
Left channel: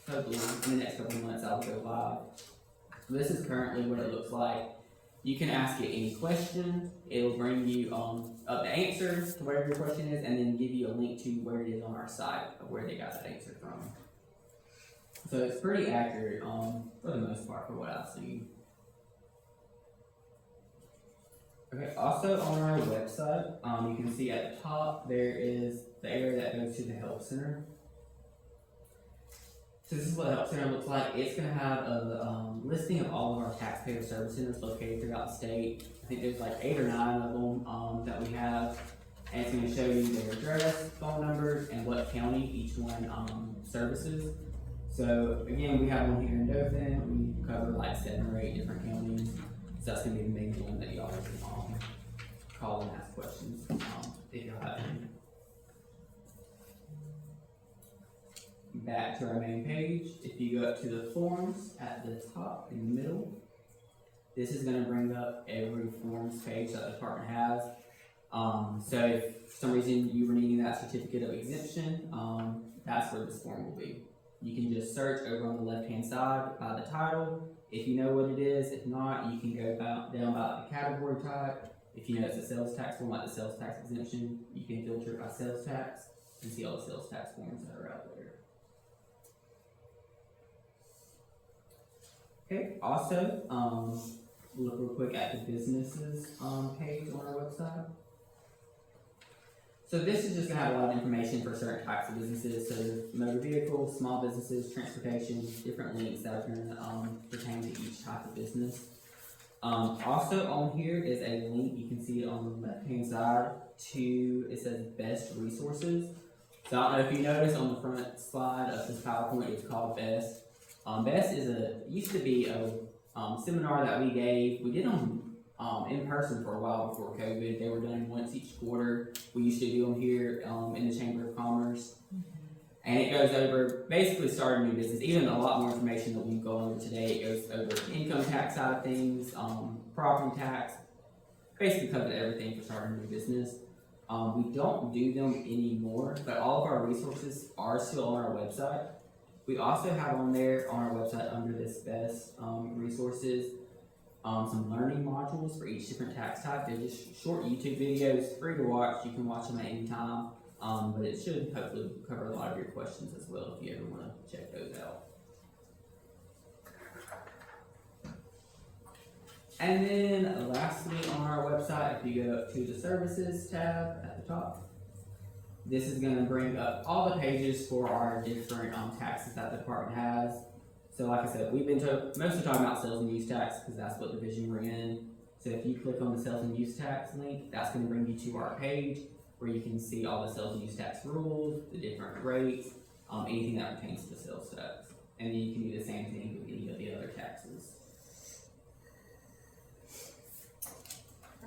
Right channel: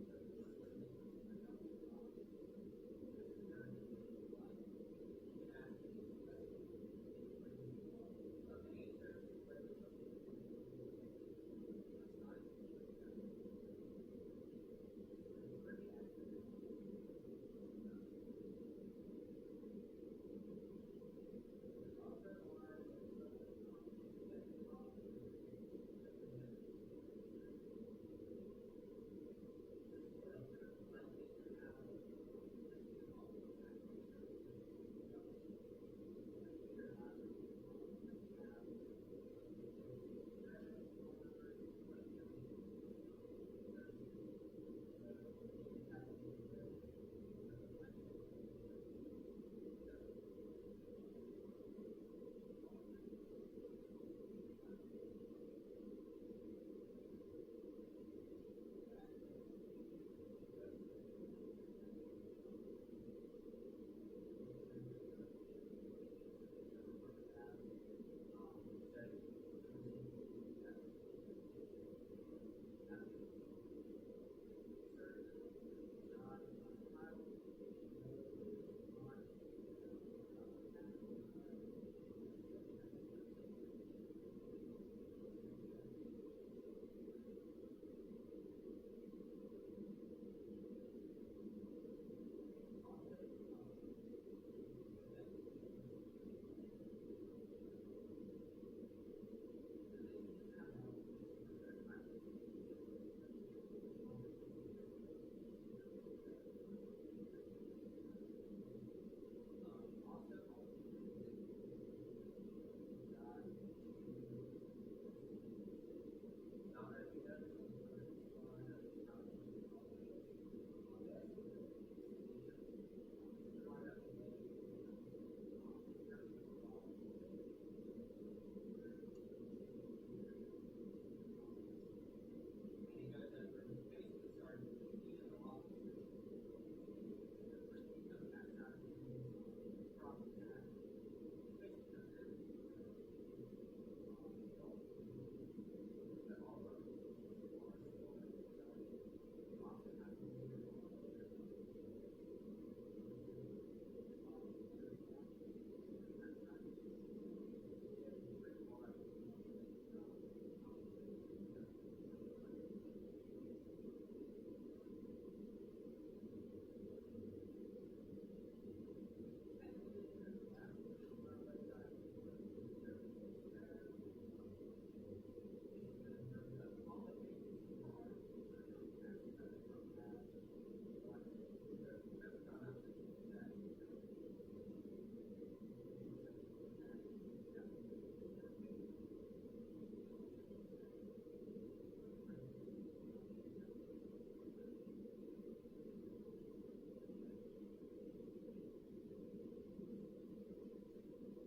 Hopefully in the next couple of months I'll go live. This is currently what it looks like. You can ask it any question. It'll bring you up the answer to whatever your question is, and then give you a link to where it is on our site of where they got that answer from. So it's pretty accurate for the most part for what I've seen. Okay, also on our website, you can see at the top there is the area that goes to the Help Center. So this is what the Help Center looks like. It's going to have a listing of all of our taxpayer service centers located throughout the state. I think there's like 8 or 9 of them that we have. And it's going to show you their address, phone numbers, and what county each one services. So again, we have one here in Dothan. We cover like 7 or 8 different counties. So that's going to be the main one that y'all can call and ask questions if y'all have any. Back to our main page. If you go up to the forms at the top in the middle, this is going to bring up every forms page that the department has. So if for some reason you were needing that certificate of exemption, that's where this form will be. You can just search over on the left hand side by the title if you know what it is. If not, you can go down by the category type. If you know it's a sales tax form like the sales tax exemption, you can filter it by sales tax and see all the sales tax forms that are out there. Okay, also, look real quick at the businesses page on our website. So this is just gonna have a lot of information for certain types of businesses. So motor vehicles, small businesses, transportation, different links that are gonna pertain to each type of business. Also on here is a link, you can see it on the left hand side to, it says B.E.S.T resources. So I don't know if you noticed on the front slide of this PowerPoint, it's called B.E.S.T. B.E.S.T used to be a seminar that we gave. We did them in person for a while before COVID. They were done once each quarter. We used to do them here in the Chamber of Commerce. And it goes over basically starting a new business, even a lot more information that we've gone over today. It goes over the income tax side of things, property tax, basically covers everything for starting a new business. We don't do them anymore, but all of our resources are still on our website. We also have on there, on our website, under this B.E.S.T resources, some learning modules for each different tax type. They're just short YouTube videos, free to watch. You can watch them at any time, but it should hopefully cover a lot of your questions as well if you ever want to check those out. And then lastly on our website, if you go up to the services tab at the top, this is going to bring up all the pages for our different taxes that the department has. So like I said, we've been mostly talking about sales and use tax because that's what division we're in. So if you click on the sales and use tax link, that's going to bring you to our page where you can see all the sales and use tax rules, the different rates, anything that pertains to the sales tax. And then you can do the same thing with any of the other taxes.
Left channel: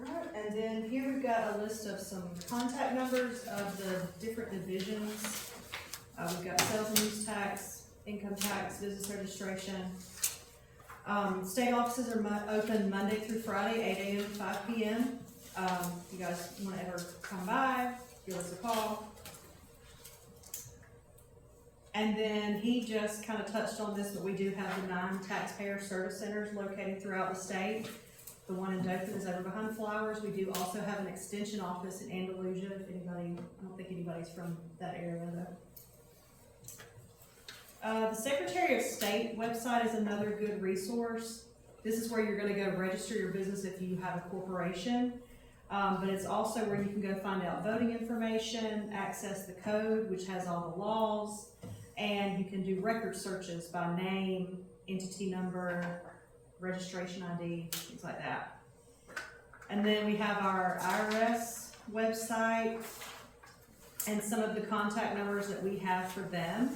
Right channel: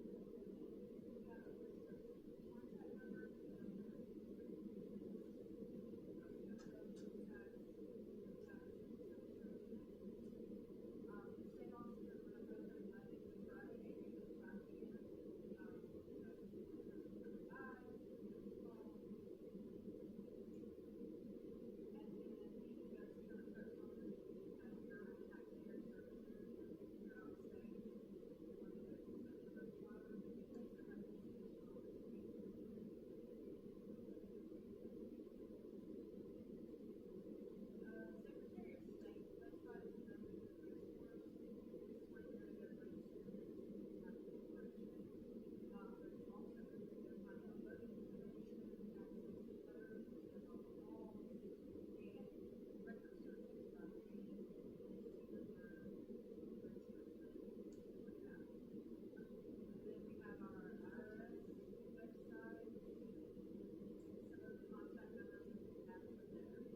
Alright, and then here we've got a list of some contact numbers of the different divisions. We've got sales and use tax, income tax, business registration. State offices are open Monday through Friday, 8 a.m. to 5 p.m. If you guys want to ever come by, give us a call. And then he just kind of touched on this, but we do have the 9 taxpayer service centers located throughout the state. The one in Dothan is over behind Flowers. We do also have an extension office in Andalusia, if anybody, I don't think anybody's from that area though. The Secretary of State website is another good resource. This is where you're gonna go register your business if you have a corporation. But it's also where you can go find out voting information, access the code, which has all the laws, and you can do record searches by name, entity number, registration ID, things like that. And then we have our IRS website and some of the contact numbers that we have for them.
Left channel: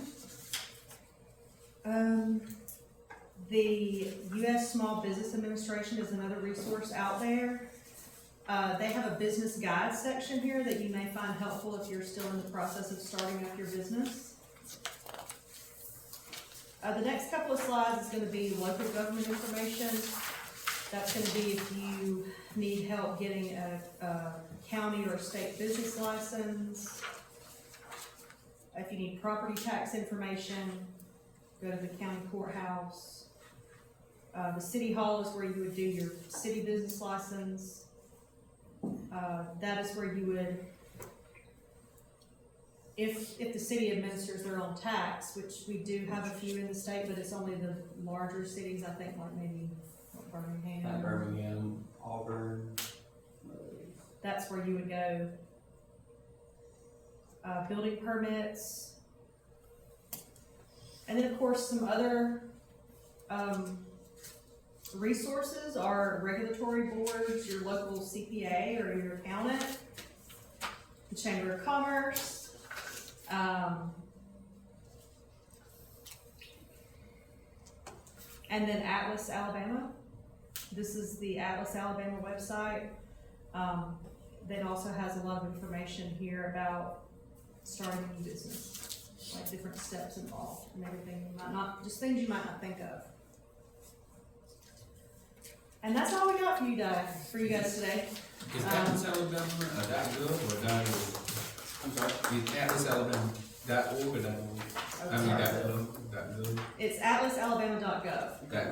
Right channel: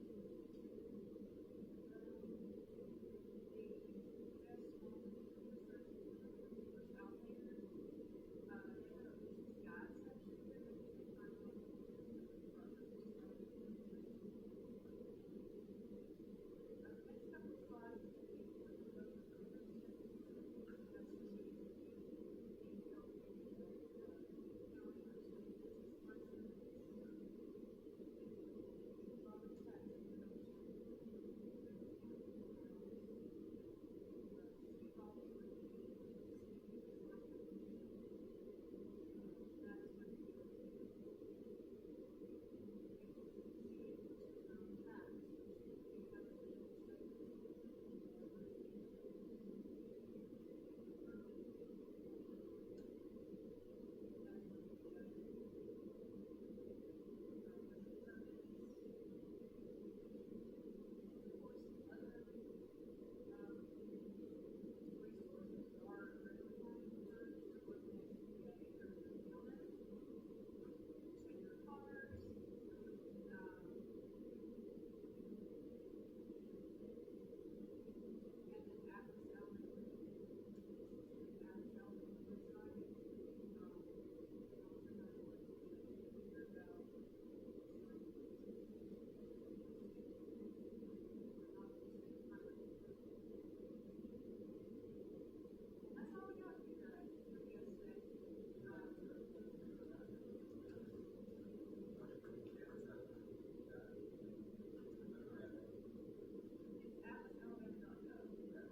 The U.S. Small Business Administration is another resource out there. They have a business guide section here that you may find helpful if you're still in the process of starting up your business. The next couple of slides is going to be local government information. That's going to be if you need help getting a county or a state business license. If you need property tax information, go to the county courthouse. The city hall is where you would do your city business license. That is where you would, if the city administers their own tax, which we do have a few in the state, but it's only the larger cities, I think, like maybe Birmingham. Birmingham, Auburn. That's where you would go. Building permits. And then, of course, some other resources are regulatory boards, your local CPA or your accountant, the Chamber of Commerce, and then Atlas, Alabama. This is the Atlas, Alabama website. That also has a lot of information here about starting a new business, like different steps involved and everything you might not, just things you might not think of. And that's all we got for you guys today. Is Atlas Alabama .gov or .org? I'm sorry? Is Atlas Alabama .org or .org? I mean .gov. It's atlasalabama.gov. .gov. Okay.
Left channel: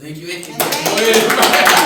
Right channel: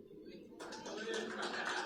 Thank you. Thank you.